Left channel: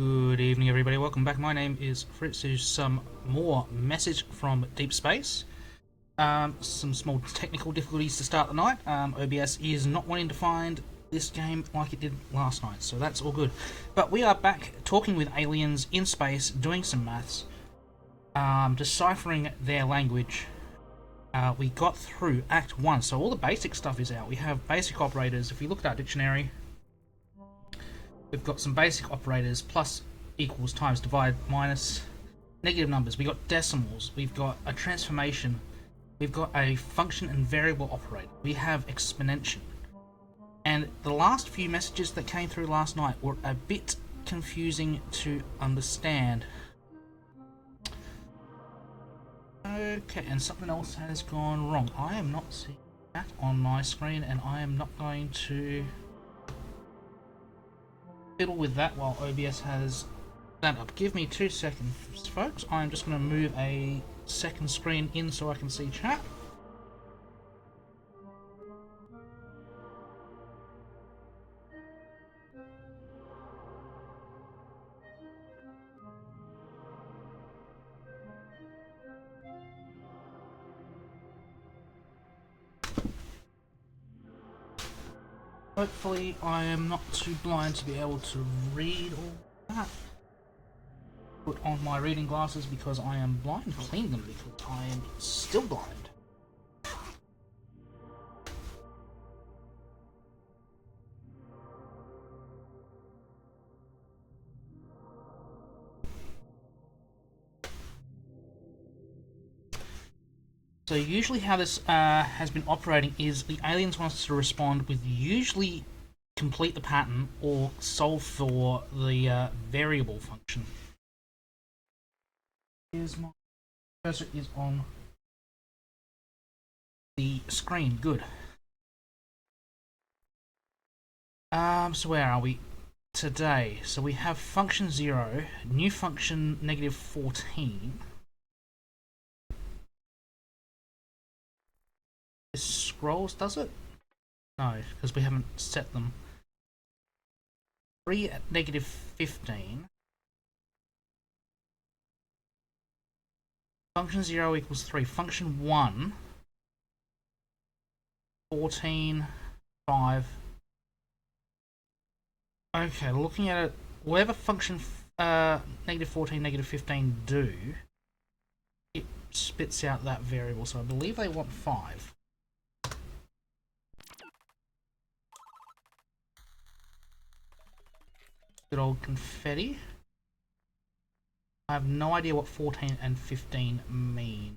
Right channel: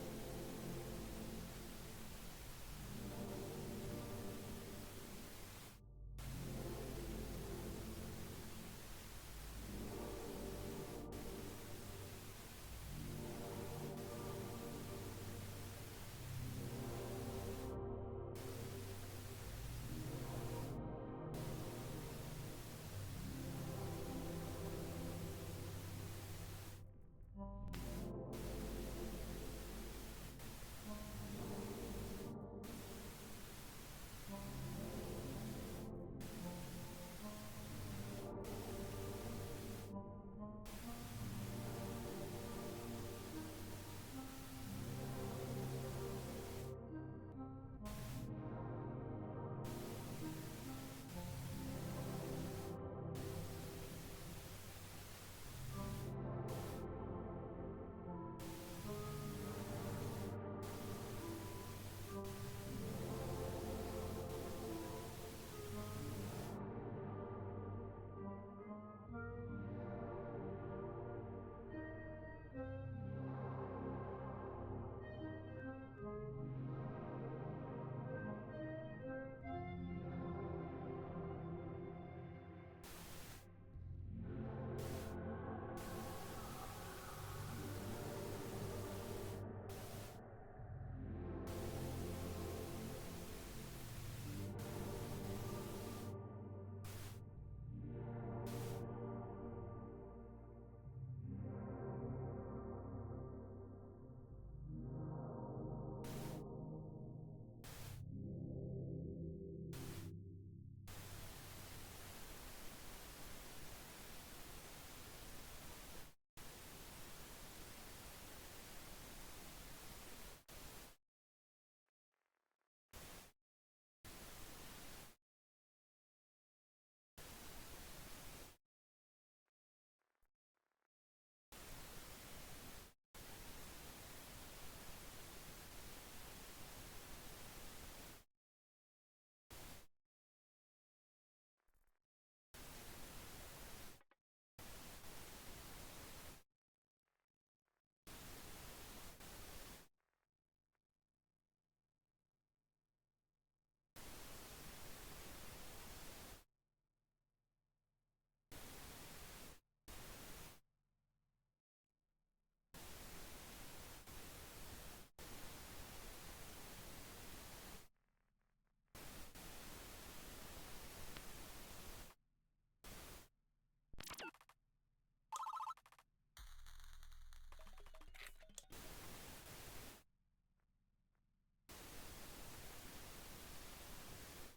Good evening, everybody. Welcome back. My name is Fritz. There's some more message from Deep Space. Some small technical difficulties to start the night. OBS is not wanting to find this game like it did last night, so that's all good. But we are back talking with aliens in space, doing some maths, deciphering their language. We got through Act 1, so all the basic stuff is out. We have basic operators. If you look at our dictionary, we've got some basic operators: plus, equals, times, divide, minus, negative numbers. We've got decimals. We've got a transformation. We've got a function and variable operator. We have exponential. And the last few messages that came through last night were a bit confusing to understand. Okay, and something else has gone wrong. I am not seeing that on my screen, and I am not going to fiddle with that while OBS has that up. Give me 2 seconds, folks. I'm just going to move a second screen in so I can see chat. Hopefully I am not too blind to be able to read all that. Put on my reading glasses because I am blind. Clean them because I am still blind. So usually how this has been operating is the aliens want us to respond with usually complete the pattern or solve for the variable function. Here's my cursor is on the screen. Good. So where are we today? So we have function 0, new function negative 14. This scrolls, does it? No, because we haven't set them. 3 at negative 15. Function 0 equals 3. Function 1, 14, 5. Okay, looking at it, whatever function negative 14, negative 15 do, it spits out that variable. So I believe they want 5. Good old confetti. I have no idea what 14 and 15 mean.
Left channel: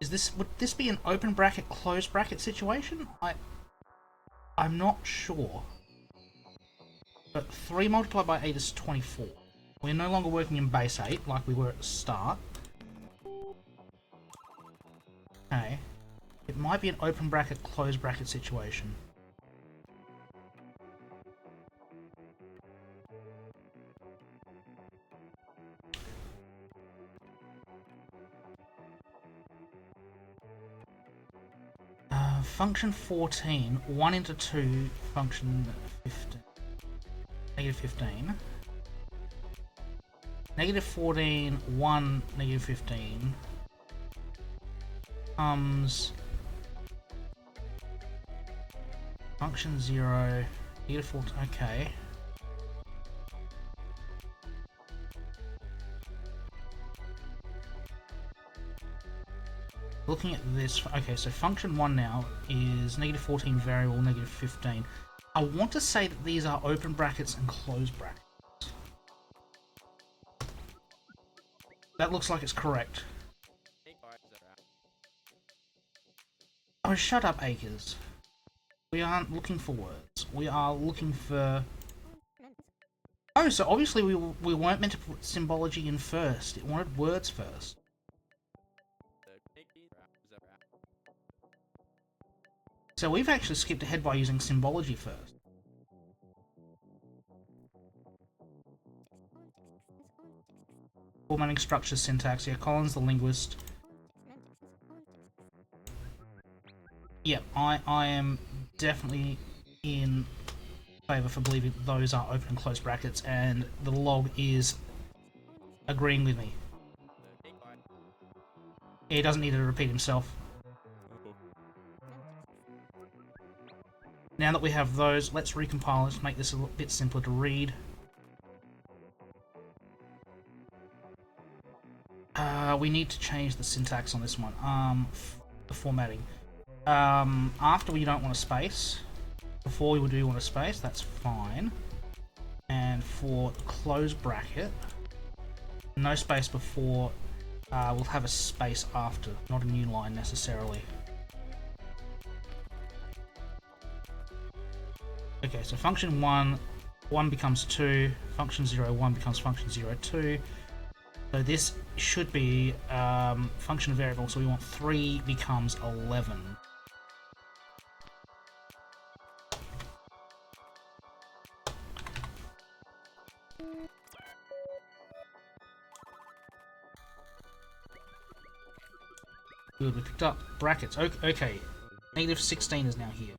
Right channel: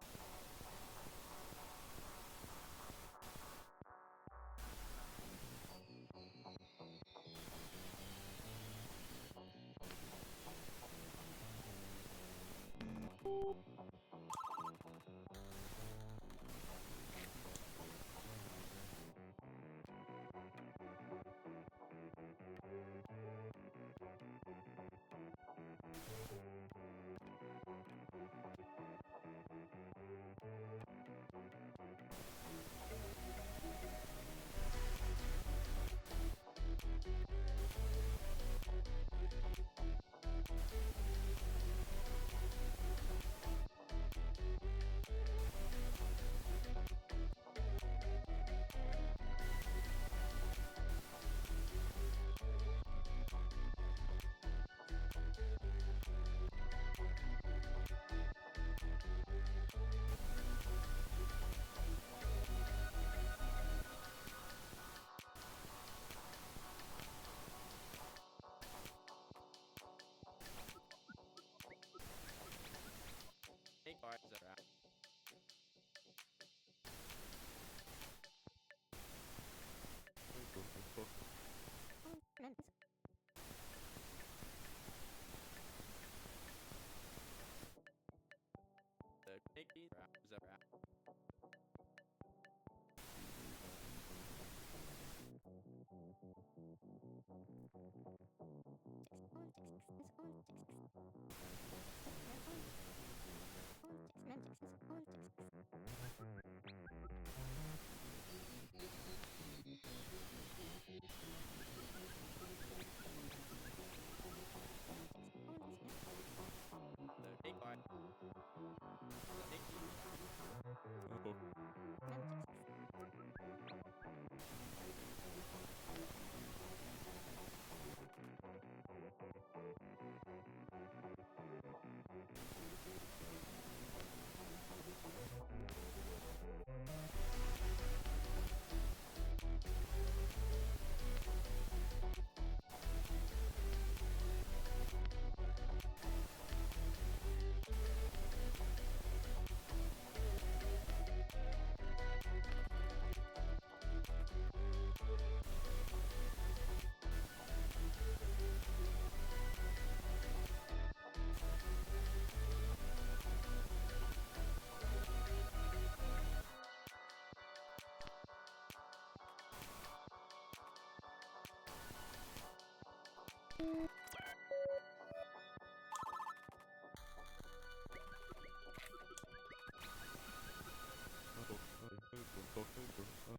Would this be an open bracket, closed bracket situation? I'm not sure. But 3 multiplied by 8 is 24. We're no longer working in base 8 like we were at the start. Okay. It might be an open bracket, closed bracket situation. Function 14, 1 into 2, function 15, negative 15. Negative 14, 1, negative 15 comes function 0, negative 14, okay. Looking at this, okay, so function 1 now is negative 14 variable, negative 15. I want to say that these are open brackets and closed brackets. That looks like it's correct. Oh, shut up, Acres. We aren't looking for words. We are looking for... Oh, so obviously we weren't meant to put symbology in first. It wanted words first. So we've actually skipped ahead by using symbology first. Formatting structure syntax. Yeah, Colin's the linguist. Yeah, I am definitely in favour for believing those are open and closed brackets, and the log is agreeing with me. He doesn't need to repeat himself. Now that we have those, let's recompile. Let's make this a little bit simpler to read. We need to change the syntax on this one. The formatting. After we don't want a space. Before we do want a space, that's fine. And for close bracket, no space before, we'll have a space after, not a new line necessarily. Okay, so function 1, 1 becomes 2, function 0, 1 becomes function 0, 2. So this should be function variable, so we want 3 becomes 11. Good, we picked up brackets. Okay, negative 16 is now here.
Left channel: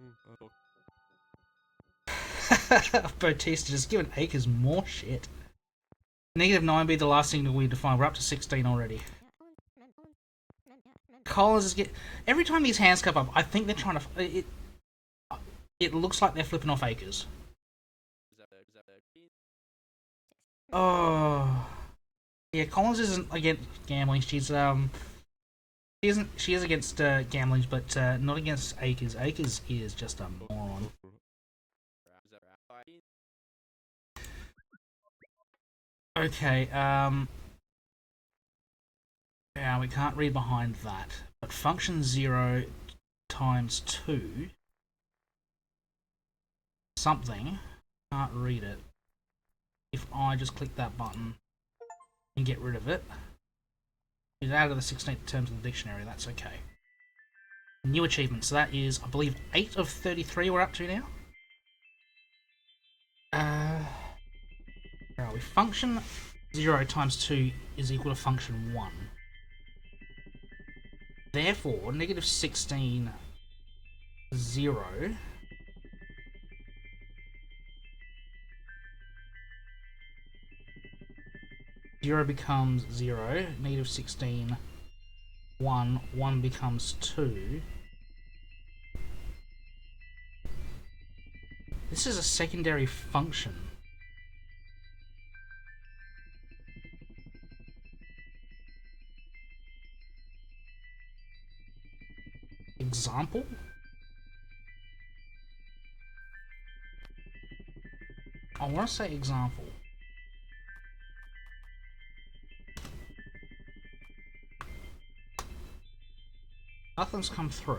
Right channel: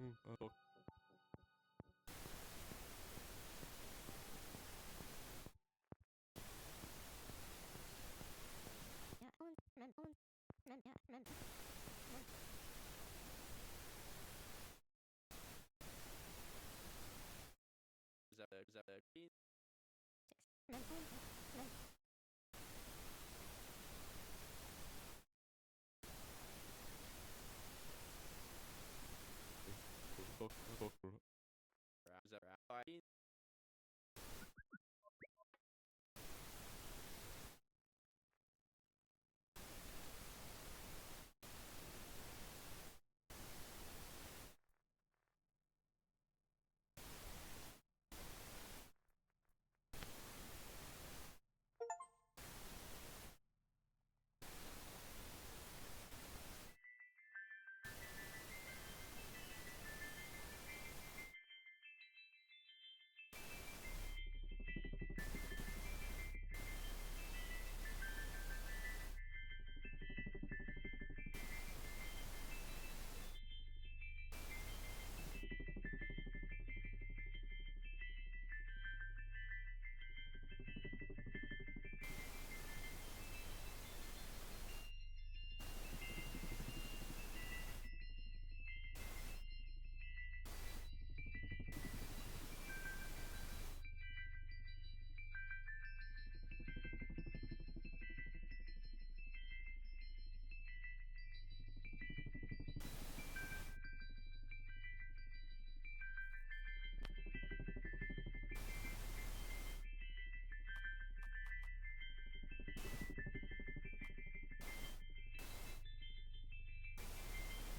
Bautista just giving Acres more shit. Negative 9 be the last signal we define. We're up to 16 already. Collins is every time these hands come up, I think they're trying to. It looks like they're flipping off Acres. Oh, yeah. Collins isn't against gambling. She is against gambling, but not against Acres. Acres is just a moron. Okay, yeah, we can't read behind that. But function 0 times 2 something, can't read it. If I just click that button and get rid of it, it's out of the 16th terms of the dictionary, that's okay. New achievements, so that is, I believe, 8 of 33 we're up to now. Where are we? Function 0 times 2 is equal to function 1. Therefore, negative 16, 0 0 becomes 0, negative 16, 1, 1 becomes 2. This is a secondary function. Example? I want to say example. Nothing's come through.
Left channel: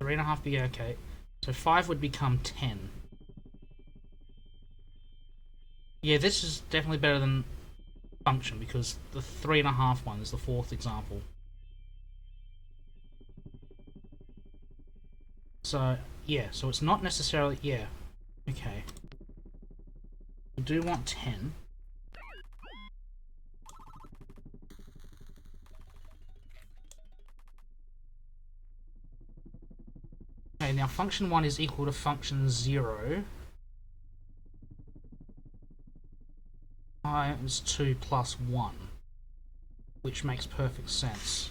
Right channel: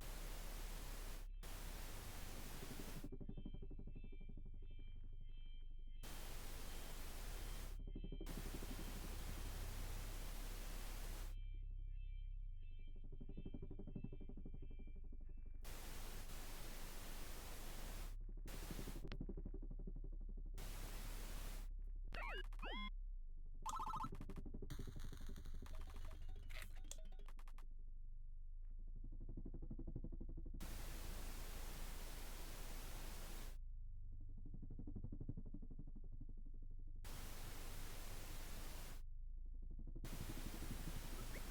Three and a half be okay. So 5 would become 10. Yeah, this is definitely better than function because the 3.5 one is the fourth example. So, yeah, so it's not necessarily, yeah, okay. We do want 10. Okay, now function 1 is equal to function 0 times 2 plus 1, which makes perfect sense.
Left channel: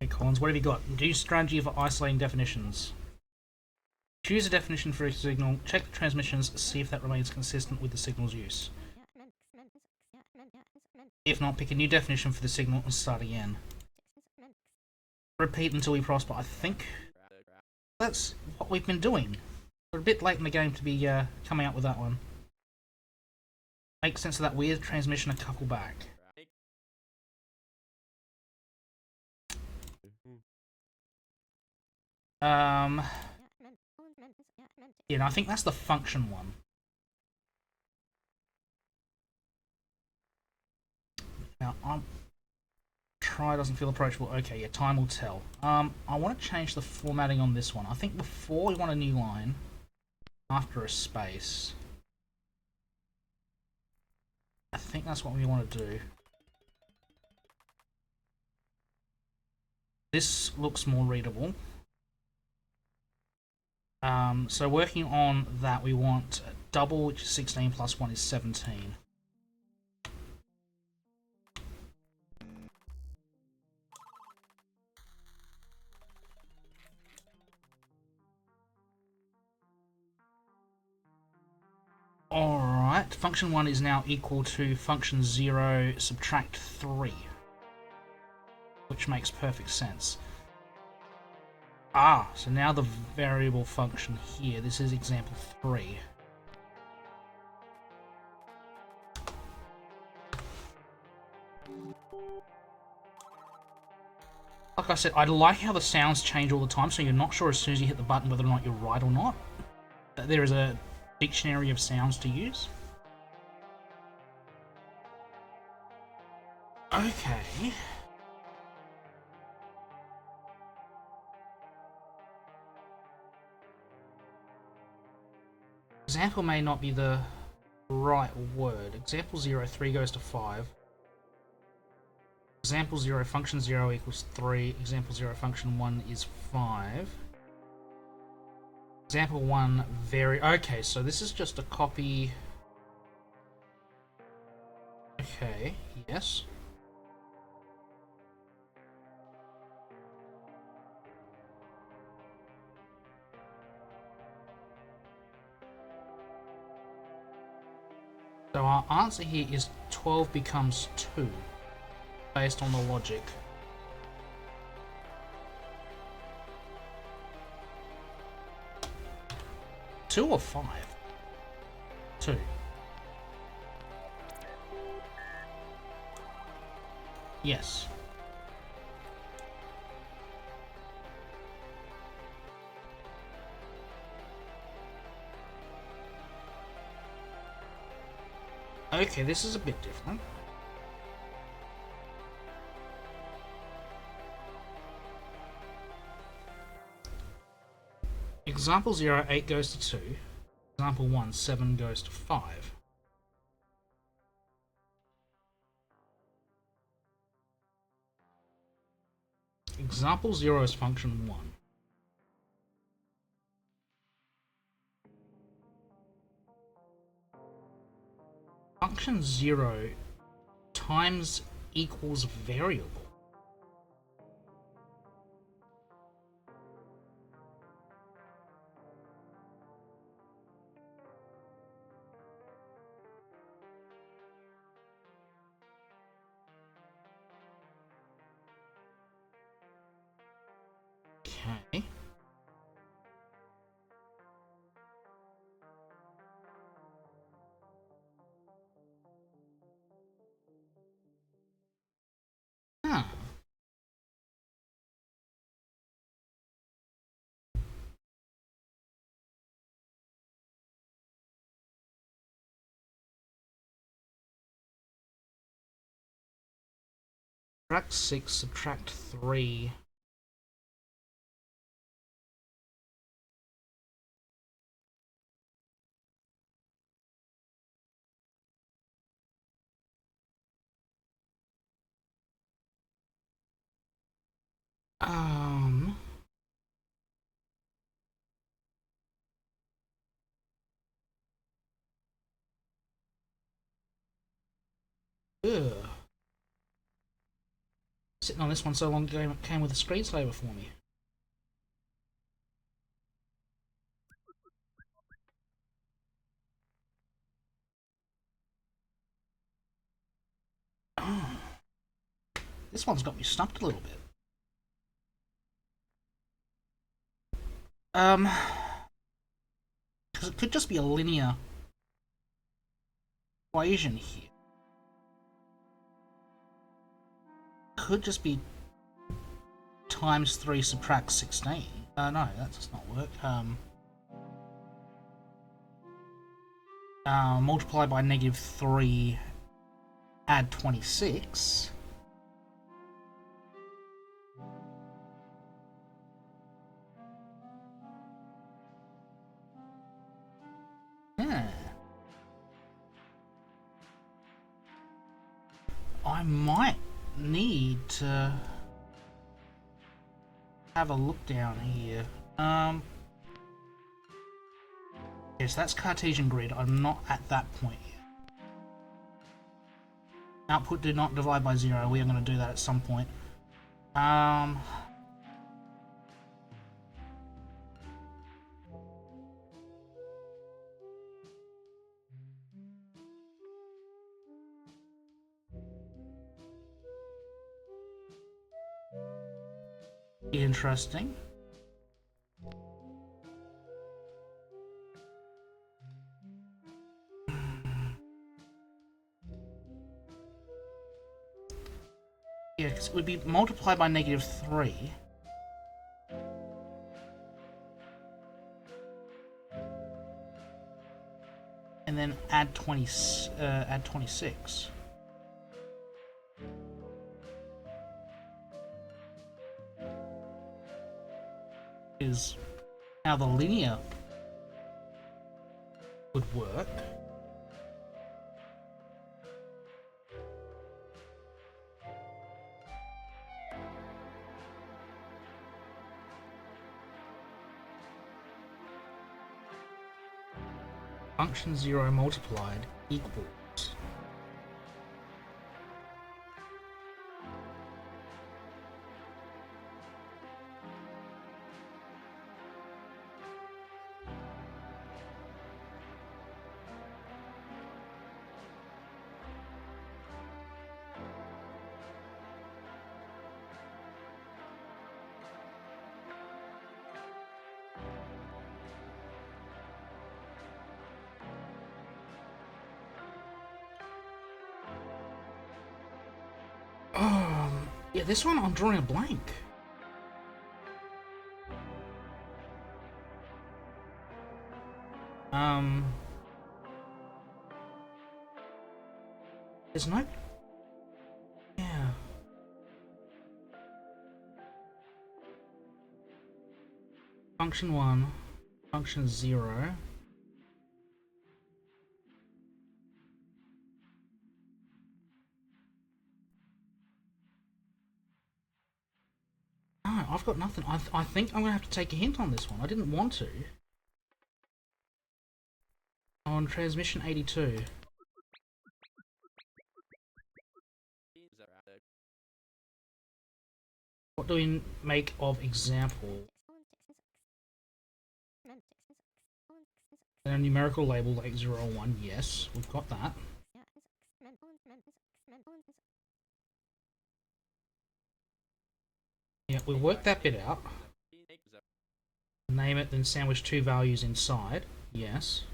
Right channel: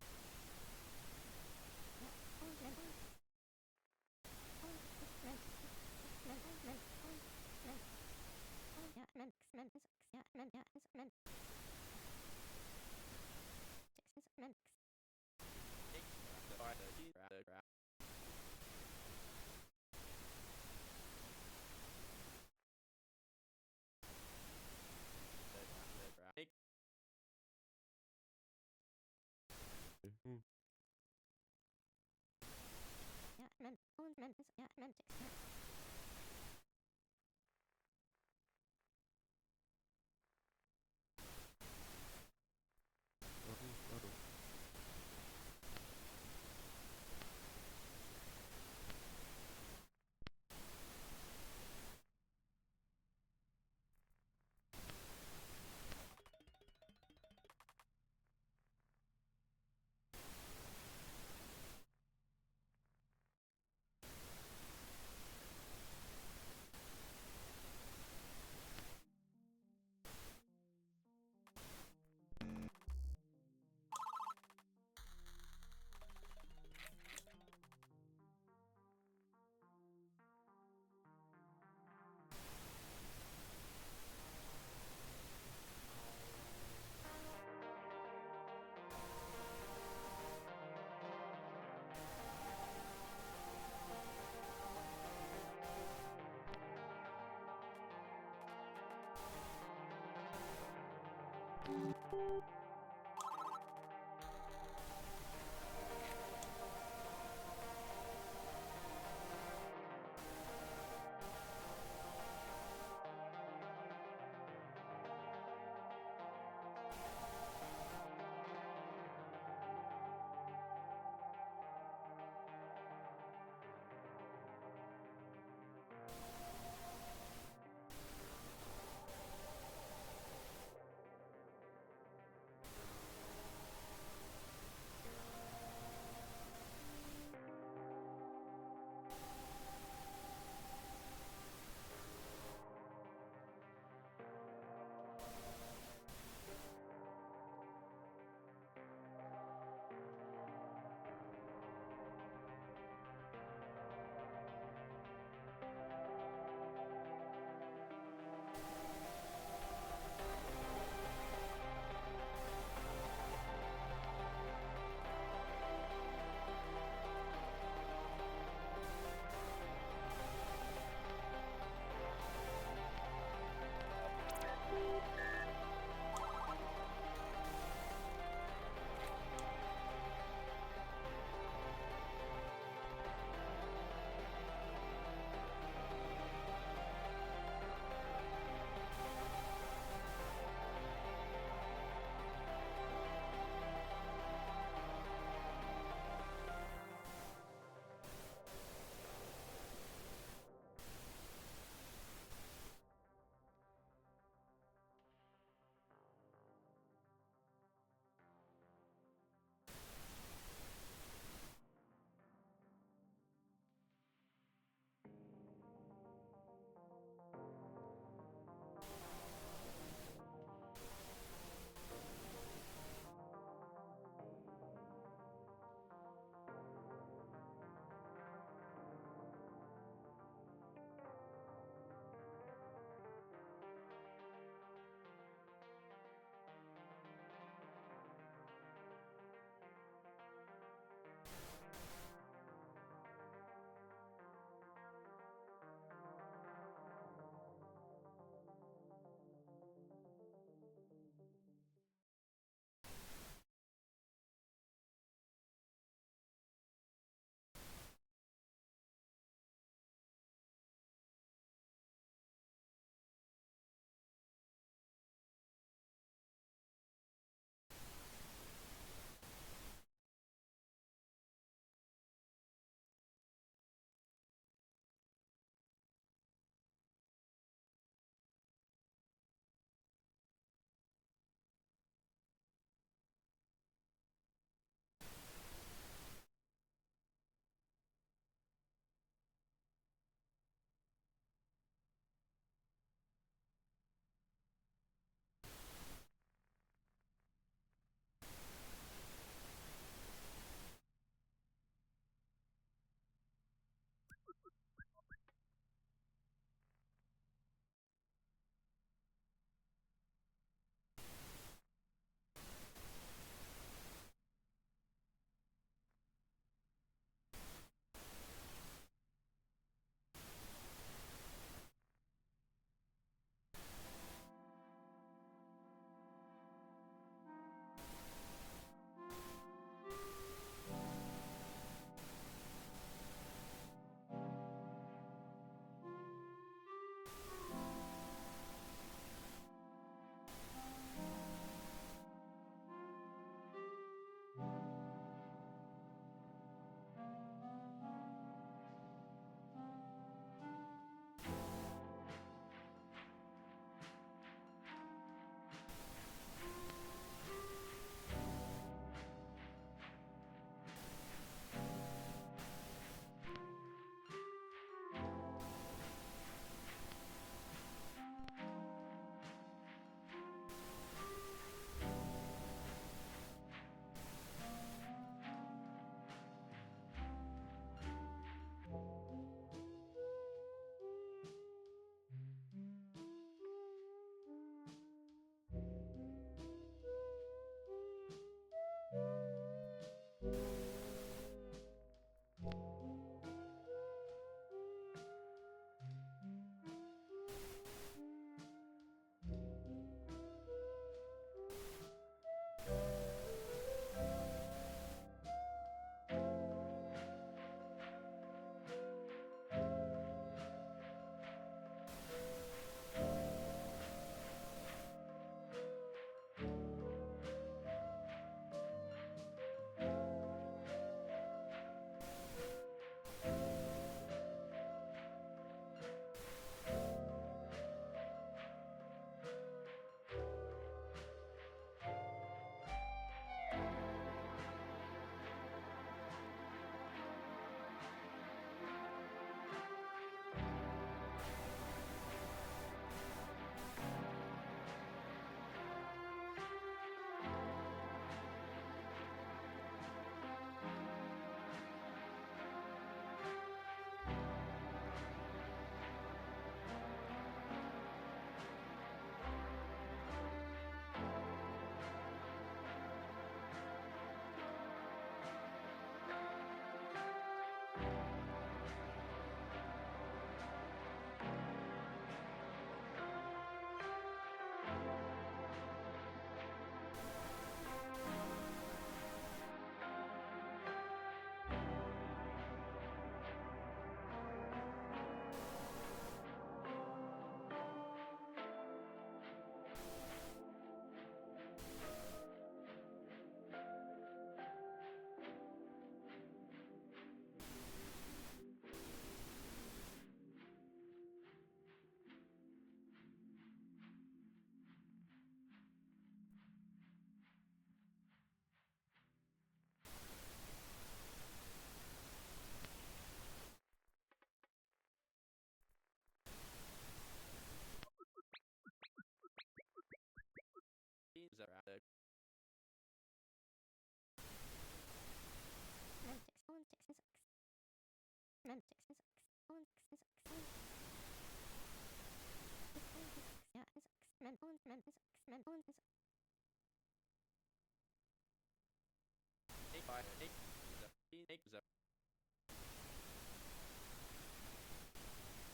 Hey Collins, what have you got? Do strategy for isolating definitions. Choose a definition for each signal, check the transmissions, see if that remains consistent with the signal's use. If not, pick a new definition for the signal and start again. Repeat until we prosper. I think that's what we've been doing. We're a bit late in the game to be coming up with that one. Makes sense of that weird transmission a couple back. Yeah, no, I think that's the function one. Now, I'm try doesn't feel approachable. Okay, yeah, time will tell. I want to change the formatting on this one. I think before we want a new line, after a space. I think that's what we want to do. This looks more readable. So working on that, we want double, which is 16 plus 1 is 17. Alright, function 1 is now equal to function 0 subtract 3. Which makes perfect sense. So now the variable function here, this is example 3. Like I said, I like how the sounds change all the time, so you're not sure as soon as you hit the button whether or not you're right or not. There is a dictionary of sounds to use. Okay. Example may not be the right word. Example 0, 3 goes to 5. Example 0, function 0 equals 3. Example 0, function 1 is 5. Example 1, okay, so this is just a copy. Okay, yes. So our answer here is 12 becomes 2, based on the logic. Two or 5? 2. Yes. Okay, this is a bit different. Example 0, 8 goes to 2. Example 1, 7 goes to 5. Example 0 is function 1. Function 0 times equals variable. Okay. Huh. Subtract 6, subtract 3. Um. Ugh. Sitting on this one so long ago, it came with a screensaver for me. Oh. This one's got me stumped a little bit. Because it could just be a linear equation here. Could just be times 3 subtract 16. No, that does not work. Multiply by negative 3, add 26. Yeah. I might need to have a look down here. Yes, that's Cartesian grid. I'm not at that point yet. Output do not divide by 0. We are going to do that at some point. Interesting. Yeah, because it would be multiplied by -3. And then add 26. Is how the linear would work. Function 0 multiplied equals yeah, this one I'm drawing a blank. There's no... Yeah. Function 1, function 0. No, I've got nothing. I think I'm going to have to take a hint on this one. I didn't want to. On transmission 82. What do we make of example? And a numerical label like 0 or 1, yes, we've got that. Yeah, we'll work that bit out. Name it, then sandwich 2 values inside, yes.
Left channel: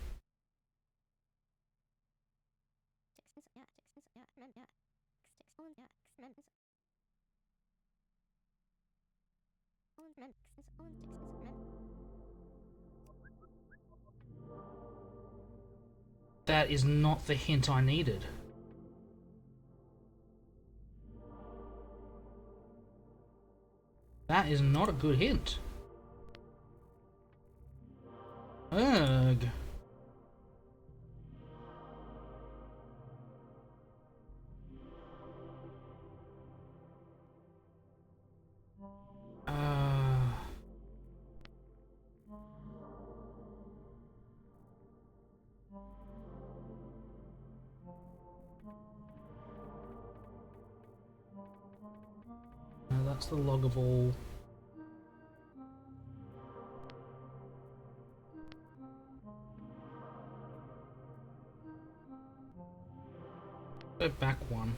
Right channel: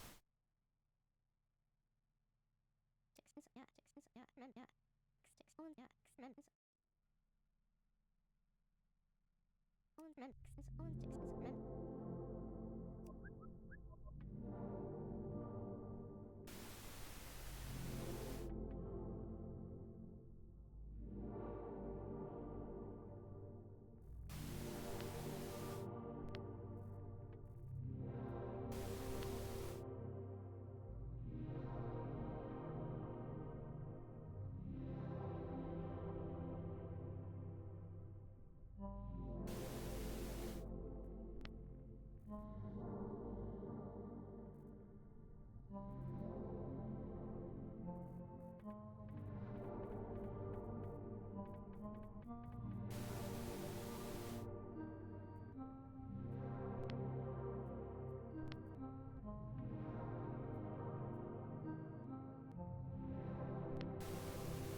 That is not the hint I needed. That is not a good hint. Ugh. That's the loggable. Go back one.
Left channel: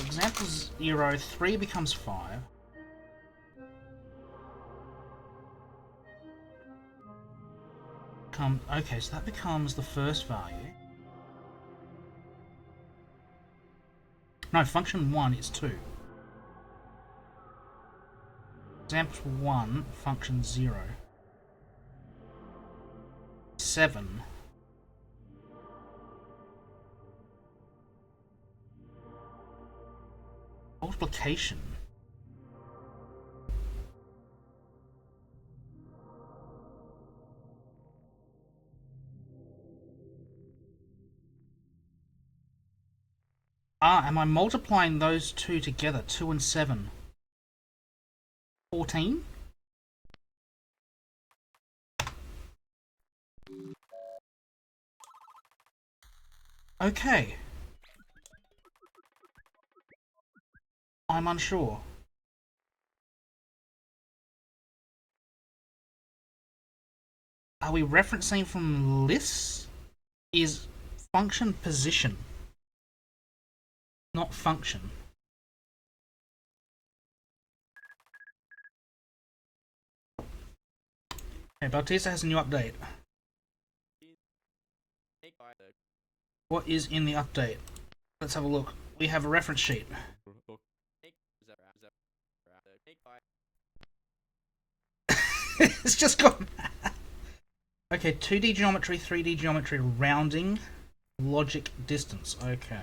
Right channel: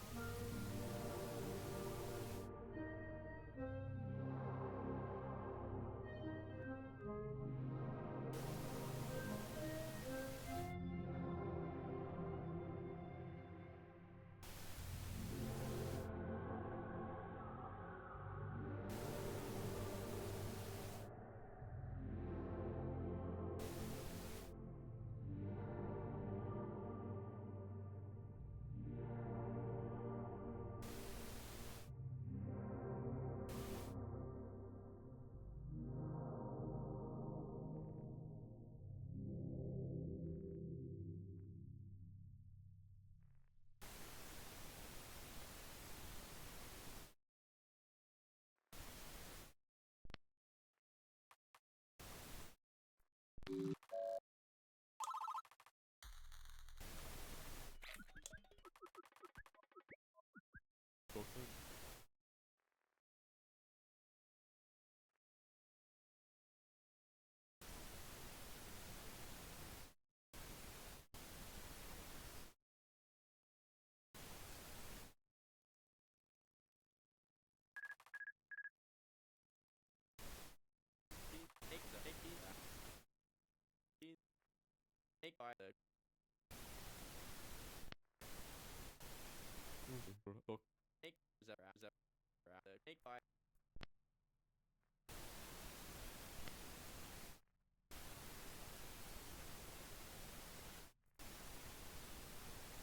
Example 0, 3 becomes 5. Okay, so that becomes the first value. No, function 1 is 2. example 1, function 0. 7. Multiplication. Am I multiplying those two together? 2 and 7. 14? Okay. I'm unsure. Are we referencing from lists? Is function position, not function. Okay, Bautista has a new update. What is in the update? Let's have a look. We have a reference sheet. It's just gone. Okay, 2D geometry, 3D geometry, rounding, logic, distance. Okay.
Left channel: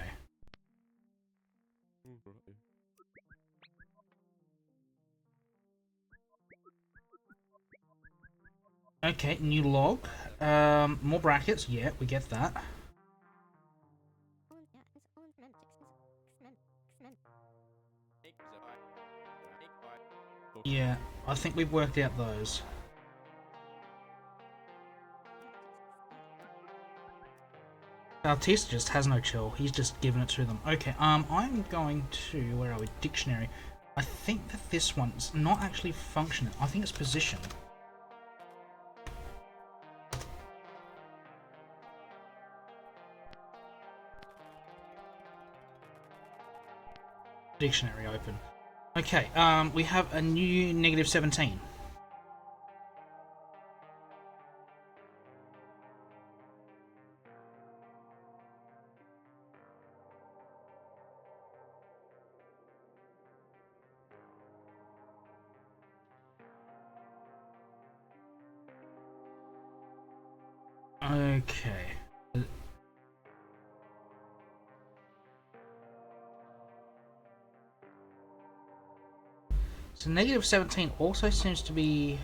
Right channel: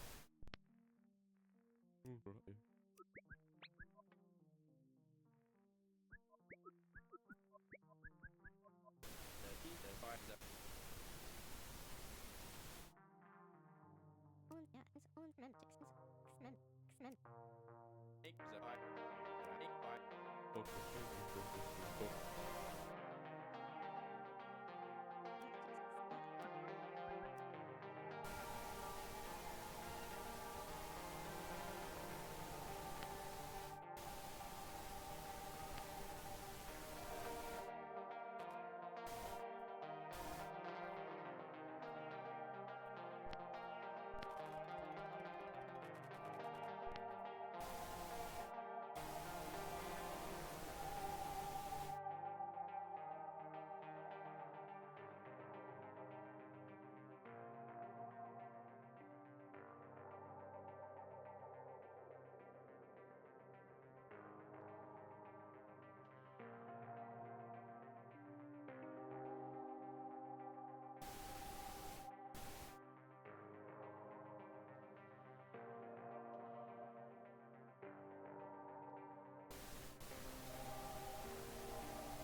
Okay, new log. More brackets. Yeah, we get that. Yeah, I think we've worked out those. Bautista just has no chill. He's just given it to them. Okay, I'm going to, where are we? Dictionary. I think that this one's not actually functional. I think it's position. Dictionary open. Okay, we have a new negative 17. Okay. So negative 17 also seems to be...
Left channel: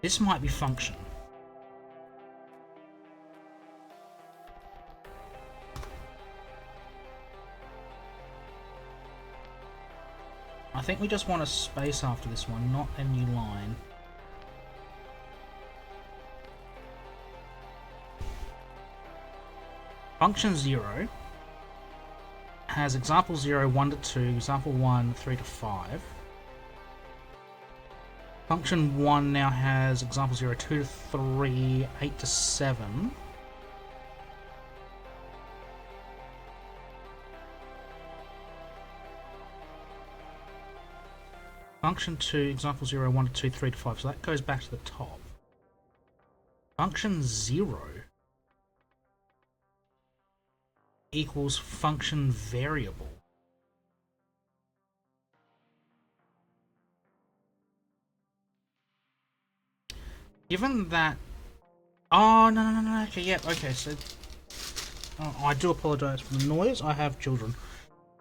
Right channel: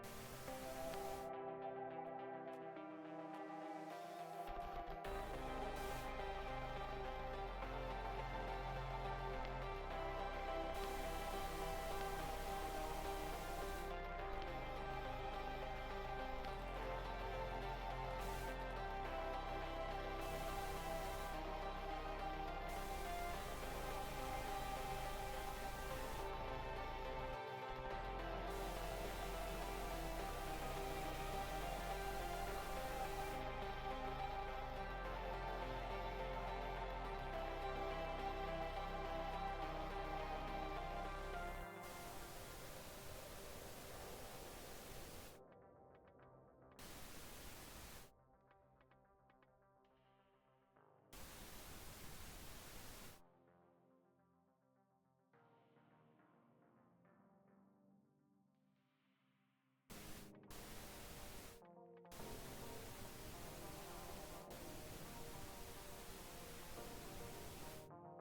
This might be function. I think we just want a space after this one, not a new line. Function 0 has example 0, 1 to 2, example 1, 3 to 5. Function 1 now has example 0, 2 to 3, 8 to 7. Function 2, example 0, 1 to 2, 3 to 5. So that goes back to the top. Function 0 equals function variable. Given that... Oh, no. Okay, yeah, okay, so... Oh, I do apologise for the noise. I have children.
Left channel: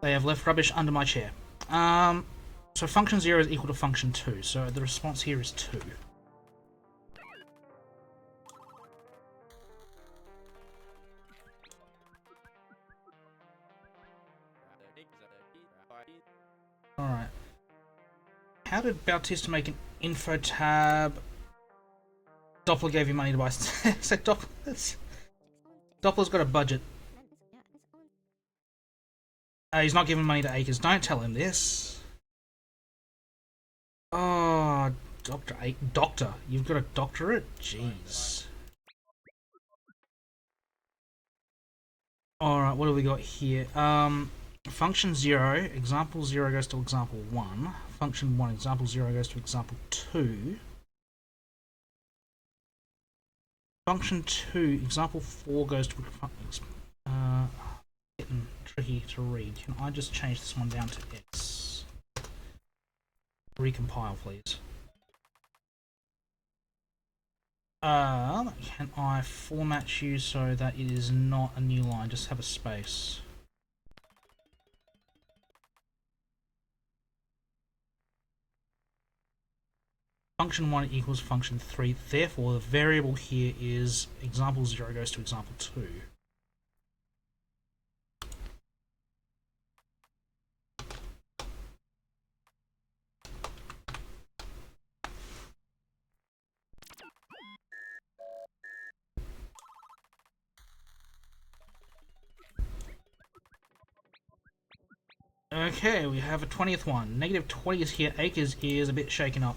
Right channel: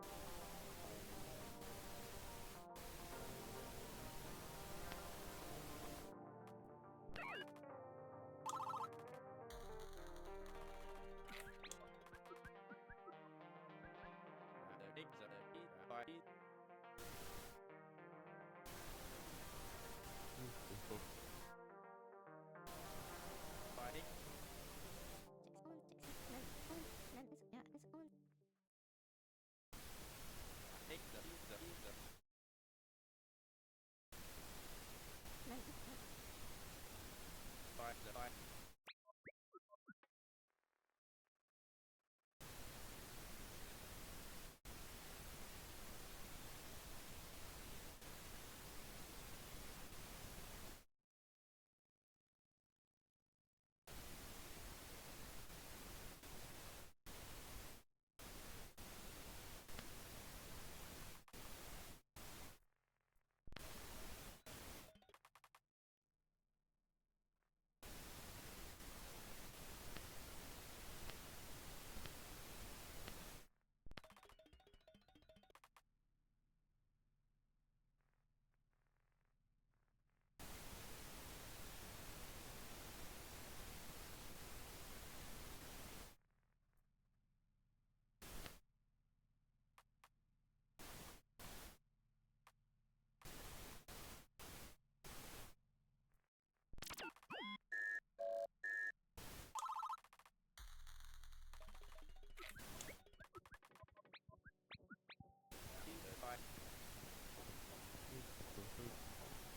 They have left rubbish under my chair. So function 0 is equal to function 2, so the response here is 2. Alright. How did Bautista make an info tab? Doppler gave you money to buy... So Doppler's got a budget. He's not giving money to Acres. Don't tell him this. Oh, Doctor. You've got a doctorate? Jeez. Alright, what do we got here? Function 0, example 0 goes to example 1. Function 1, example 0 goes to example 2. Function 2, example 4 goes to... getting here to read. Can I just change this one down to X? Recompile, please. Can I format you so that it is not a new line, just have a space? Function 1 equals function 3, therefore the variable here is example 0 goes to example 2. Okay, we have a 20th one. Negative 20 is here, acres is a bit shaken up.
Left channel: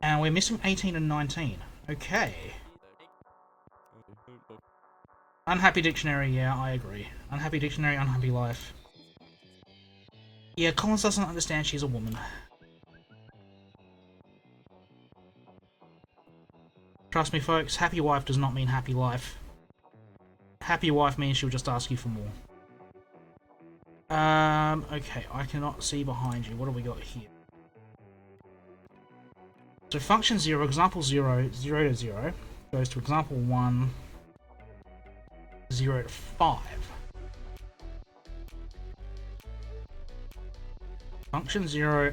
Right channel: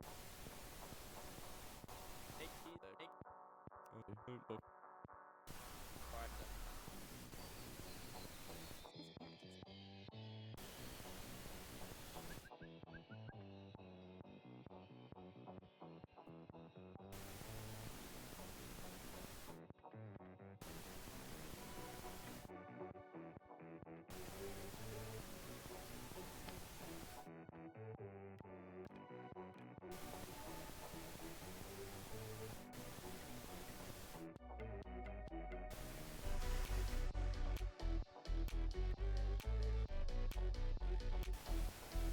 And we're missing 18 and 19. Okay. Unhappy dictionary, yeah, I agree. Unhappy dictionary, unhappy life. Yeah, Collins doesn't understand she's a woman. Trust me, folks, happy wife does not mean happy life. Happy wife means she'll just ask you for more. Okay, I cannot see behind you. What do we got here? So function 0, example 0, 0 to 0, goes to example 1, 0 to 5. Function 0,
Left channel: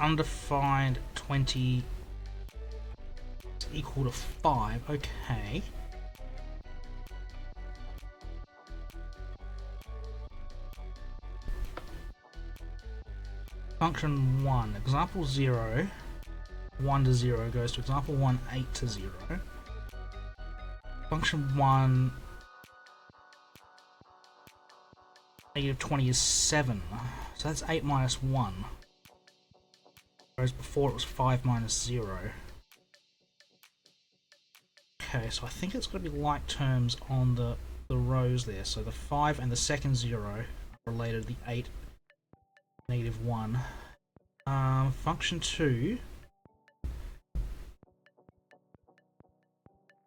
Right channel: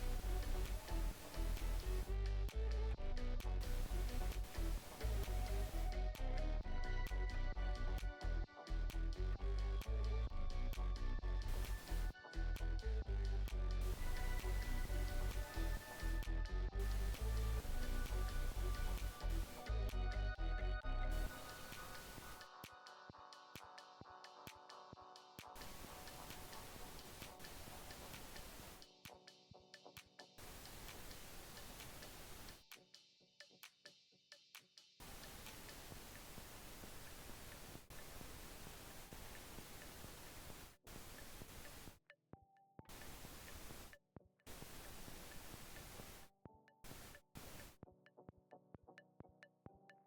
undefined 20 equal to 5, okay. Function 1, example 0, 1 to 0 goes to example 1, 8 to 0. Function 1, negative 20 is 7, so that's 8 minus 1. Whereas before it was 5 minus 0. Okay, so I think it's got to be like terms on the rows there. So the 5 and the second 0 are related to the 8, negative 1. Function 2.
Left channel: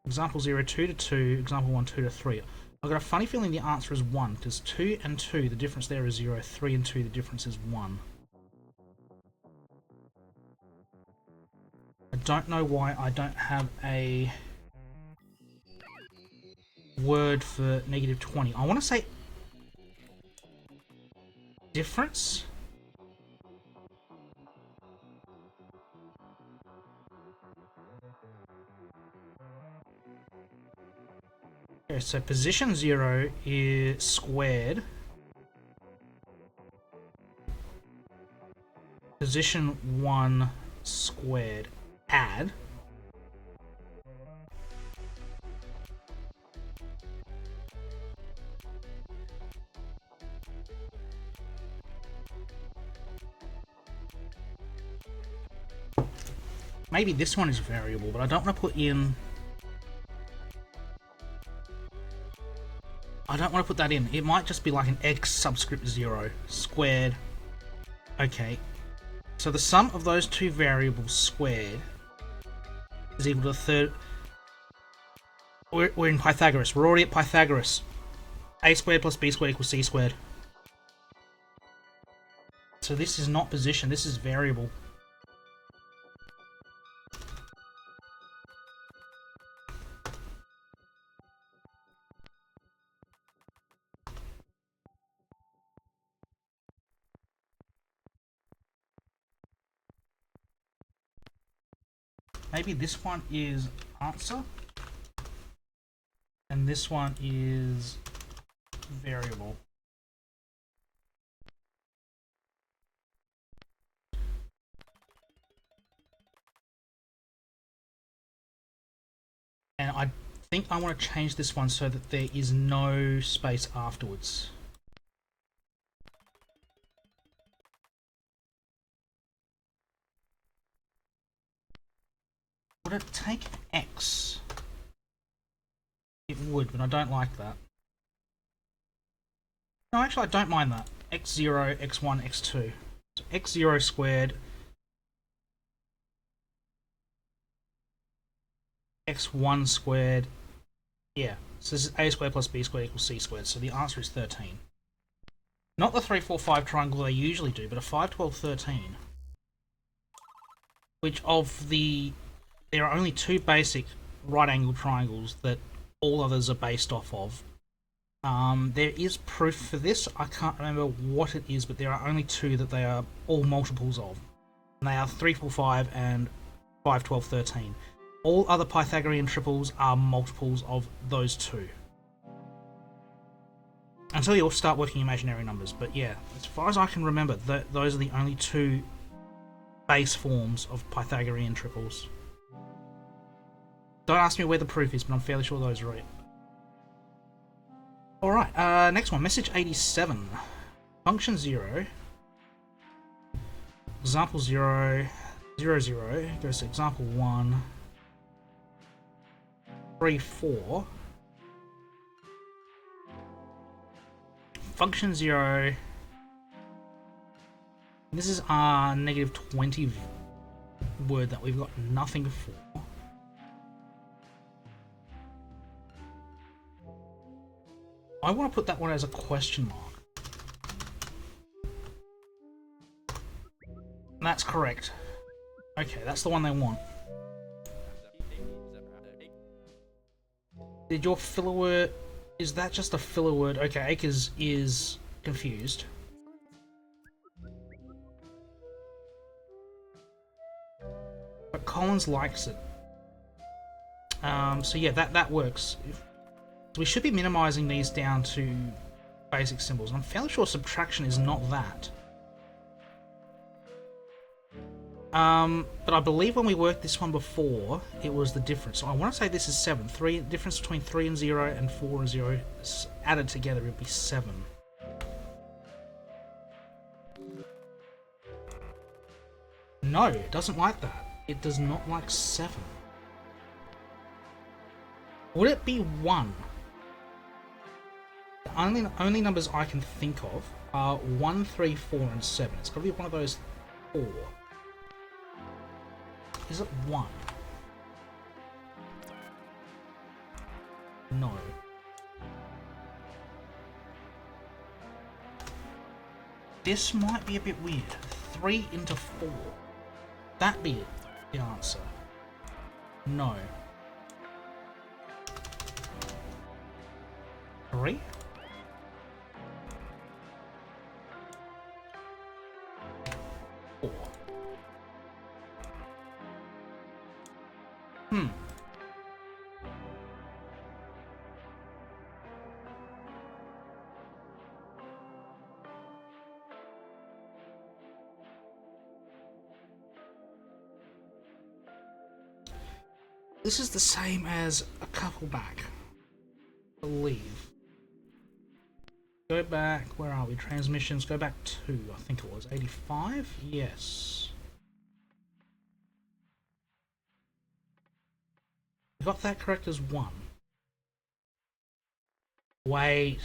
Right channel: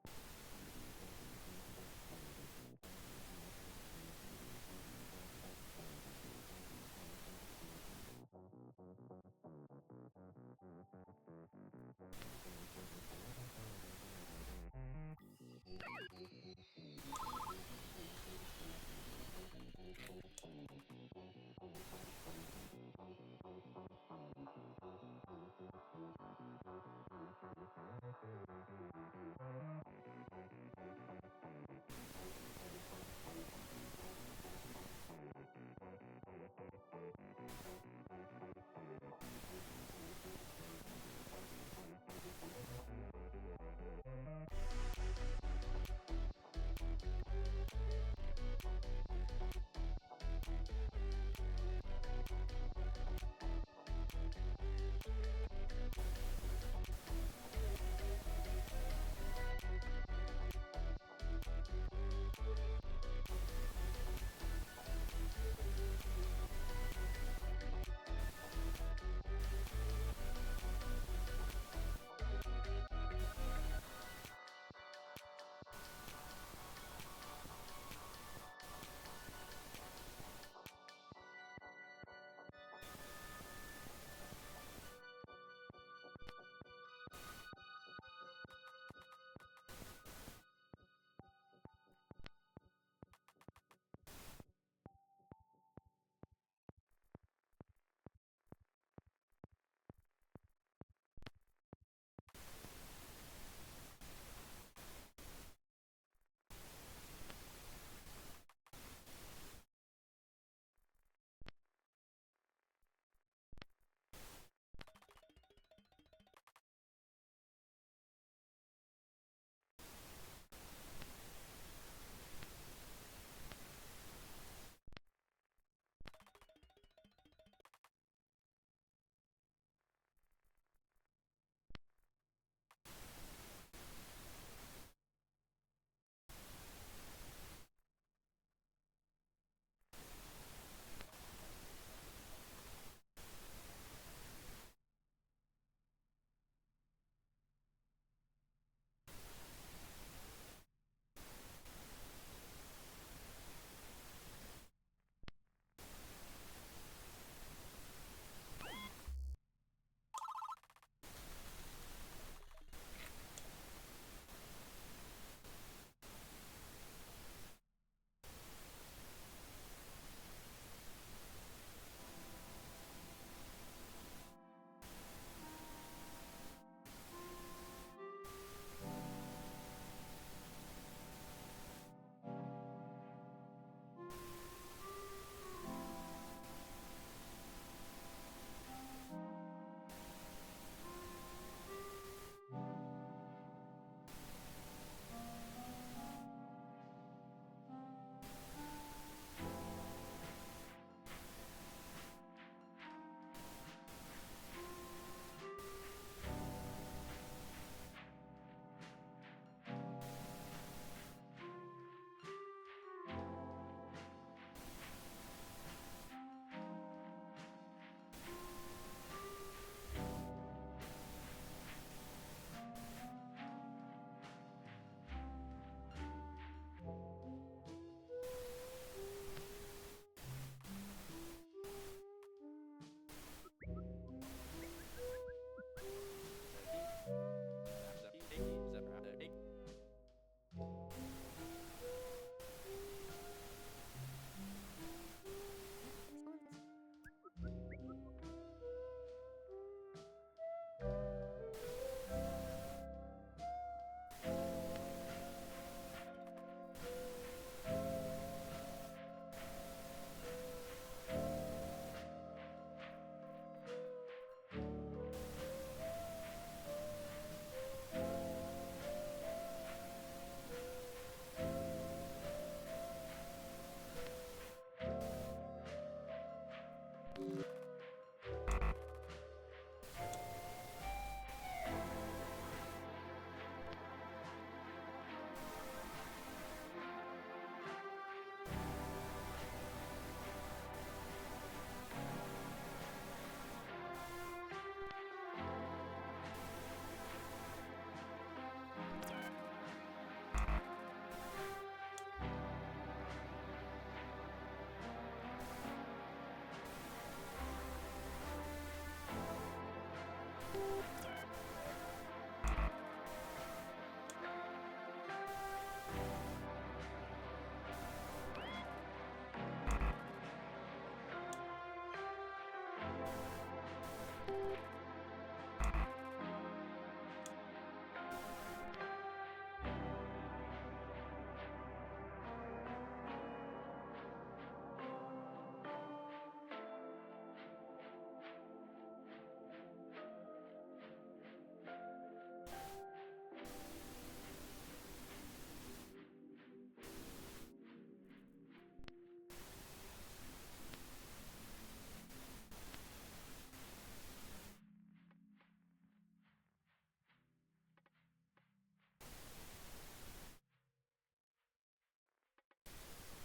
Example 0, 2 to 2. Example 1, 2 to 3. I've got a funny feeling the answer is 1, because 2 and 2, the difference there is 0. 3 and 2, the difference is 1. I don't know why I don't have a word for negative 20. I want to say difference. Okay, so position 0 is squared. Position 1 squared. Add. Maybe this one is variable, but I don't want to put in... I don't want to put that in. It might just be like an x subscript 0 squared. Okay. So the sum of those two variables squared is equal to the third... We're in Pythagoras. We're already at Pythagoras. A squared plus b squared equals c squared. So this is not position, this is variable. Maybe this one is answer, and this one is variable. And I think I want to change this one so that there is no space afterwards. Would it take x? It would, but I don't like that. No, actually I don't mind that. x0, x1, x2. So x0 squared, x1 squared, yeah. So this is a squared plus b squared equals c squared, so the answer is 13. Not the 3, 4, 5 triangle they usually do, but a 5, 12, 13. Which of the... There are only two basic right-angled triangles that all others are based off of. There is proof for this. I can't remember what it is, but there are only two that they are all multiples of. And they are 3, 4, 5 and 5, 12, 13. All other Pythagorean triples are multiples of those two. Until you all start working imaginary numbers. But yeah, as far as I can remember, those are the only two base forms of Pythagorean triples. Don't ask me where the proof is, but I'm fairly sure those are it. Alright, next one. Message 87. Function 0. Example 0. 0, 0. Goes to example 1. 3, 4. Function 0. This is our negative 20 word that we've got nothing for. I want to put that one as a question mark. That's correct. Okay, that's the one they want. Did your filler word... Is that just a filler word? Okay, Acres is confused. But Collins likes it. So yeah, that works. We should be minimizing these down to basic symbols. I'm fairly sure subtraction is not that. But I believe when we worked this one before, it was the difference. So I want to say this is 7. Difference between 3 and 0 and 4 and 0 added together would be 7. No, it doesn't like that. It does not like 7. Would it be 1? The only numbers I can think of are 1, 3, 4, and 7. It's got to be one of those 4. Is it 1? No. This might be a bit weird. 3 into 4. That be the answer. No. 3? This is the same as a couple back, I believe. Go back, where are we? Transmissions, go back to, I think it was 85? Yes. We got that correct as 1. Wait.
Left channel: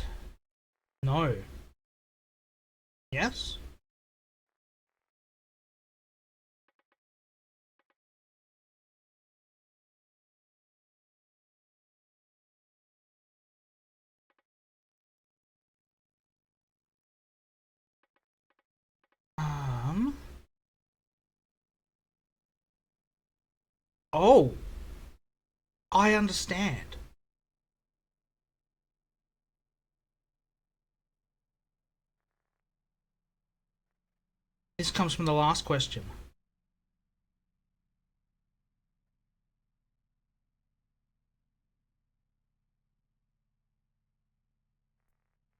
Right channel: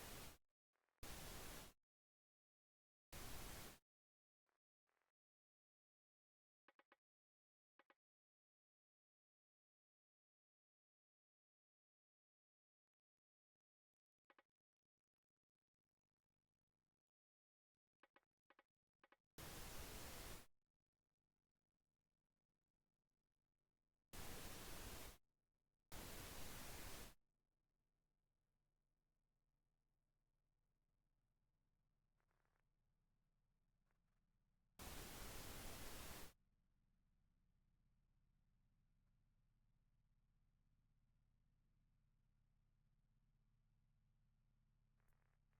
No. Yes? Oh! I understand. This comes from the last question.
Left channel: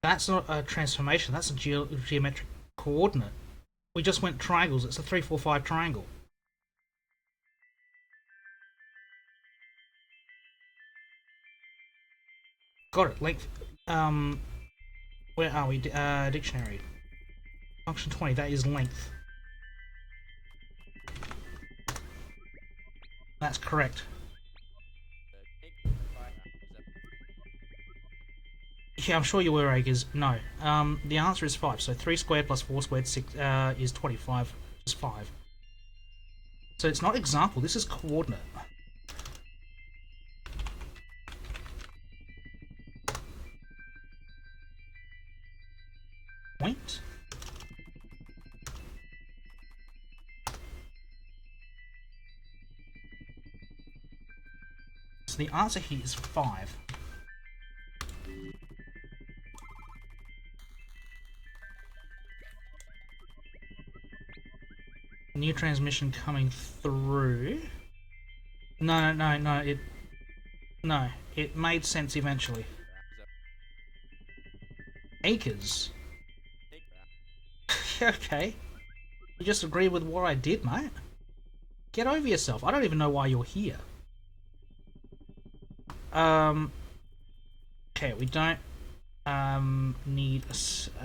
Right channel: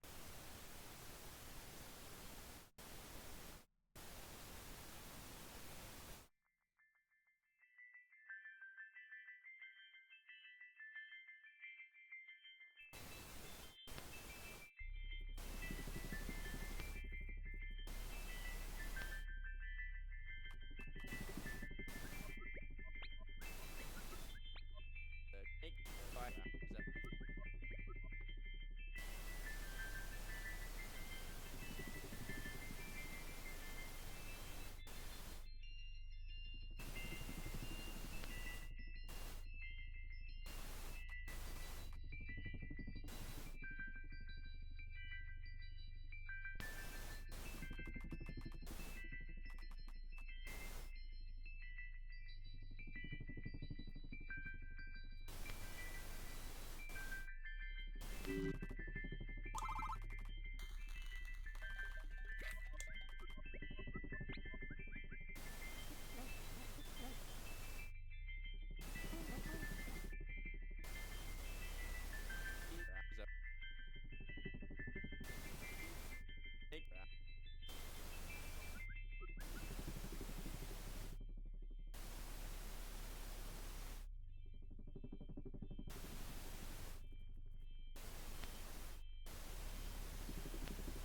That's not a transformation, that's a geometric coordinate. We just went triangles, it's a 3, 4, 5 triangle. Got it, length. Where are we? Dictionary. Function 20, that is length. That's correct. Yeah, I'm sure you were, Acres. No. The answer is 5. So 3 squared plus 4 squared is 25. Is 5. So it's not example, this is coordinate. So the answer here is 5. New transmission coming through. No, it made sense eventually. Acres. Okay. You just agree with what I did, mate. Get over yourself. I don't even know why you're here. Okay, we don't need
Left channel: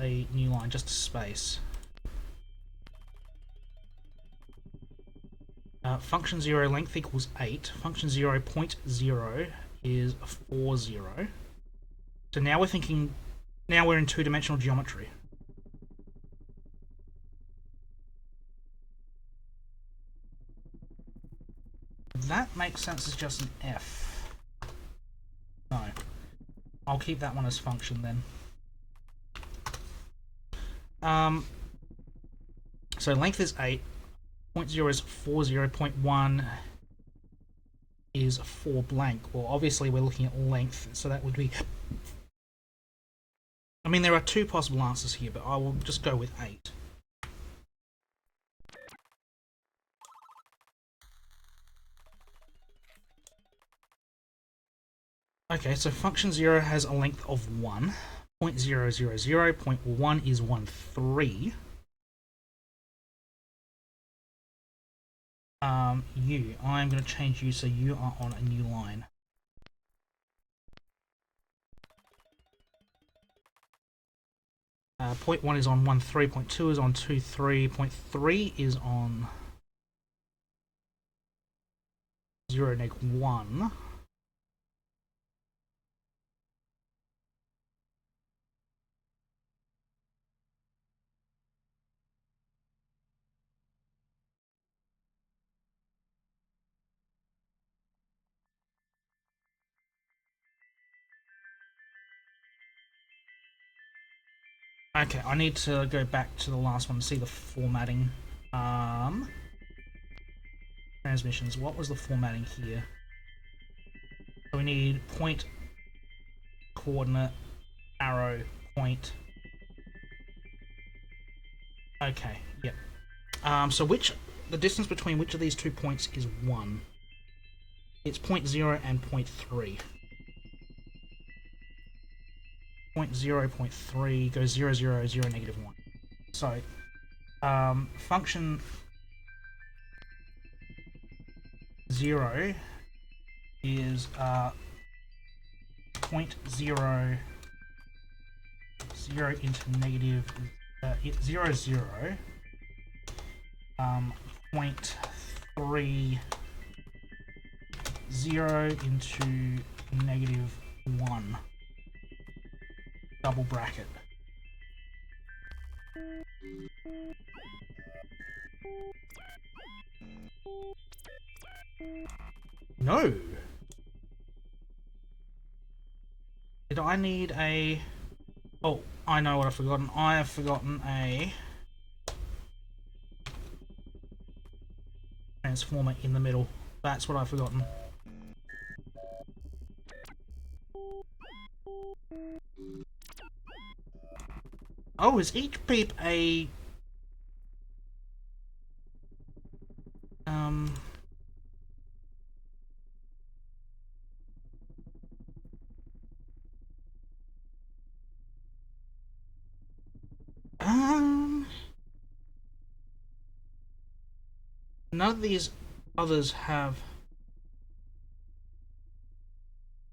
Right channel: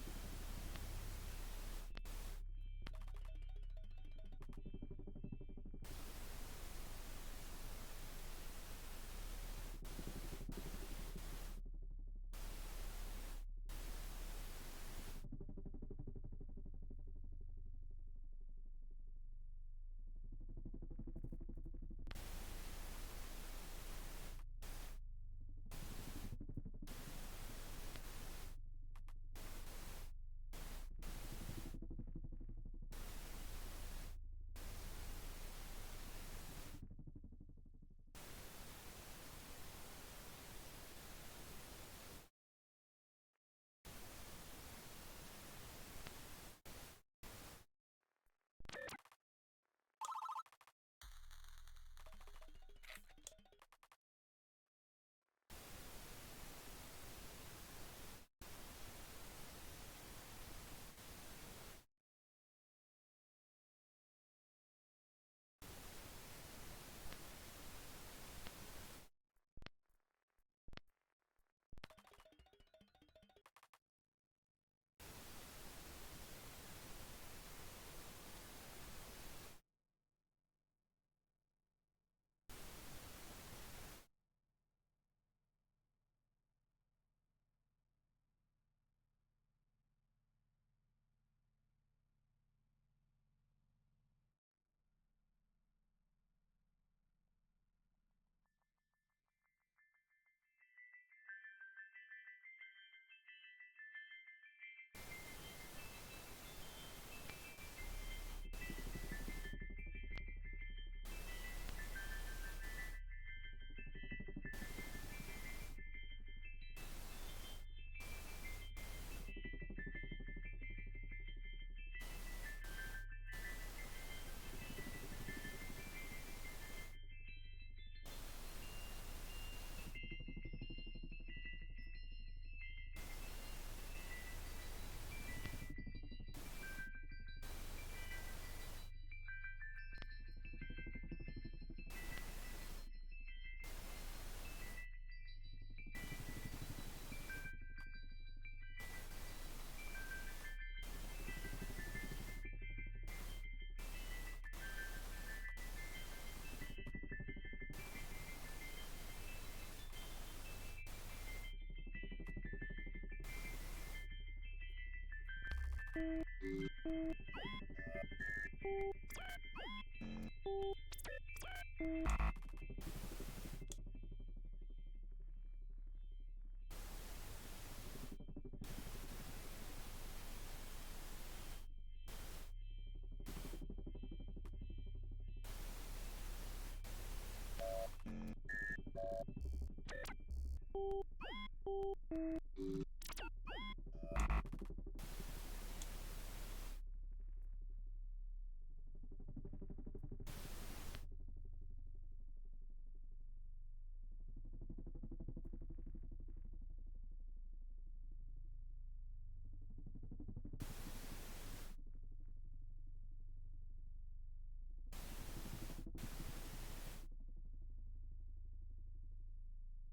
a new line, just a space. Function 0 length equals 8. Function 0 0.0 is 40. So now we're thinking, now we're in two-dimensional geometry. That makes sense as just an F. No. I'll keep that one as function then. So length is 8. 0.0 is 40. 0.1 is 4 blank. Well, obviously we're looking at length, so that would be... I mean, there are two possible answers here, but I will just go with 8. Okay, so function 0 has a length of 1. 0.000, 0.1 is 1.3. I'm going to change you so you are on a new line. Point 1 is on 1.3, point 2 is on 2.3, point 3 is on 0.1. Okay, I need to go back to the last one to see the formatting. Transmissions, what was the formatting here? So we need point, coordinate, arrow, point. Okay, yep. So the distance between which of these 2 points is 1? It's 0.0 and 0.3. 0.0, 0.3 goes 0, 0, 0, negative 1. So, function 0 is 0.0, 0 into negative 0, 0, 0.3, 0 into negative 1. Double bracket. No! Did I need a... Oh, I know what I've forgotten. I have forgotten a transformer in the middle. That's what I've forgotten. Oh, is each beep a... None of these others have...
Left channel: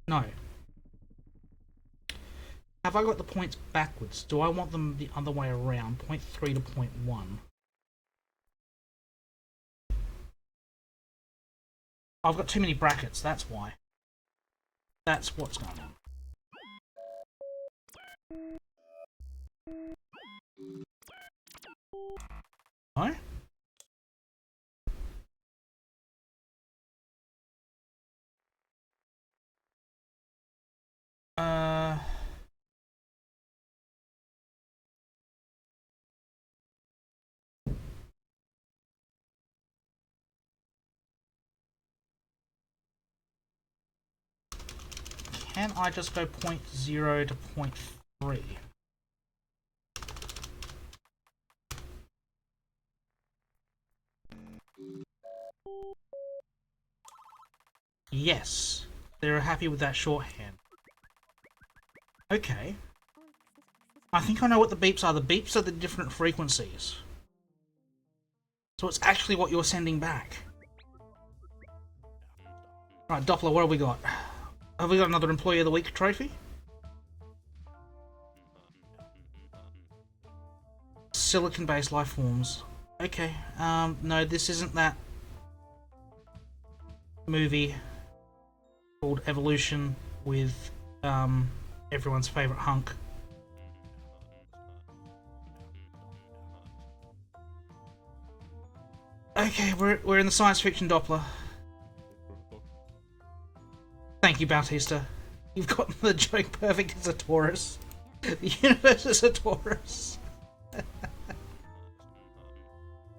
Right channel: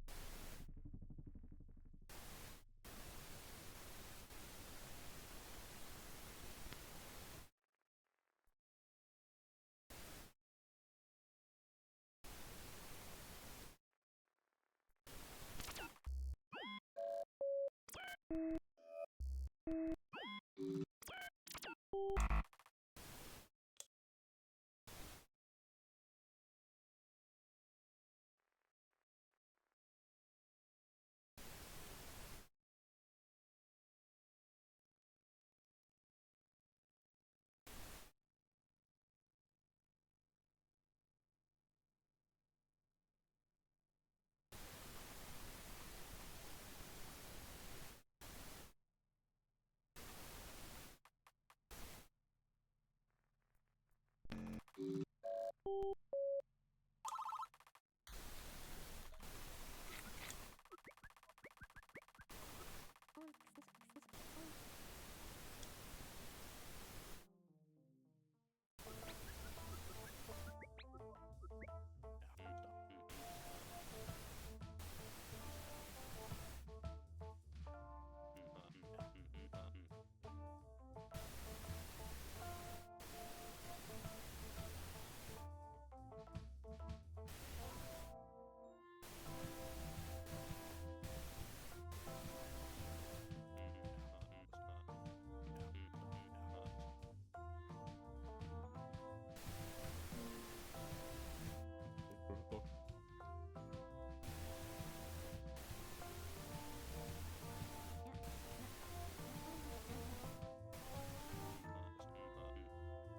No. Have I got the points backwards? Do I want them the other way around? 0.3 to 0.1. I've got too many brackets, that's why. That's what's going on. No? can I just go 0.0 to 0.3? Yes, they're happy with that shorthand. Okay. I think I know what the beeps are. The beeps are the different frequencies. So it's actually what you're sending back. Right, Doppler, what have we got? Have we got another Employee of the Week trophy? Silicon-based life forms. Okay, no, this isn't that movie called Evolution with, everyone's favourite hunk. Okay, we're in the science fiction Doppler. Thank you, Bautista. You've gotten the joke perfect as a Taurus. The universe is a Taurus.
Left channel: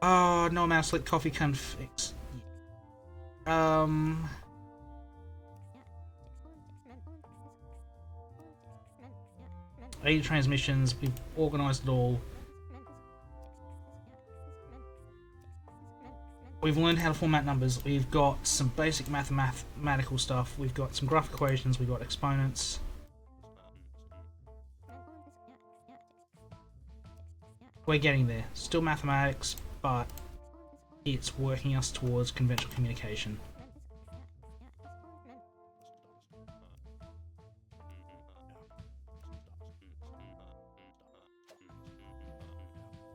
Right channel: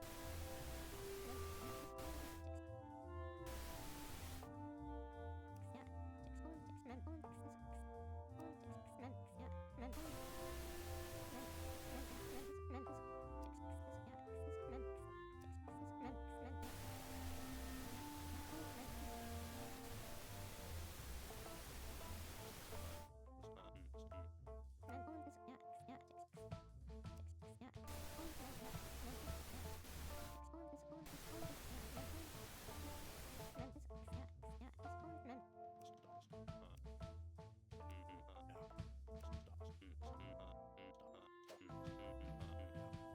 Oh, no amount of slick coffee can fix. 80 transmissions, we've organised it all. We've learned how to format numbers, we've got some basic mathematical stuff, we've got some graph equations, we've got exponents. We're getting there. Still mathematics, but it's working us towards conventional communication.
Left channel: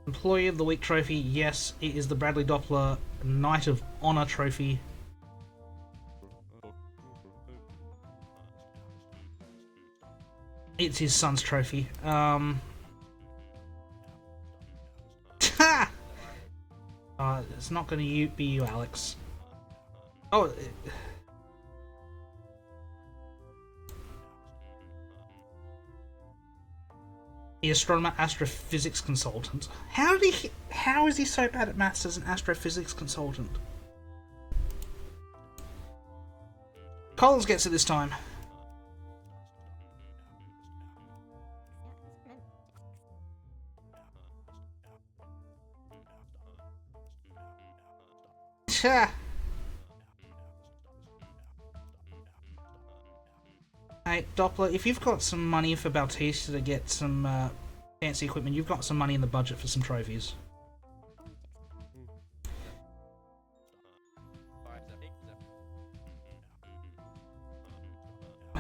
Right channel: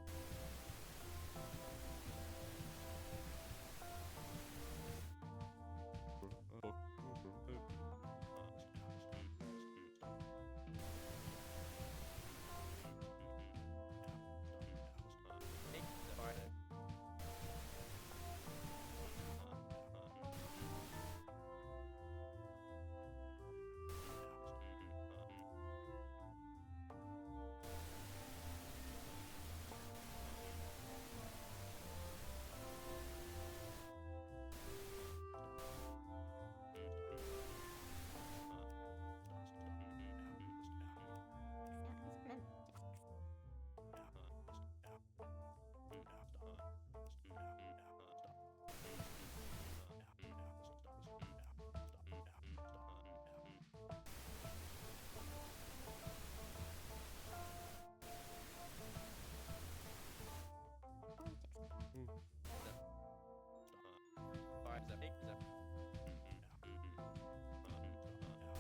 Employee of the Week trophy, yes, it is the Bradley Doppler Knight of Honor trophy. It's his son's trophy. It's not going to be you, Alex. Oh. The astronomer astrophysics consultant. How is he so bad at maths as an astrophysics consultant? Collins gets it this time. Hey, Doppler, if you've got some money for Bautista to get some fancy equipment, you've got some money in the budget for some trophies.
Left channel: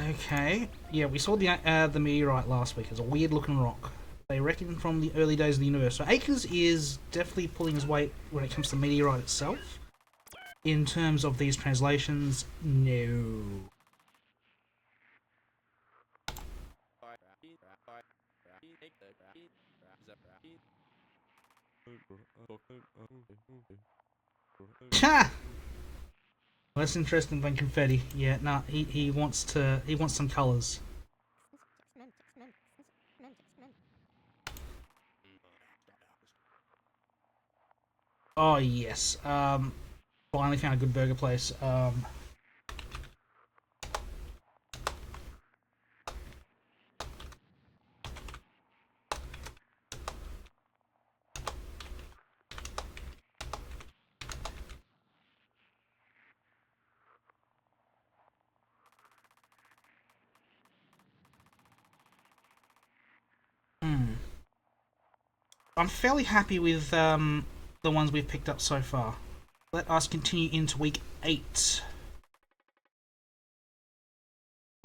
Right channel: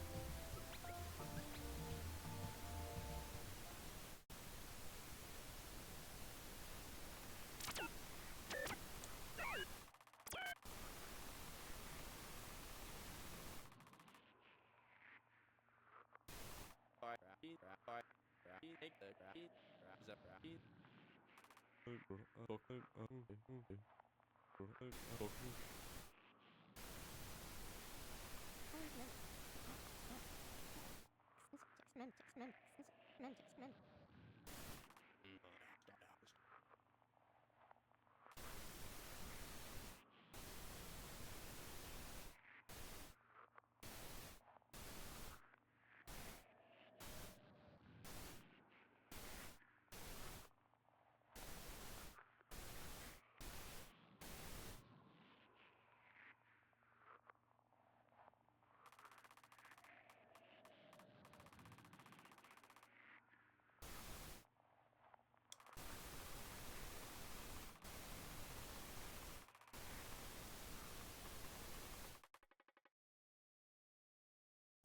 Okay, yeah, we saw the meteorite last week. It's a weird-looking rock. They reckon from the early days of the universe. So Akers is definitely pulling his weight when it comes to the meteorite itself. In terms of these translations, no. Ha! Less interesting than confetti. Yeah, nah, he wants some colours. Oh yes. Finally found a good burger place. I'm fairly happy with the ones we've picked up so far. Let us continue into week 8.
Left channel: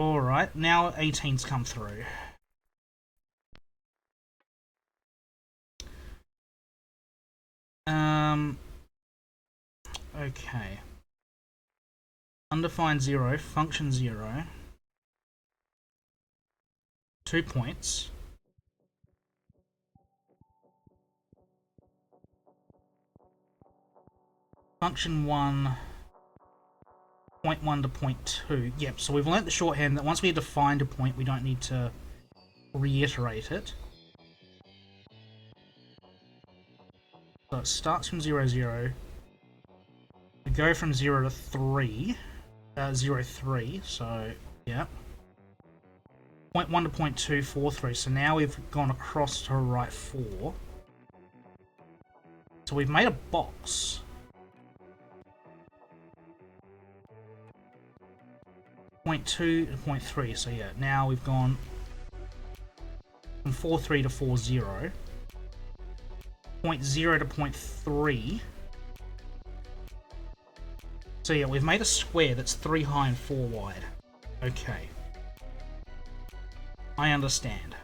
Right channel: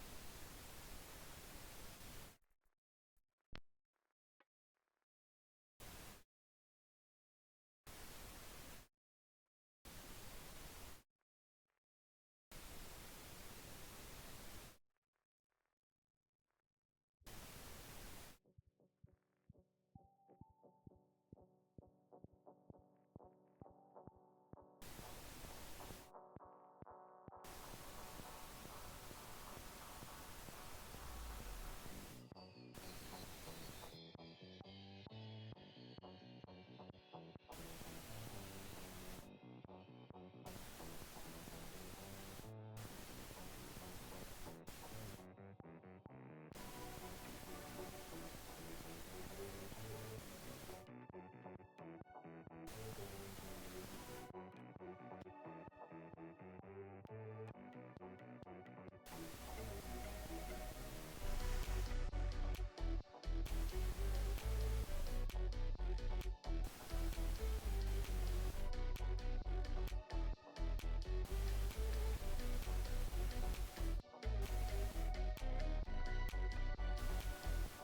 Alright, now 18's come through. Okay. Undefined 0, function 0. 2 points. Function 1, 0.1 to 0.2. Yep, so we've learnt the shorthand that once we defined a point, we don't need to reiterate it. So it starts from 0, 0. We go from 0 to 3. 0, 3, so, yeah. 0.1 to 0.243. So now we've gone across to right 4. So we've made a box. Point 2 to 0.3. So yeah, now we've gone from 4.3 to 4.0. 0.0 to 0.3. So yeah, we've made a square that's 3 high and 4 wide. Okay. I understand.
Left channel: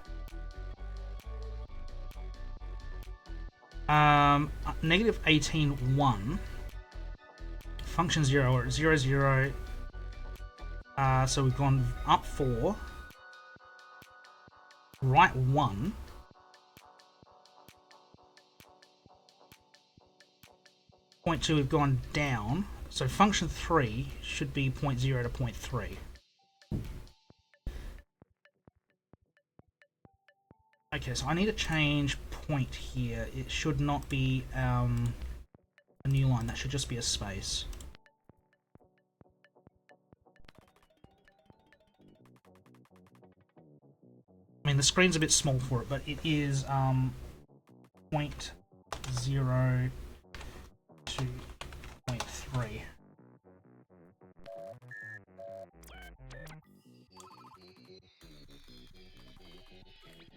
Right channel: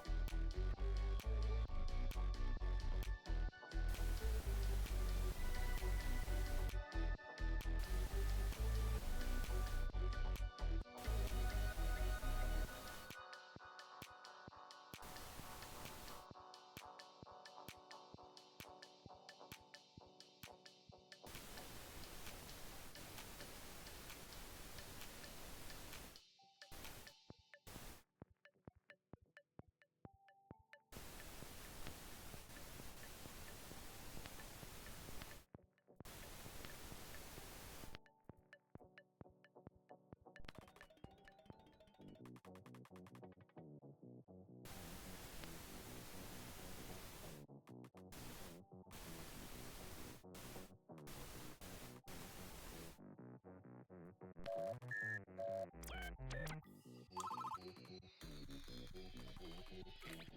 Negative 18, 1. Function 0 or 0, 0. So we've gone up 4. Right 1. Point 2 we've gone down. So function 3 should be 0.0 to 0.3. Okay, so I need to change point here. It should not be a new line. That should just be a space. I mean, the screen's a bit small for it, but it is 0.0 to 0.3.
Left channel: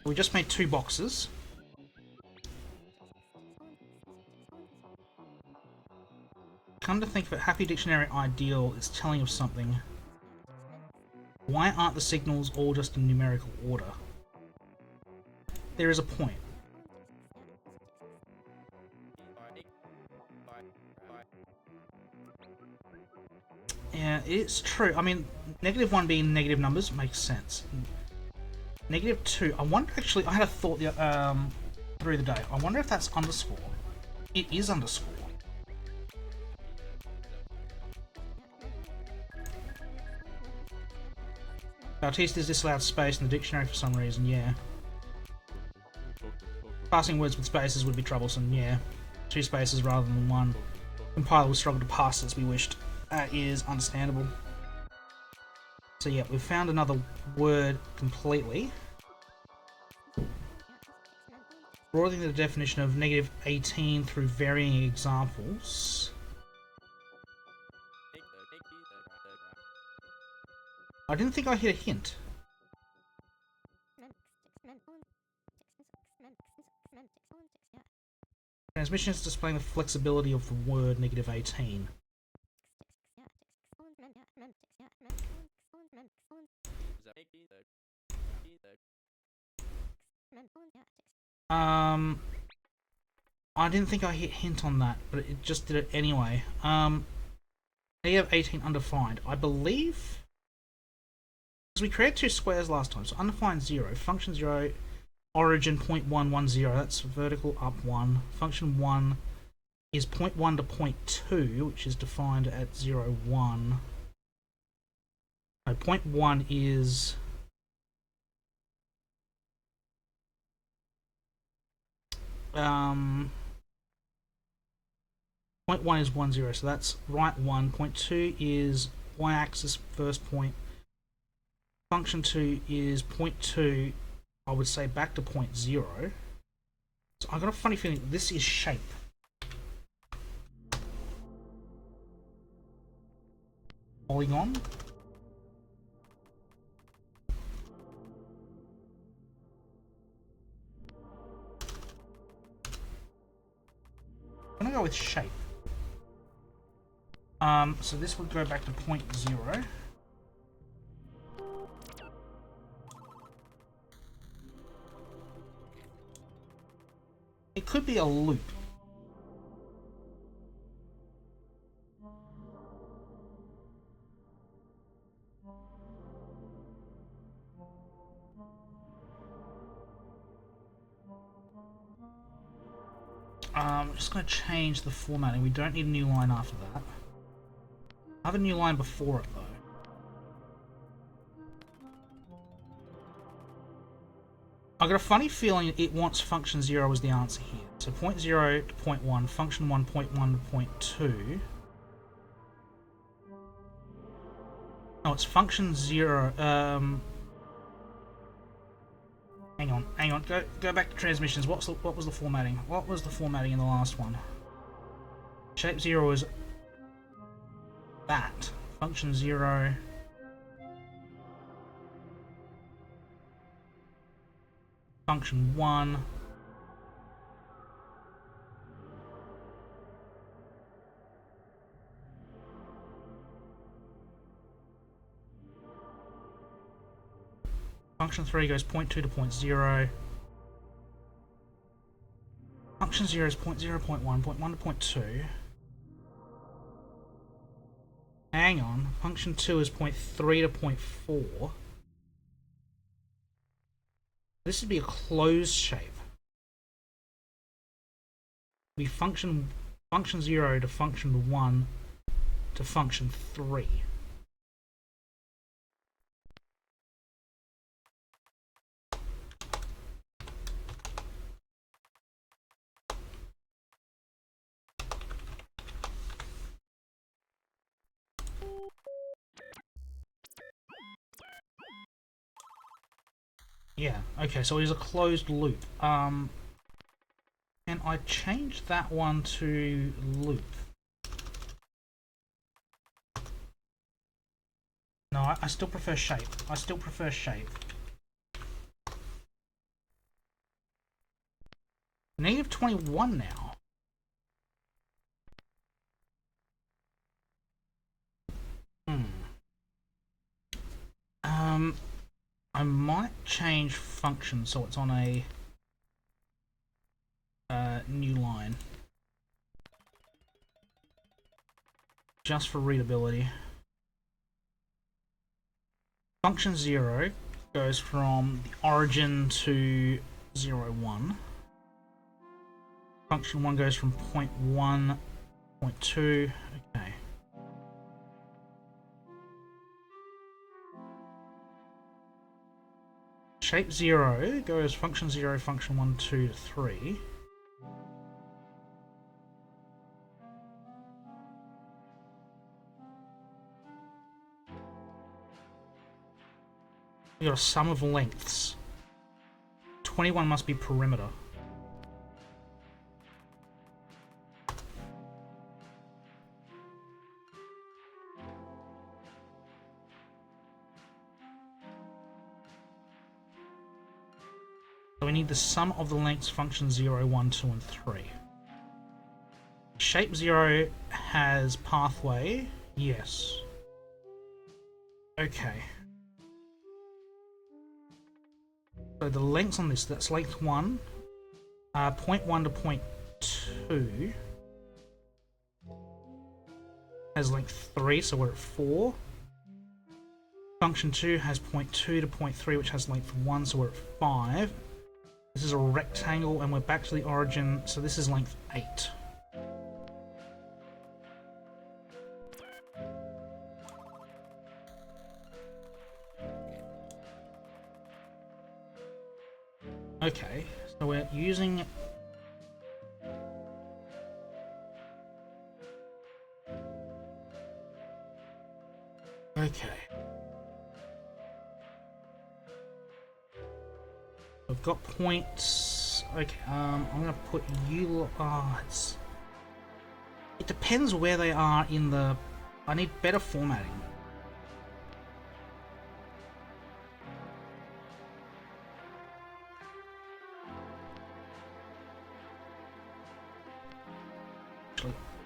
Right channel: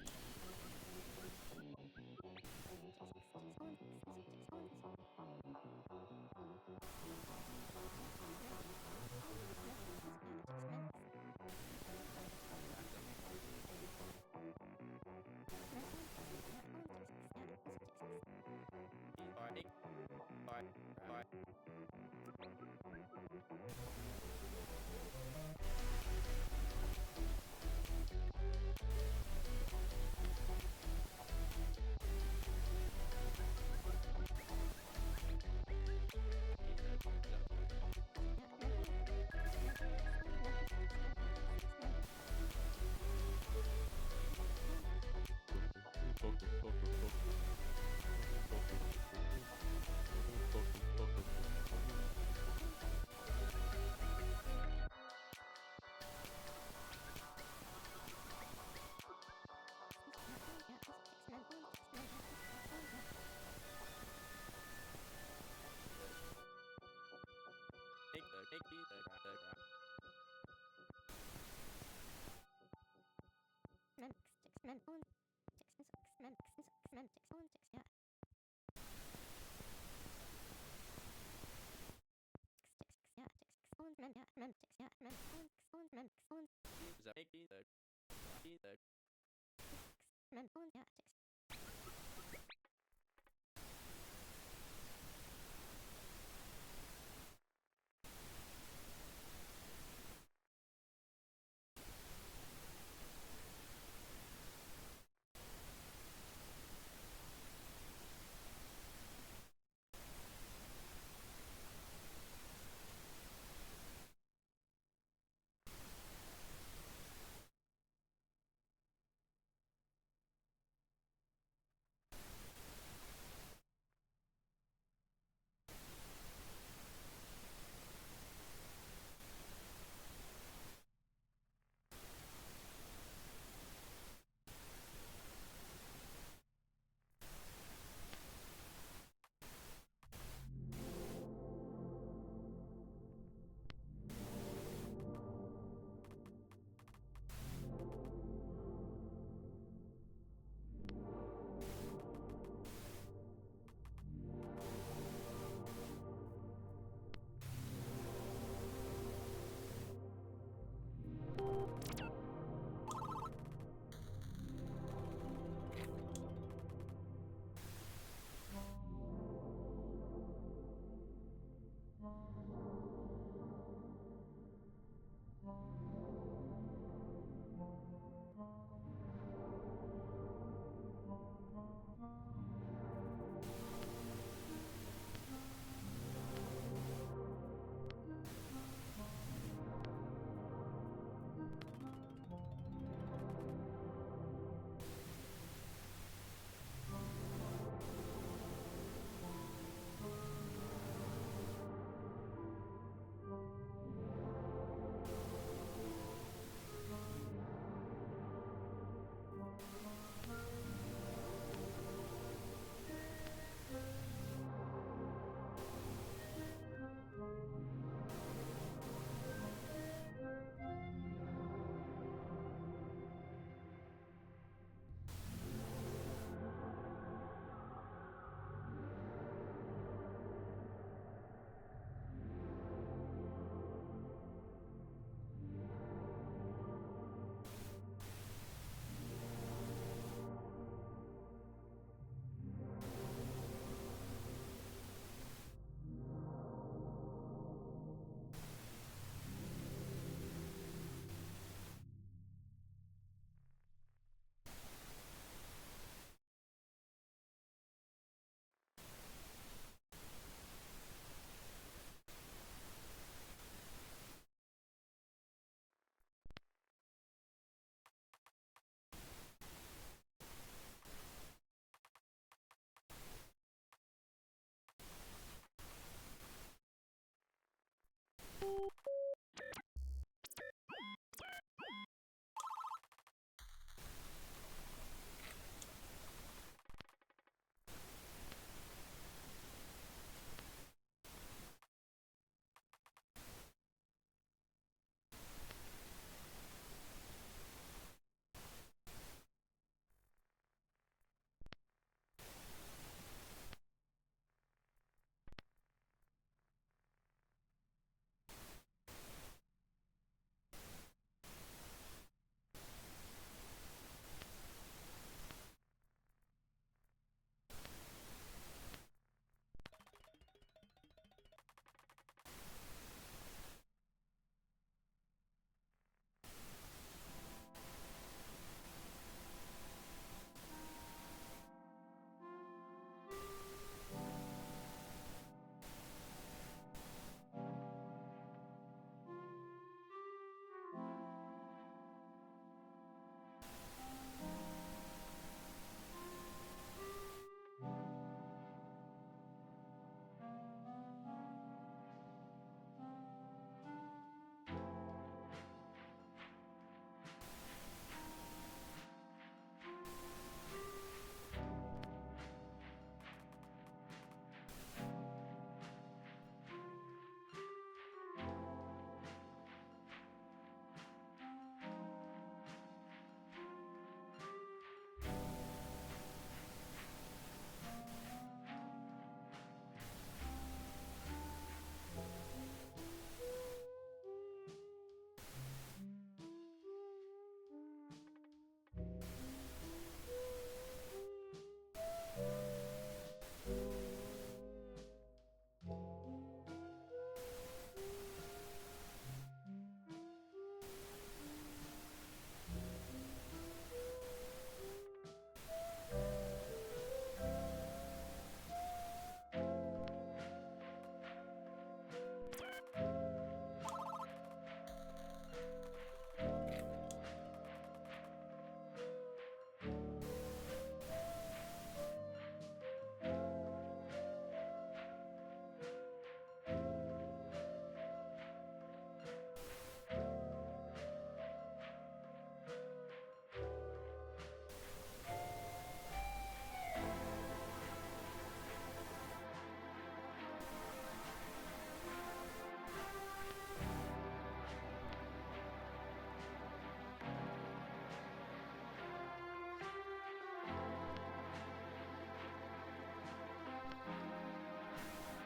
We just made 2 boxes. Come to think of it, Happy Dictionary Ideal is telling us something. Why aren't the signals all just in numerical order? There is a point. Yeah, it's true. I mean, -1 being negative numbers makes sense. -2, I wonder actually, I had a thought through the day. I wonder if that's underscore. It is underscore. Bautista is disallowed space in the dictionary for some reason, yeah. Passing words with spaces would be troublesome, yeah. 2 spaces rather than 1. Compiler will struggle to pass as we wished. That is understandable. So yeah, we've found another word completely. Broadening the definition of -18 through varying examples. I didn't think I hit a hint. Transmission is displaying the flexibility of the word -18. I didn't think I hit hint on that, but it just did it anyway. -18 undefined. I believe because we created 2 squares last time, so undefined 0, function 0, origin 0.110. That's vertical up 1. Function 1 is 0.1 to 0.2, which is defined at 0, 1. No, 0.1 is point 1 is 1, 0, so that's right 1. Point 2 is y-axis first point. Function 2 is point 2, I would say back to point 0. So I've got a funny feeling this is shape. Polygon. I'm gonna go with shape. So this would go back to point 0. It could be a loop. I'm just going to change the formatting. We don't need a new line after that. I have a new line before it, though. I've got a funny feeling it wants function 0 as the answer here. So point 0 to point 1, function 1, point 1 to point 2. Oh, it's function 0. Hang on. Go back to transmissions. What was the formatting? What was the formatting in the last one? Shape 0 is that. Function 0. Function 1. Function 3 goes 0.2 to 0.0. Function 0 is 0.0, 0.1, 0.1 to 0.2. Hang on. Function 2 is 0.3 to 0.4. This would be a closed shape. It would be function 0 to function 1 to function 3. Yeah, okay, so it is a closed loop. And I changed that one to loop. No, I still prefer shape. I still prefer shape. Negative 21 now. I might change function so it's on a new line. Just for readability. Function 0 goes from the origin to 0, 1. Function 1 goes from 0.1, 0.2. Okay. Shape 0 goes function 0, function 1, 2 to 3. We got a sum of lengths. 21 must be perimeter. So we need the sum of the lengths function 0, 1, 2, and 3. Shape 0 has pathway. Yes. Okay. So the lengths on this, that's length 1, 0.1 to 0.2 has length 3, so we're at 4. Function 2 has 0.2 to 0.3, which has length 1, so we're at 5. This is a rectangle, and we're back to the origin, so this is length 8. Okay, so we're using... Okay. We've got points. Okay, I'm gonna put you... it depends where they are in the... I need better formatting.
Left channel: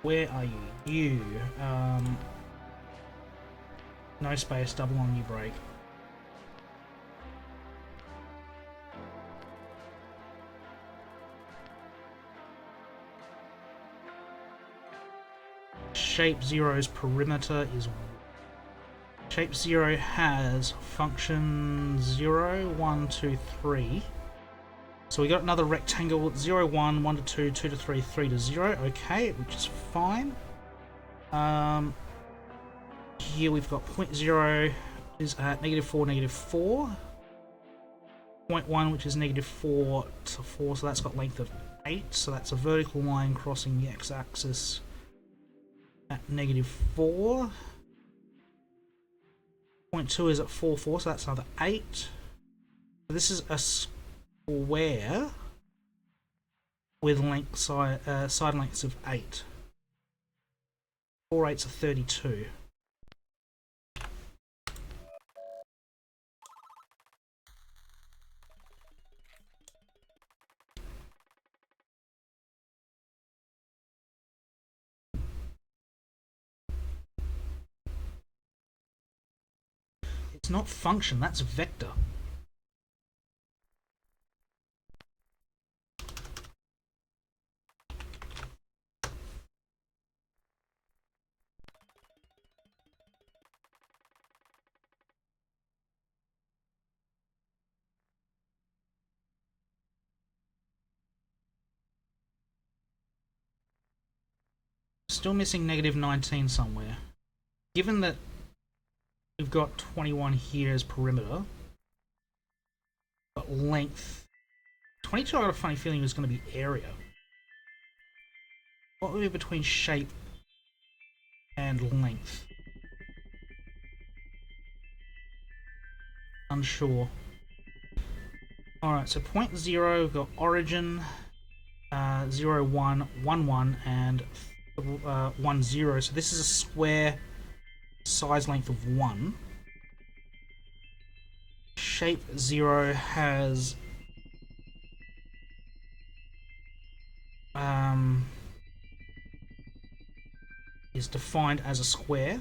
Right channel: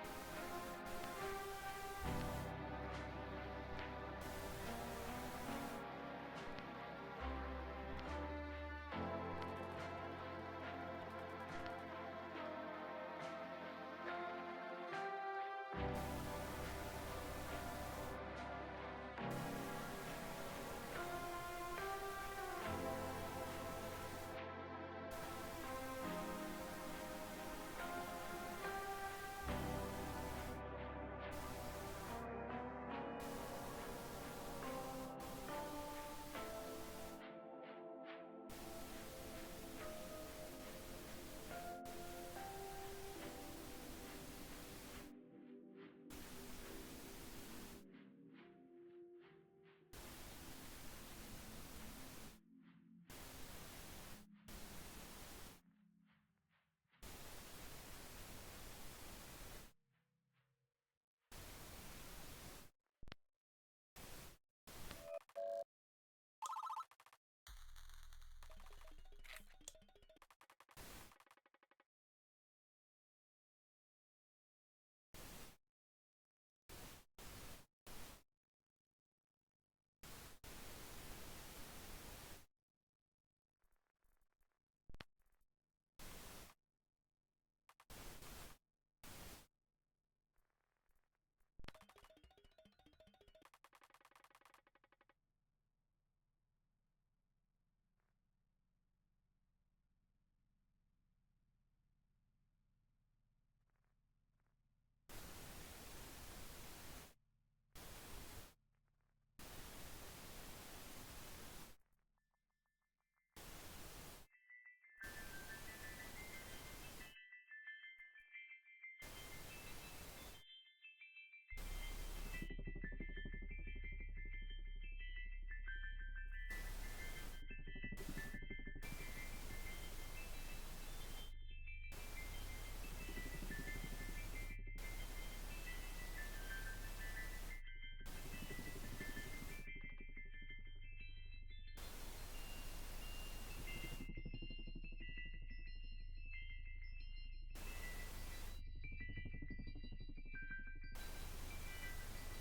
Where are you? You. No space, double on your break. Shape 0's perimeter is... Shape 0 has function 0, 1, 2, 3. So we got another rectangle, 0, 1, 1 to 2, 2 to 3, 3 to 0, okay, which is fine. Here we've got 0.0 is at -4, -4. 0.1, which is -4 to 4, so that's got length of 8, so that's a vertical line crossing the x-axis at -4. 0.2 is at 4, 4, so that's another 8. So this is a square with side lengths of 8. 4 8s are 32. It's not function, that's vector. Still missing negative 19 somewhere. Given that we've got 21 here as perimeter, but length 22, I got a funny feeling was going to be area. What would be between shape and length? Unsure. Alright, so point 0, we've got origin, 0, 1, 1, 1, and 1, 0. So this is a square size length of 1. Shape 0 has is defined as a square.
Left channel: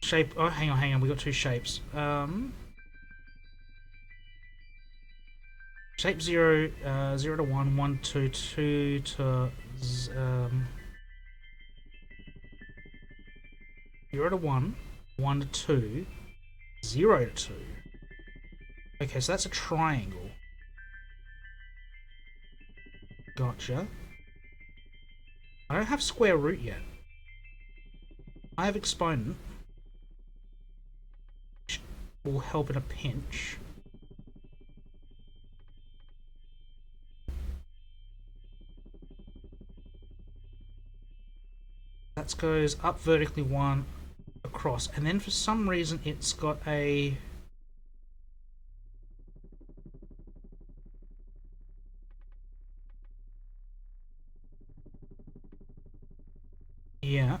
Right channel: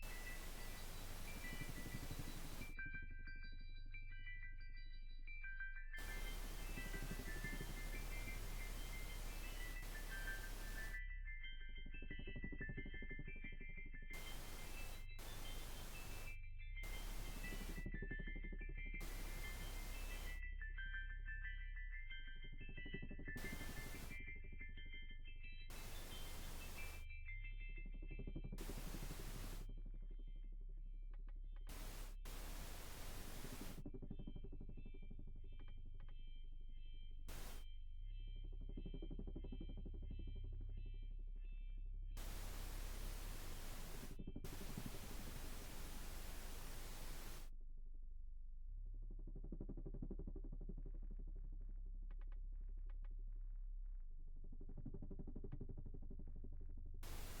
Shape, oh hang on, we got two shapes. Shape 0, 0 to 1, 1 to 2 to 0 to 1, 1 to 2, 0 to 2. Okay, so that's a triangle. Gotcha. I don't have square root yet. I have exponent, which will help in a pinch. That goes up vertically 1, across, and then for some reason it's got a yeah.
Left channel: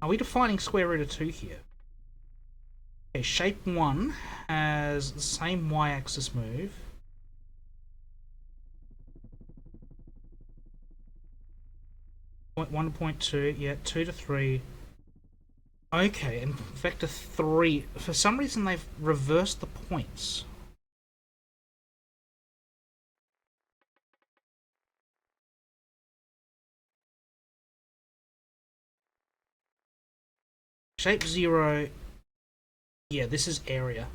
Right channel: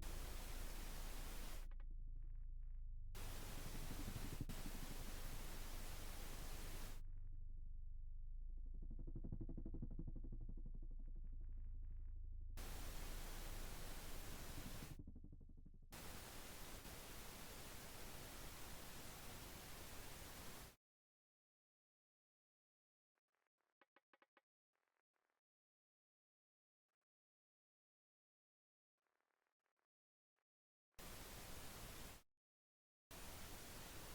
Are we defining square root of 2 here? Okay, shape 1 has the same y-axis move. Point 1 to point 2, yeah, 2 to 3. Okay, and vector 3, for some reason they've reversed the points. Shape 0, yeah, this is area.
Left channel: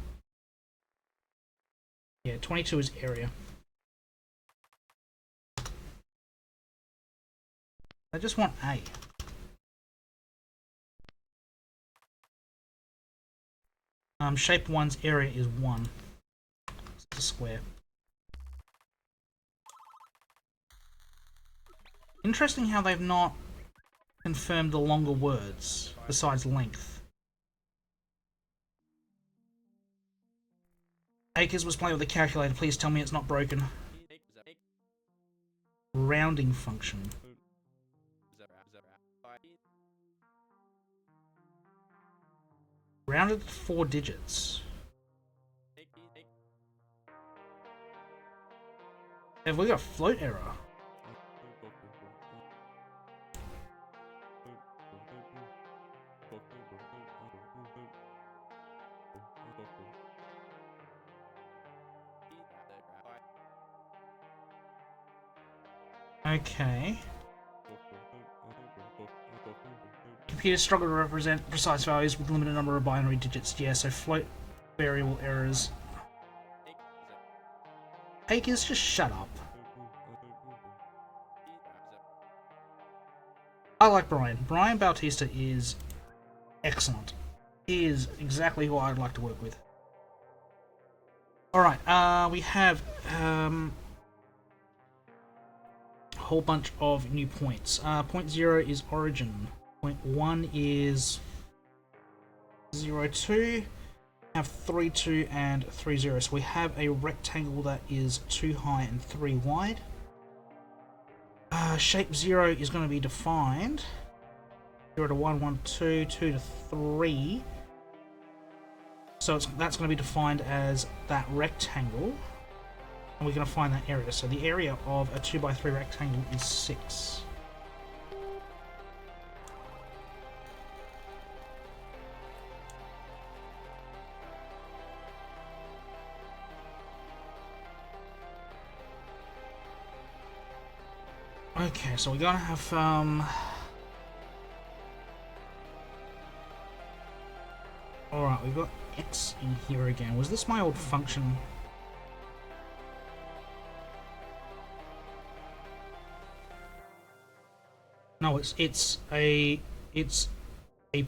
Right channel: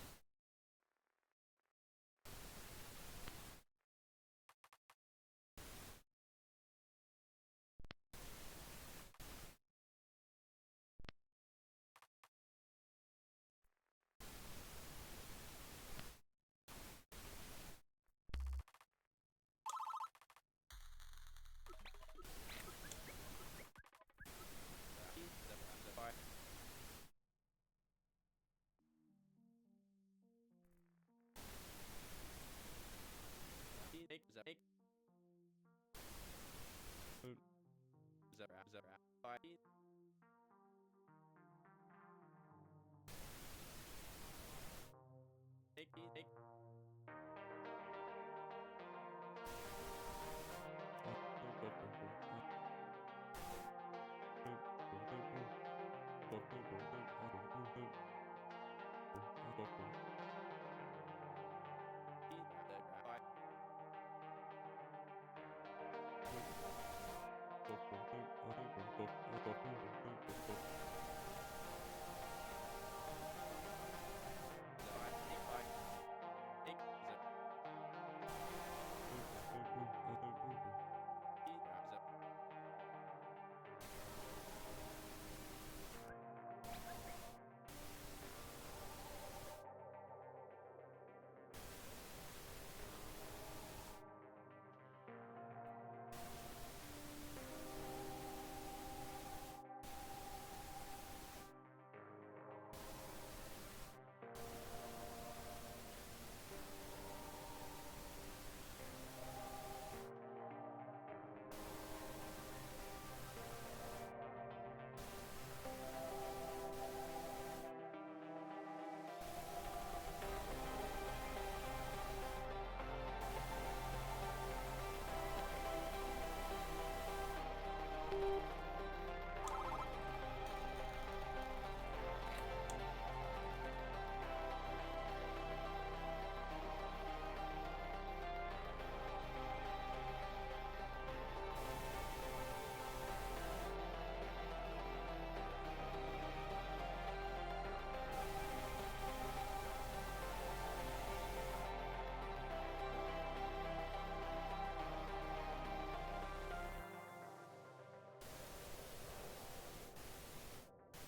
Yeah, 22 is area. I just want A. Shape 1's area is 1. It's a square. Interesting how they've not confirmed the longer words besides length. Akers was playing with the calculator. Please tell me it's not broken. Rounding function. Rounded 4 digits. Have we got a float error? Okay. Computers struggle to represent precise values with a limited number of binary digits. Yeah, so float variable errors. Akers, just shut up. I like Brian. Brian Bautista is excellent. He is exactly who I'd like to work with. Alright, we have a whole bunch of new points. Point 0 is origin. Point 1 is 0, 2. Have 3, 2 and 3, 0. So we have a rectangle that is 2 high and 3 wide. Shape 0 is going to be defined. 0 to 1, 1 to 2, 2 to 3. So that's going to be defined as that rectangle. And we're going to find that area. So the area of a 2 by 3 rectangle is 6. Okay, so we're gonna have alright, we've got X in here again. Was this my old function? No, it's a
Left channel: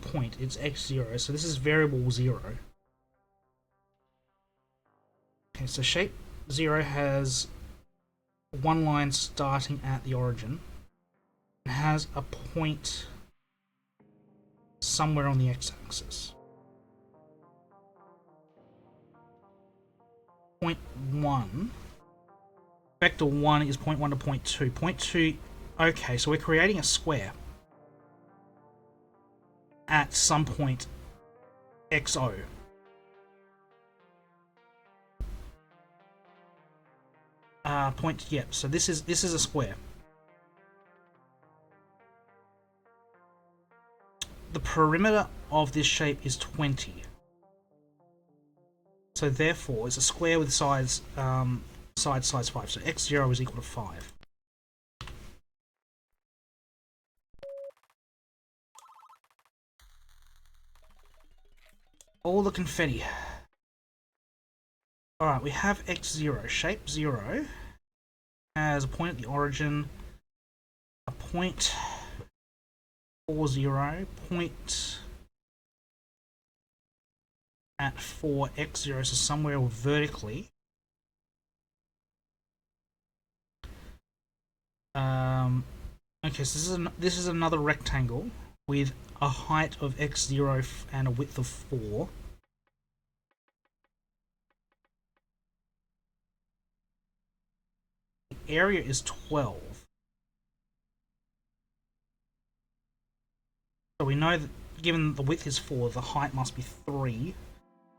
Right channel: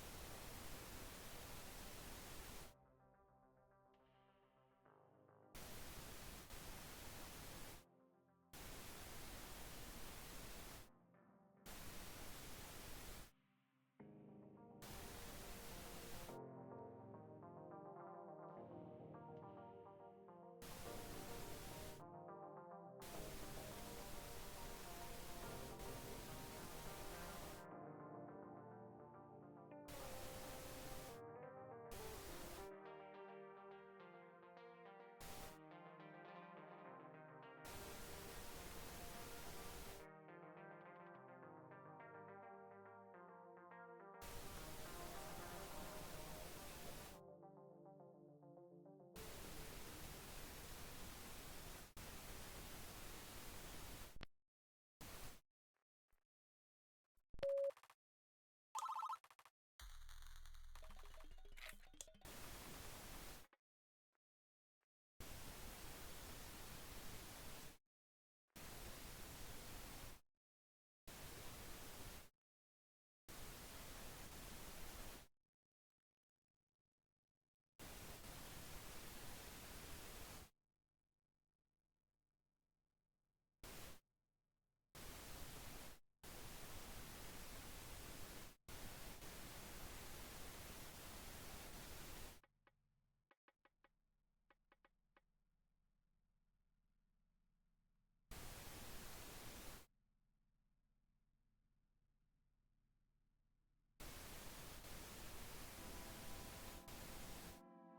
point. It's x0. So this is variable 0. Okay, so shape 0 has one line starting at the origin. It has a point somewhere on the x-axis. Point 1. Vector 1 is point 1 to point 2. Point 2. Okay, so we're creating a square at some point xo. Yeah. So this is a square. The perimeter of this shape is 20. So therefore, it's a square with sides size 5. So x0 is equal to 5. All the confetti. Alright, we have x0. Shape 0 has a point at the origin, a point 40, point at 4, x0, so somewhere vertically. Okay, so this is another rectangle with a height of x0 and a width of 4. The area is 12. So we know that given the width is 4, the height must be 3.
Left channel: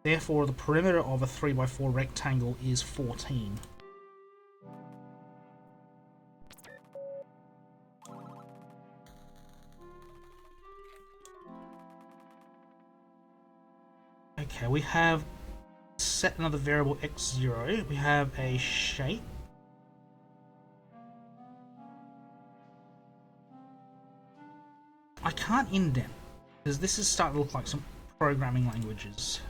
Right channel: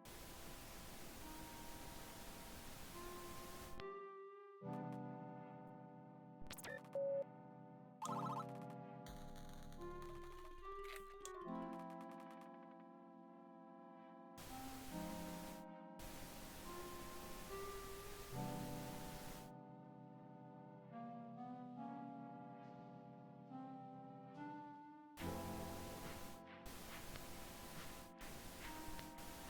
Therefore, the perimeter of a 3 by 4 rectangle is 14. Okay, we have set another variable x0. We have a shape. I can't indent because this is starting to look like some programming languages.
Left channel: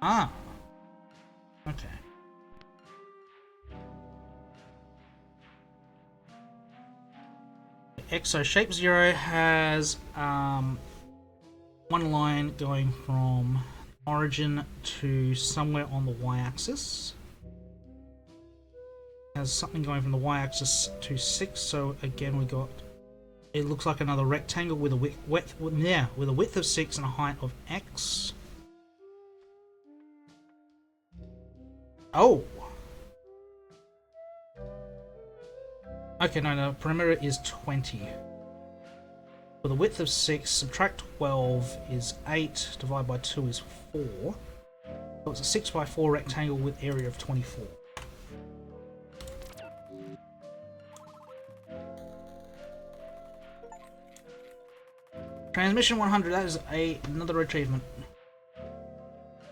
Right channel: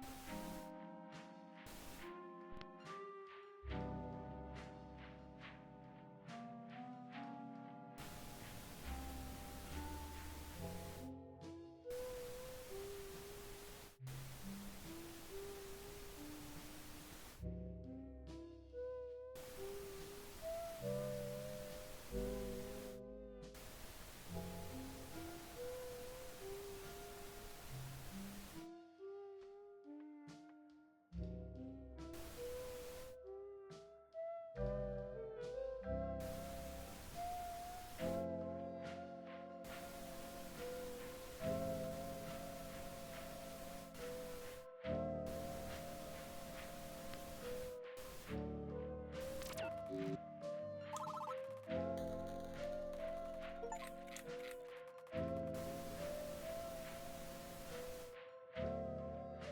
Ah, okay. XO shape 0 has one line going from origin to somewhere on the y-axis. Has something going from the y-axis to 6. So again, we got. It looks like another rectangle with a width of 6 and a height of x. Oh. Okay, no, the perimeter is 20. For the width of 6, subtract 12 is 8, divided by 2 is 4. So it's a 6 by 4 rectangle with area of 24. Transmission 100, that is another achievement.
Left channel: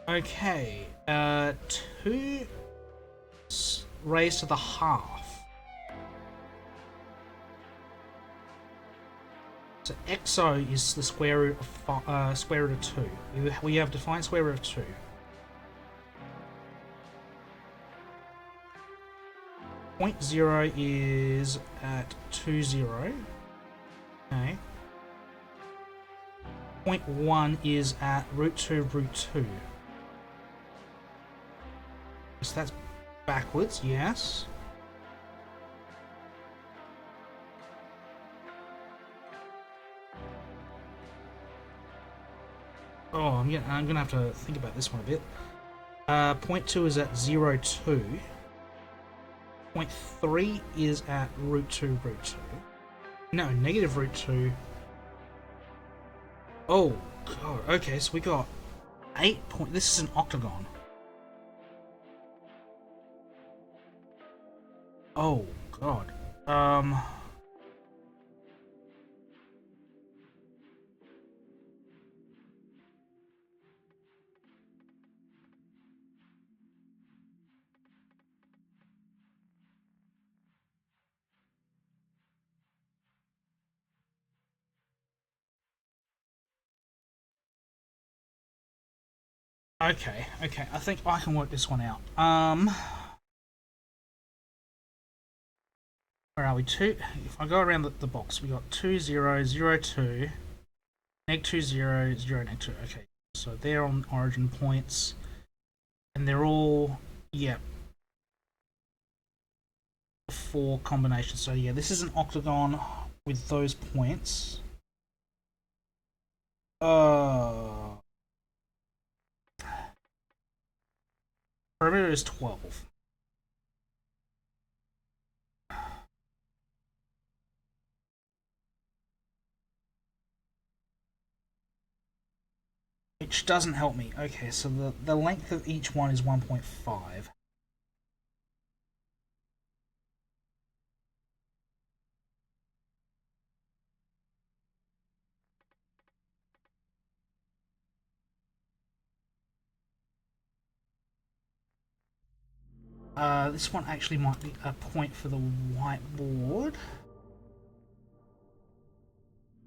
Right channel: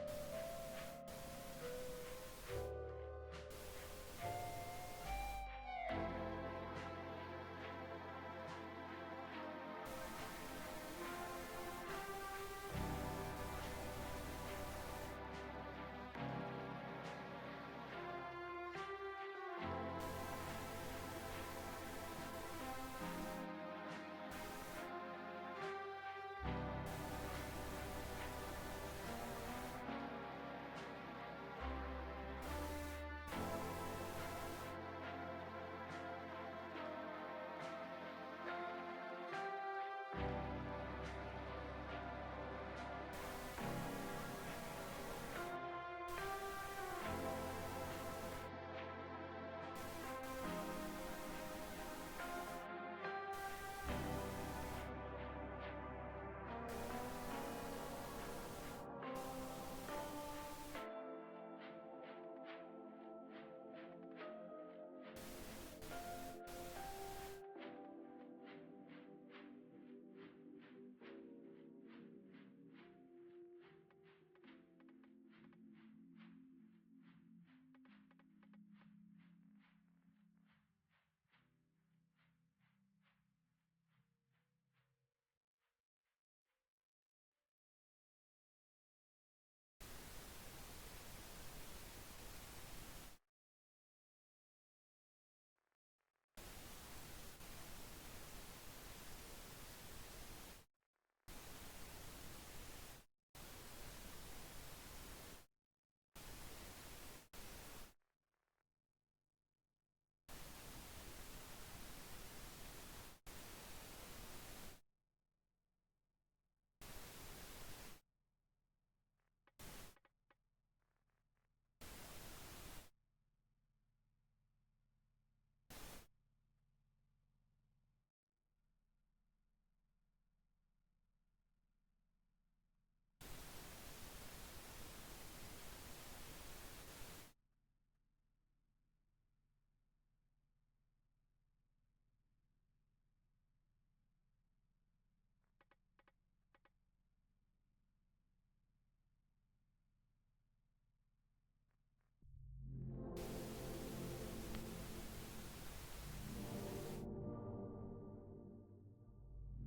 Okay, 2 raised to the half. So XO is the square root of 2. We have defined square root of 2. Point 0 is at 2, 0. Okay. 0.1 is at root 2, root 2. So that's backwards, yes. Oh, I'm gonna have to think about this one a bit. 0.2 is at 0, 2. 0.3 is at root 2, root 2. No, negative root 2. Oh, God. Okay, so we got 8 point. This is an octagon. Oh, God. Okay, okay. I think I can work this one out. Where are we? If I go around the box, we got 2, 0, 0, 2, neg 2, 0, 0, neg 2. Okay, so they're on origin points, and they're all, yeah, 4 combinations. So yeah, this is an octagon with those points. Perimeter is 12. Which doesn't help me. Okay, so the length of each one is 1.5. This one actually might be a point for the whiteboard.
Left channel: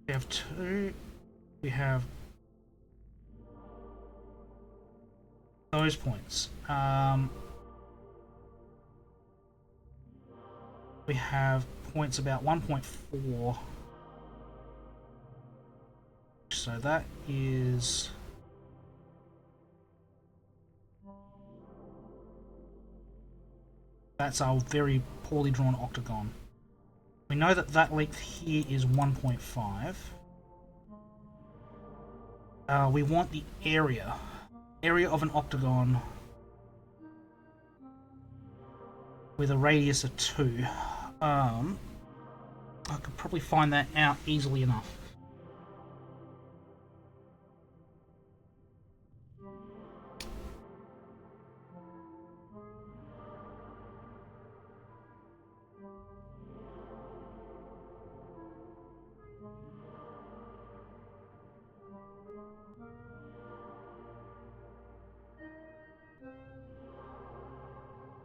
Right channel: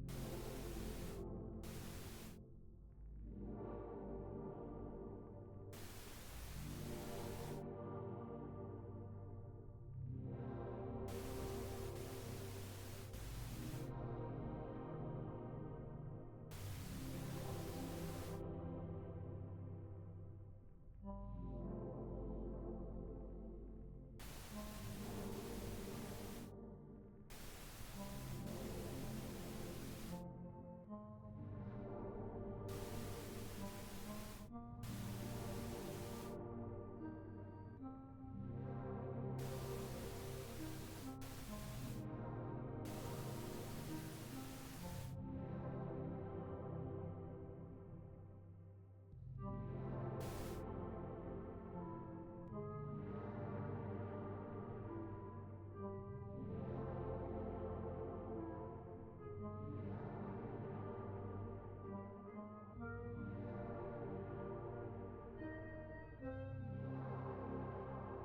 We have 2. We have those points. We have points about 1.4. So that is... That's our very poorly drawn octagon. We know that that length here is 1.5. We want the area. Area of an octagon with a radius of 2. I could probably find that out easily enough.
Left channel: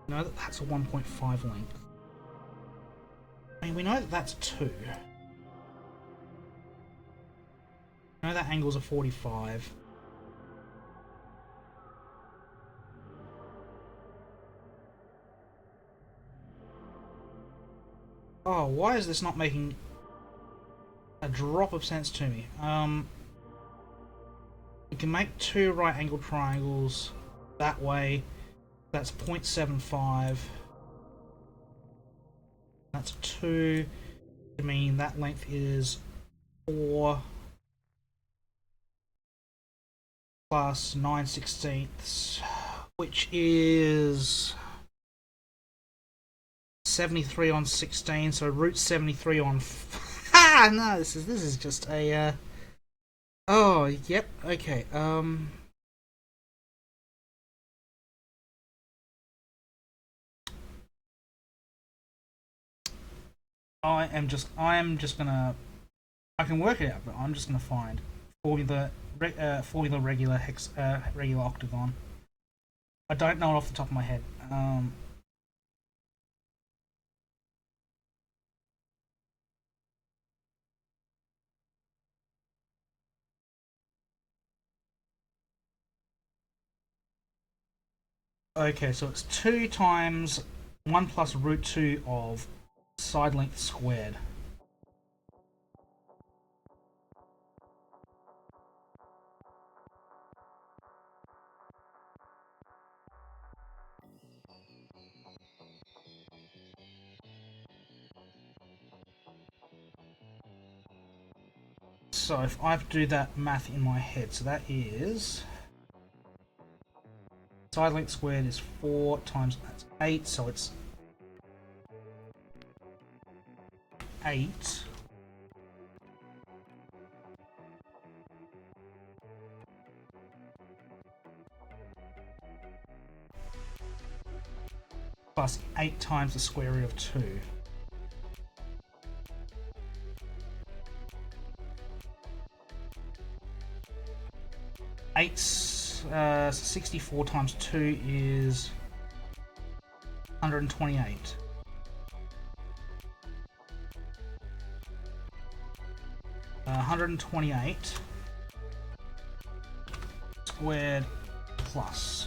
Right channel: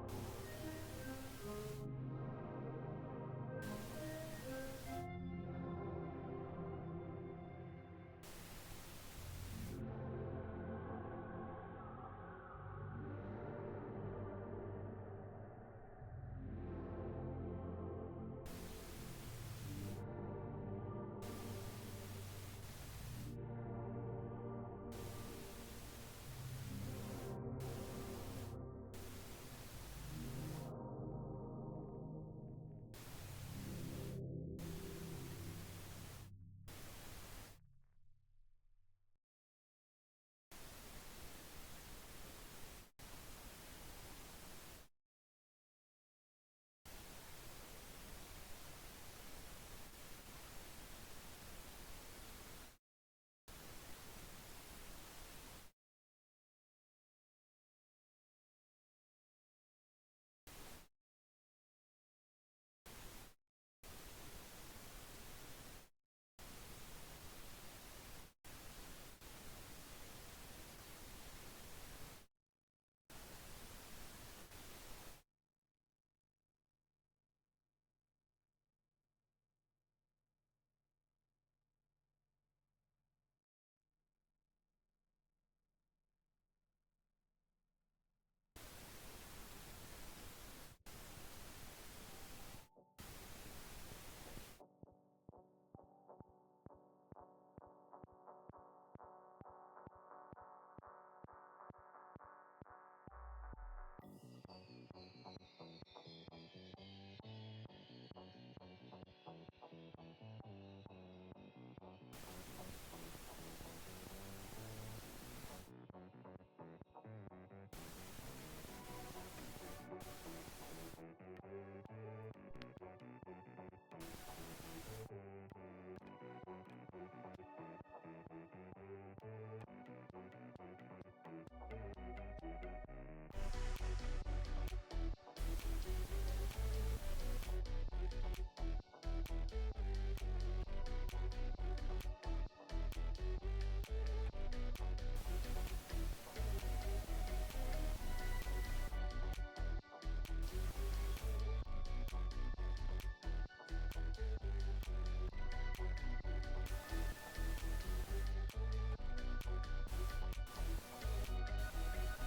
We know that that's a 1.5 length. I mean, we know that that's 2. We know that angle's a 45. Oh, why is this not making a drop of sense to me? We can make 2 right angled triangles that way. That's 0.75. That's 2. I mean, that length is 4 plus 9/16, which is 73 on 16. So root 73 on. Ah, no, this is just a. Oh, yep. Okay. I am just gonna. I can work it out, but I'm just gonna find formula regular regular octagon. I don't know it off the top of my head. Okay, so it's 2 times 1 plus root 2 of side length squared. So if I have to do that math in my head, so that is side length squared is 4 times that's 8, so it's 8 plus 8 times the square root of 2. Eight's 64 times 2 is 128. 128 squared plus.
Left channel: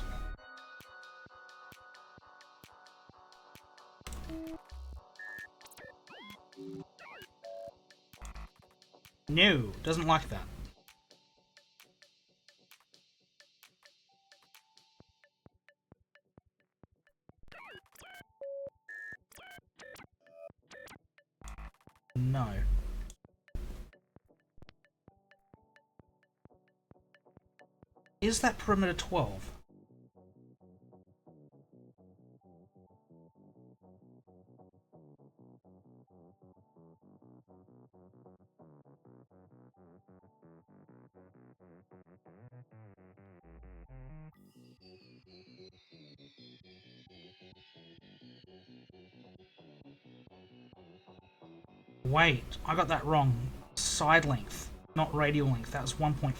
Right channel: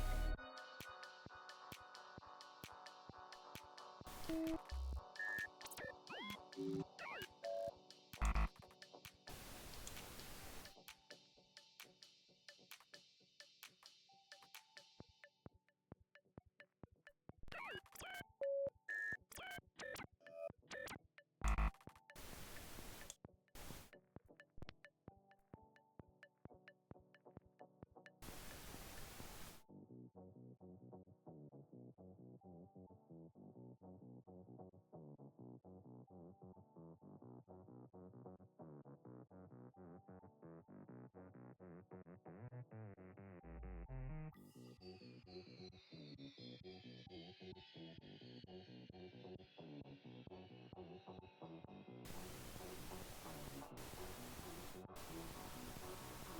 No, doesn't like that. No. Is that perimeter 12? Wait, I got that wrong. Side length, not radial length. That was 1.5.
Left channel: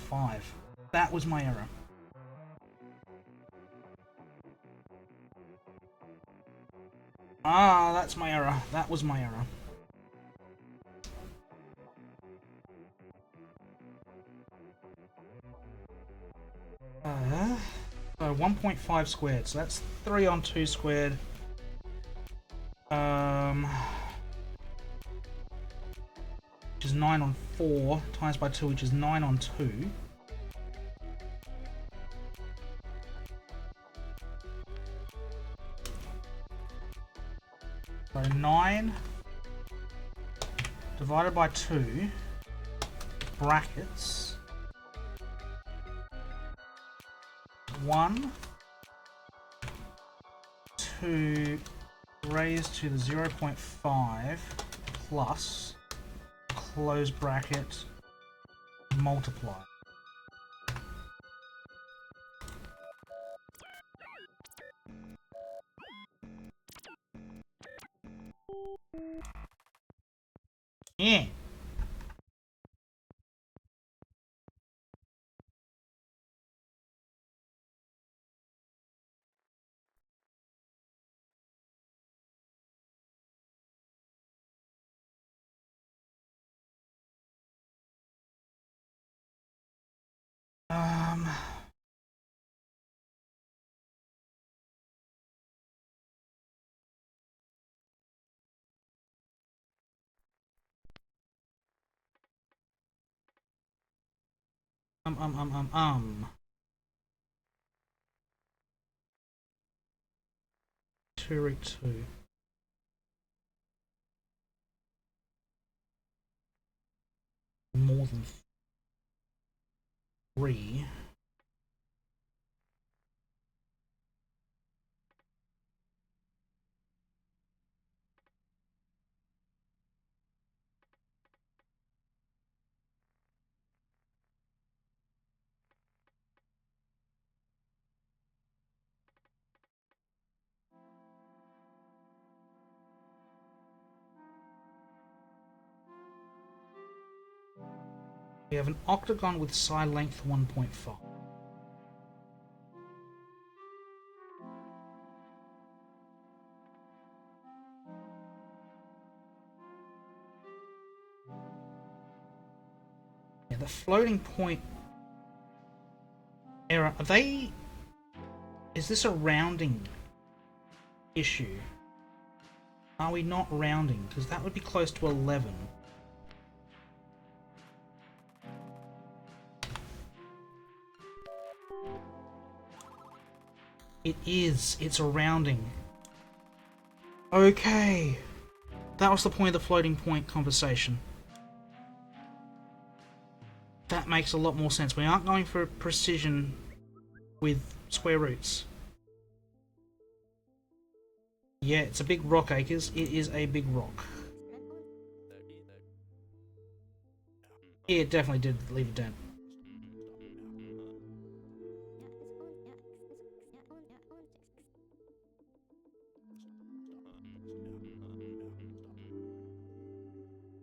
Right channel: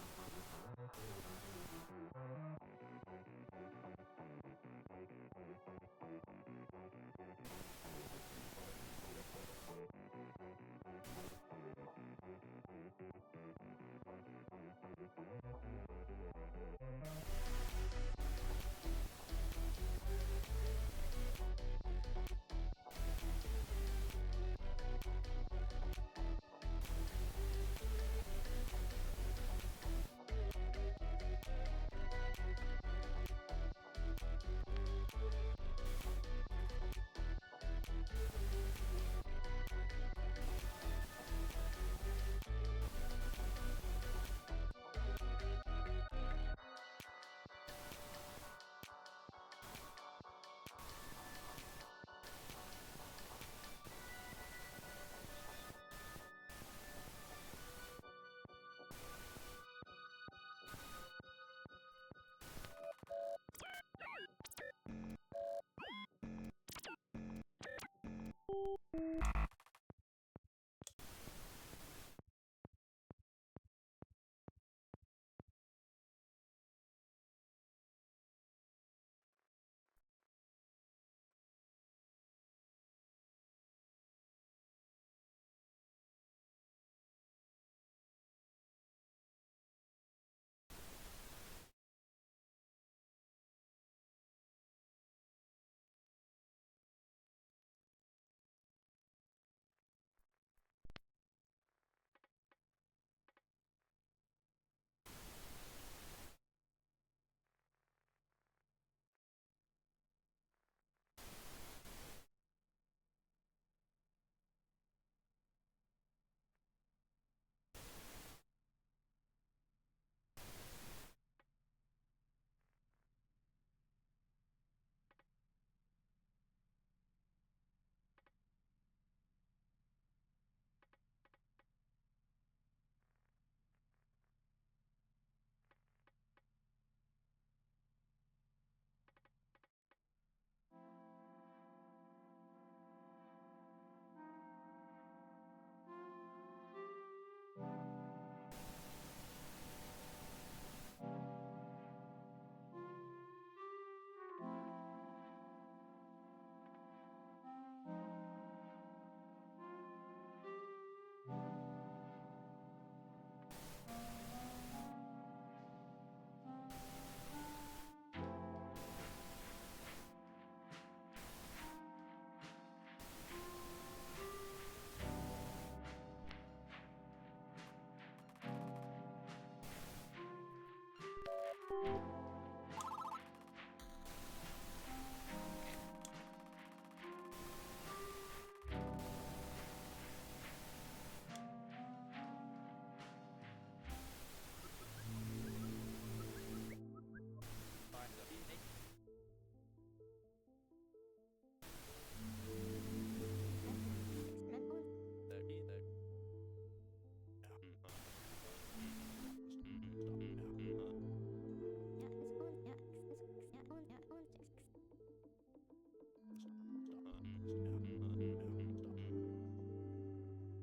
That was my error. Ah, that's my error. That was my error. So 1.5 squared. So that's 3 on 2 squared. Which is 9 on 4 times by 2, which is 9 on 2. So 9 divided by 2 brackets 1 2 raised to the 0.5 plus close bracket multiply. Yeah. Two root 2. More than 3. We have an octagon with side length 1.5. Yeah, the floating point error. Are they? Is this a rounding issue? Are we not rounding? Because that would be close to 11. It is. It's a rounding. Okay. That was the point of the floating point conversation. makes a lot more sense. We aren't going for precision with square roots. Yeah, it's a big rock, Acres. It is a big rock. Yeah, it definitely did leave a dent.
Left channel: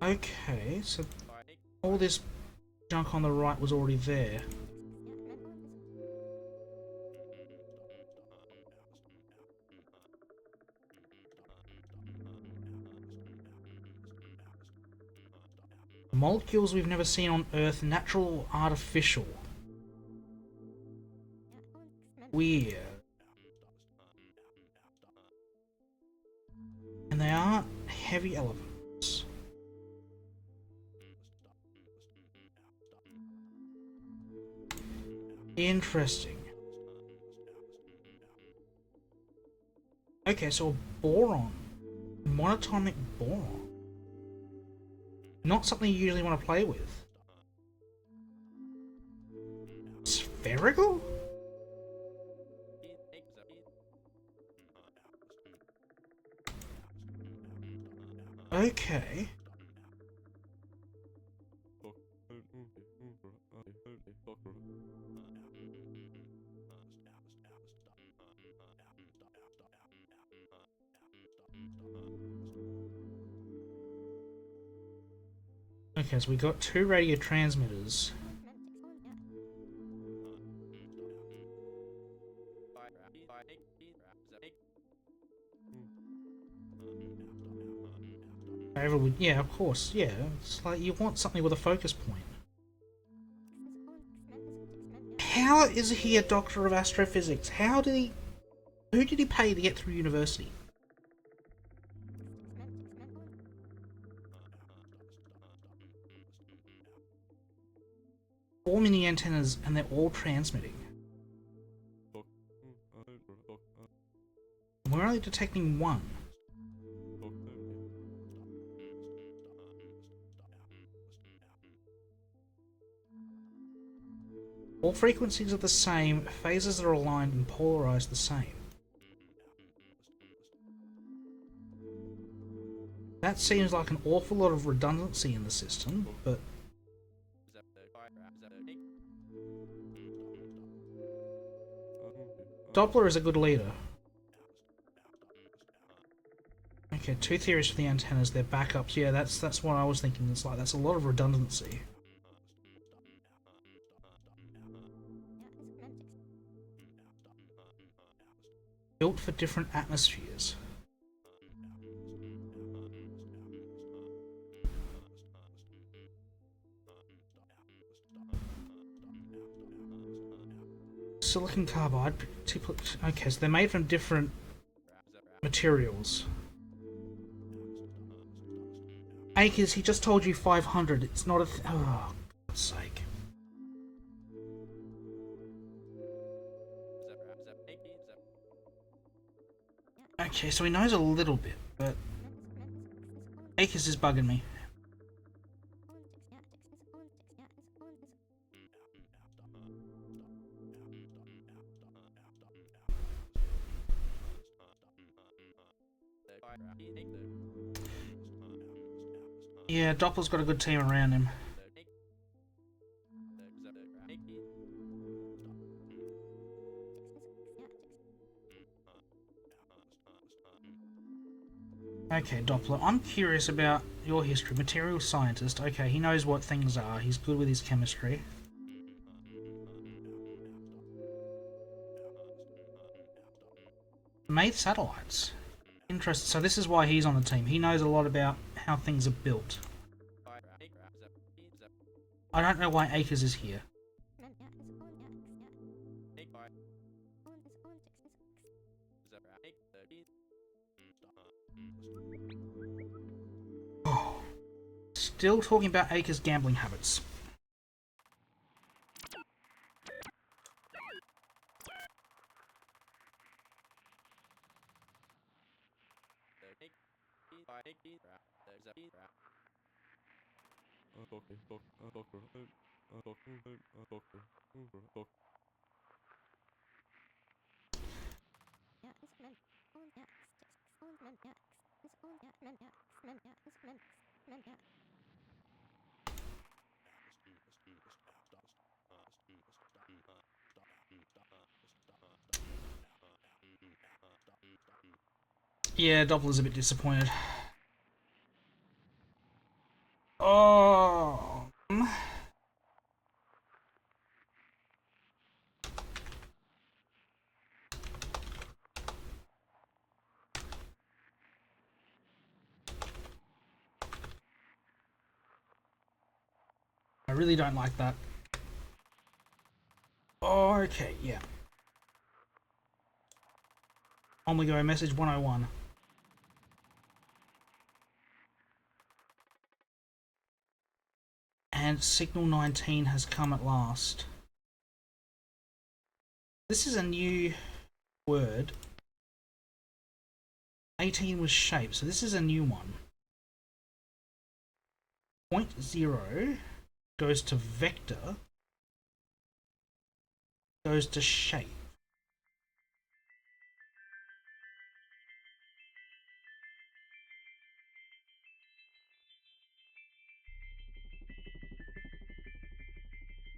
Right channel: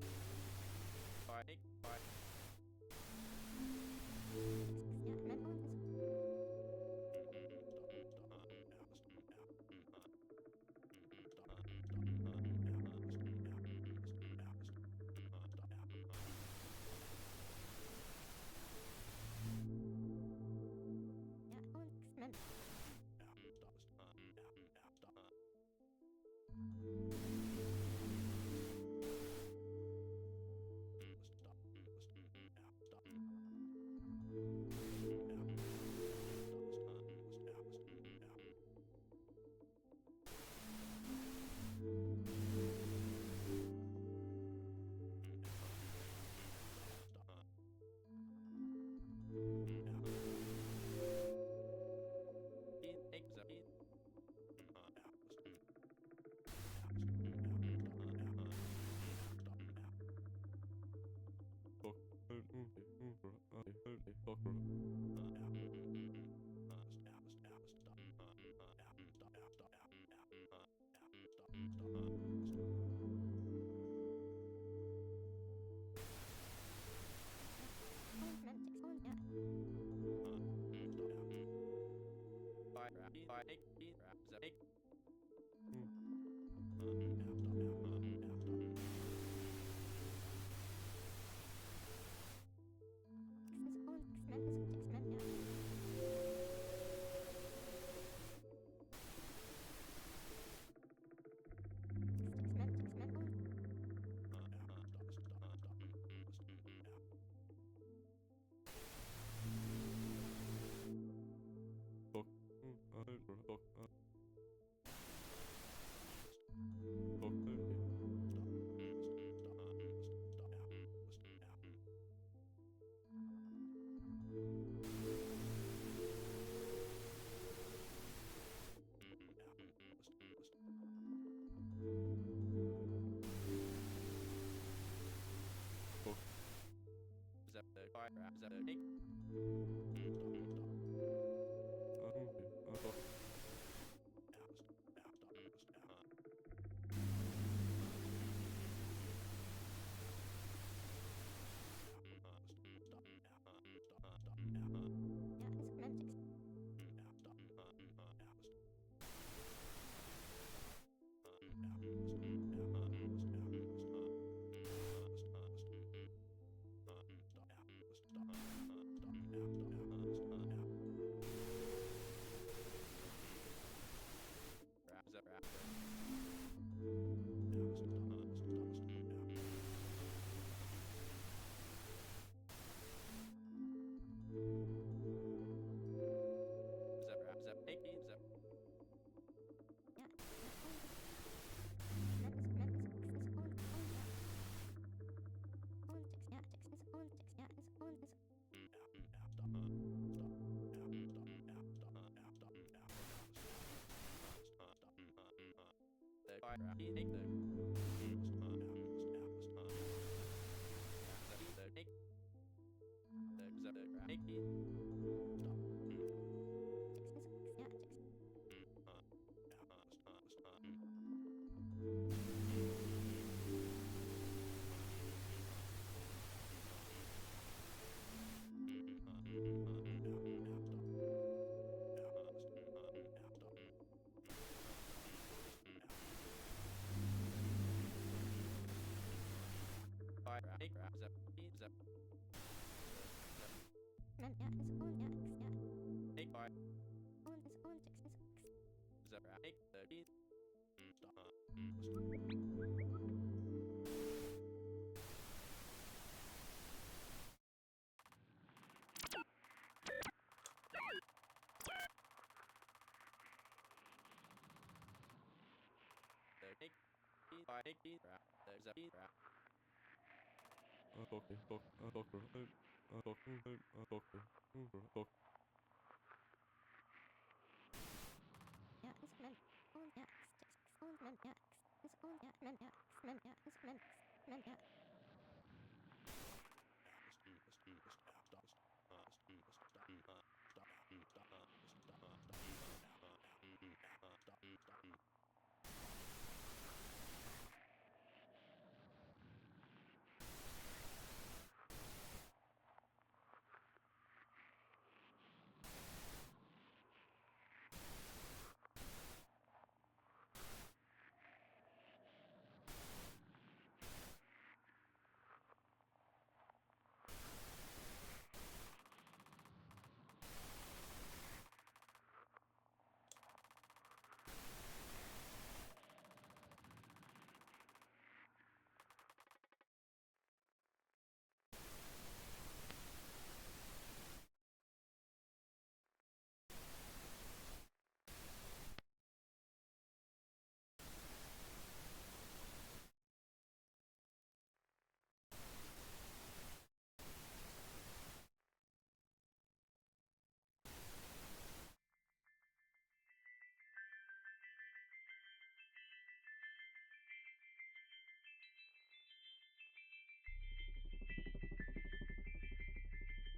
Okay, so all this junk on the right was already there. Molecules we've never seen on Earth, natural or artificial. Weird. And they aren't heavy elements. Interesting. Okay, so a boron. Monatomic boron. Not something you usually want to play with. Spherical? Okay. Okay, so we got 2 radio transmitters. Yeah, of course, yeah. It's like you want something with a focus point. How is he a doctor of astrophysics? How did he... Who did he pay to get through university? Four mini antennas and they're all transmitting. We're only detecting one. All frequencies are the same, phases are aligned and polarized the same. That seems like an awful lot of redundancy in the system, but... Doppler is a good leader. Okay, 2 theories for the antennas, they're backups. Yeah, that's what I was thinking. It's like, that's a lot of redundancy. Built for different atmospheres. Silicon carbide. Okay, so they're made from different materials. Acres, he just told you 500. It's not a... oh, God's sake. Okay, so he knows a little bit, but... Acres is bugging me. Yeah, Doppler's got a good team around him. Okay, Doppler, I'm curious about your history. Material scientist. Okay, he knows what things are. He's good with his chemistry. Made satellites. Interesting. So this is why he's on the team. He knows a lot about how things are built. I don't know why Acres is here. Oh. Still talking about Acres' gambling habits. Yeah, Doppler's a bit disappointed. Oh. I really don't like that. Okay, yeah. On we go, message 101. And signal 19 has come at last. This is a new word. 18 was shape, so this is a new one. Point 0 goes to vector, goes to shape.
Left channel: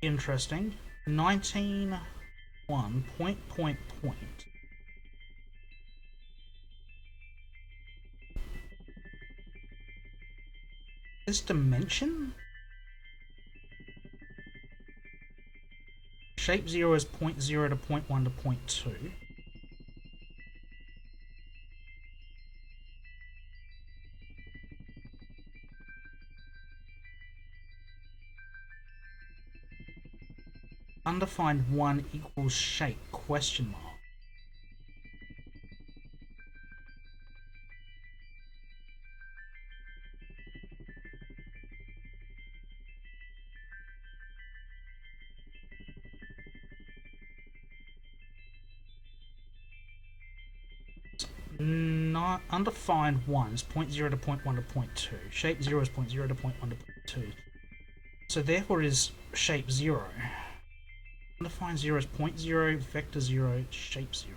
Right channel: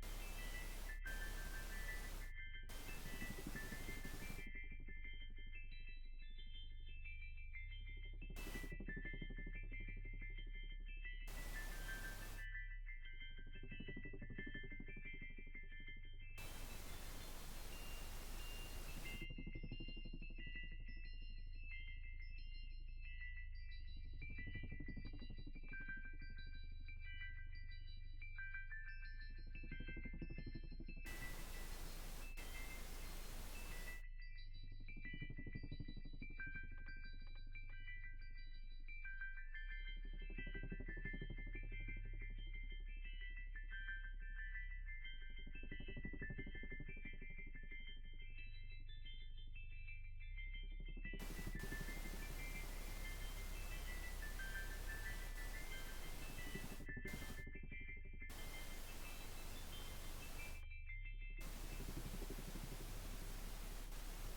Interesting. 19 1 point. This dimension? Shape 0 is point 0 to point 1 to point 2. Undefined 1 equals shape, question mark. Not undefined 1 is point 0 to point 1 to point 2. Shape 0 is point 0 to point 1 to point 2. So therefore it is shape 0. Undefined 0 is point 0, vector 0, shape 0.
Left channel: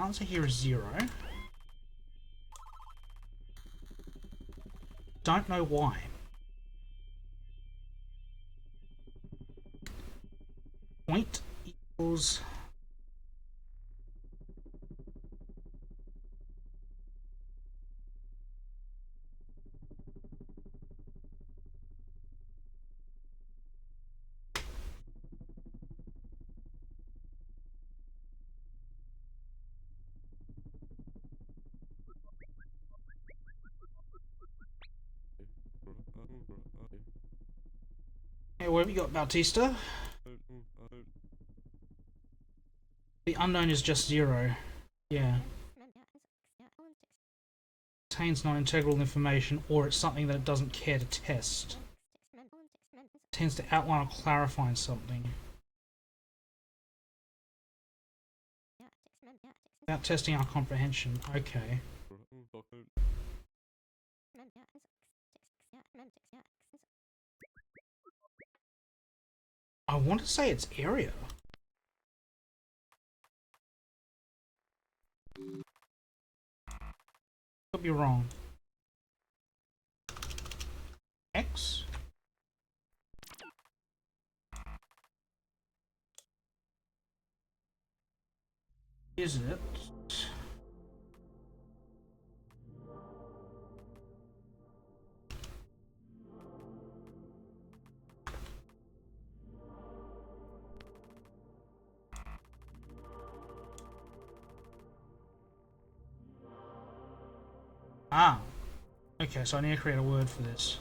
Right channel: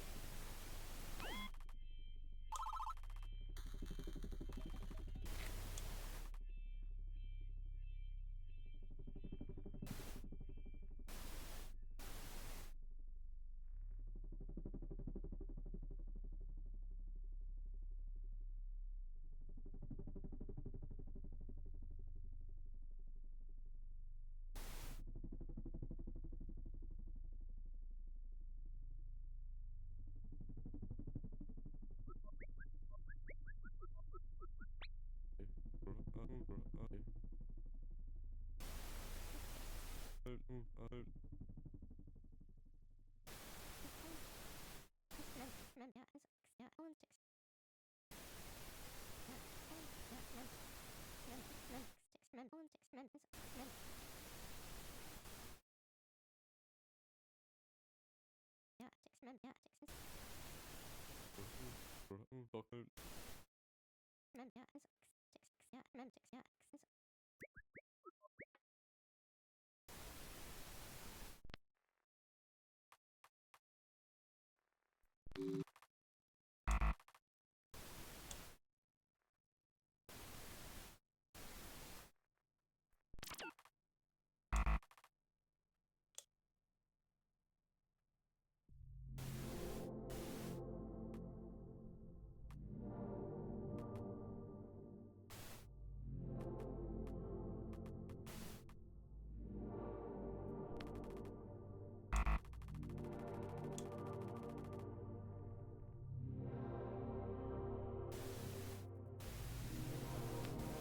Answer here is 0. Don't know why. Point equals... Hey, what have you got, Bautista? The unknown is just 0. Yeah. Contains non-integral information, or it's something that it doesn't care to test. Tends to outline or clarify something. Without testing our comprehension. Okay. I want to say it's area. Could be wrong. X? Is it? Ah. Okay, so I need to create a word for this.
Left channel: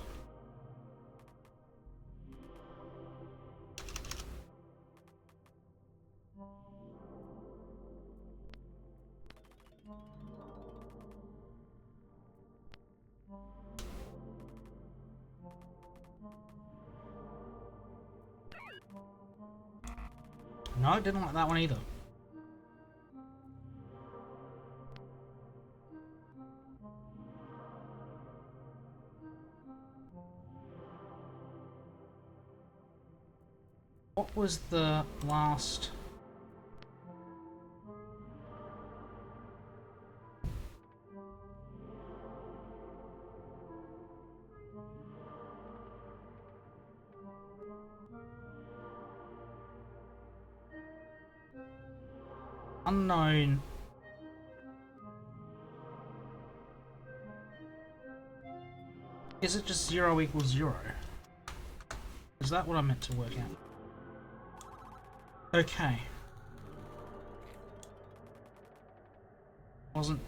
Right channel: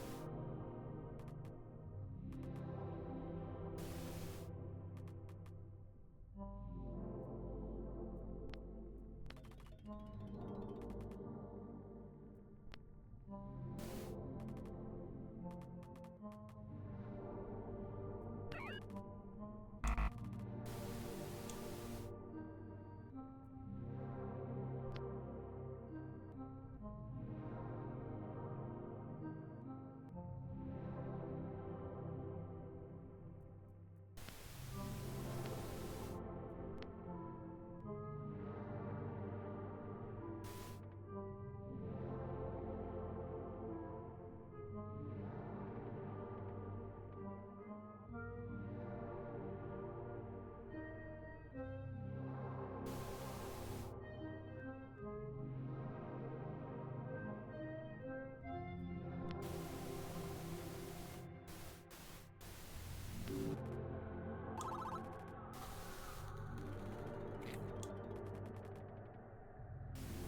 No, I didn't like that one either. What was the last... Unknown. Is it just 0 equals 0? Is that what I meant to work out? Okay. Wasn't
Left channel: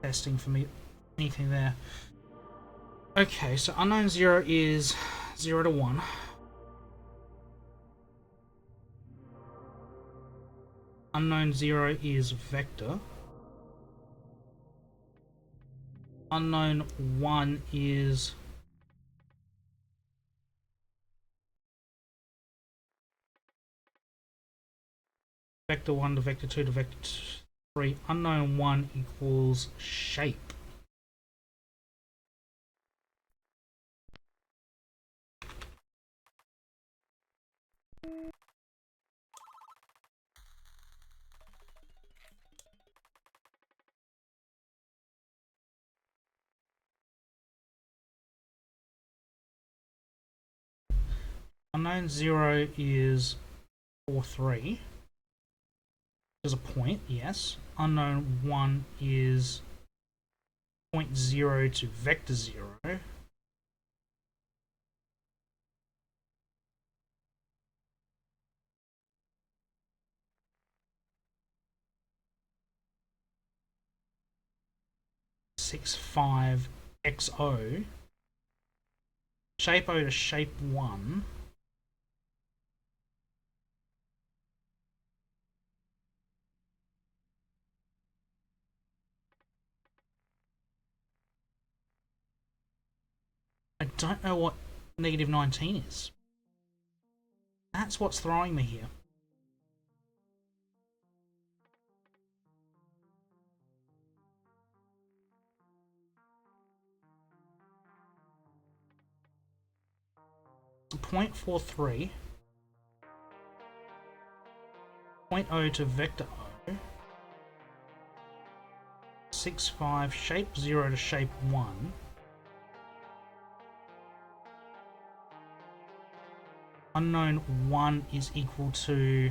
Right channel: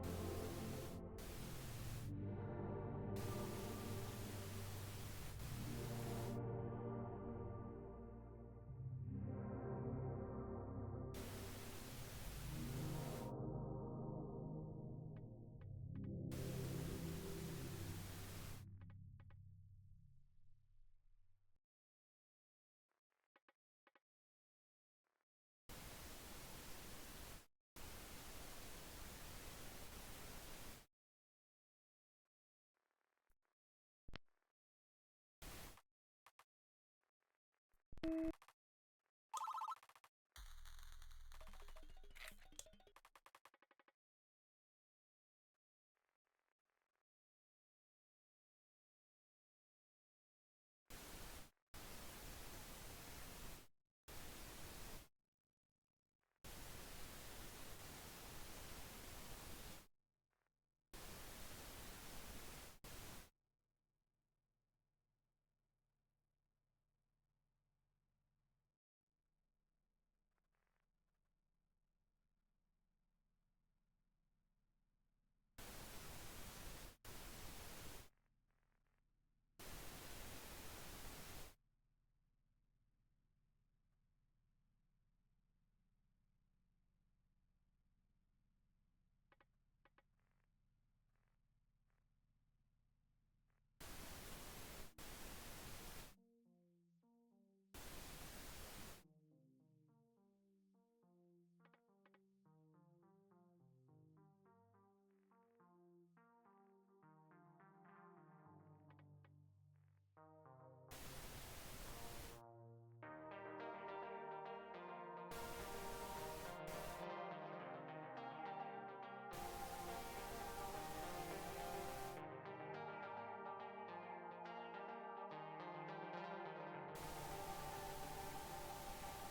testing for me anything there. Okay, so unknown 0 is 0 to 1. Unknown 0 is vector. Unknown 1 is vector 1 to vector 2 to vector 3. Unknown 1 equals shape. Unknown 0 is 4, 3. There's a point, yes. Unknown 1 is point 0 to vector 0. Six, 5, XO. Shape O to shape 1. I don't know what negative 19 is. That's what's throwing me here. Point 43. Point O to vector O. 6, 5, shape 0 to shape 1. Unknown 1 is equal to...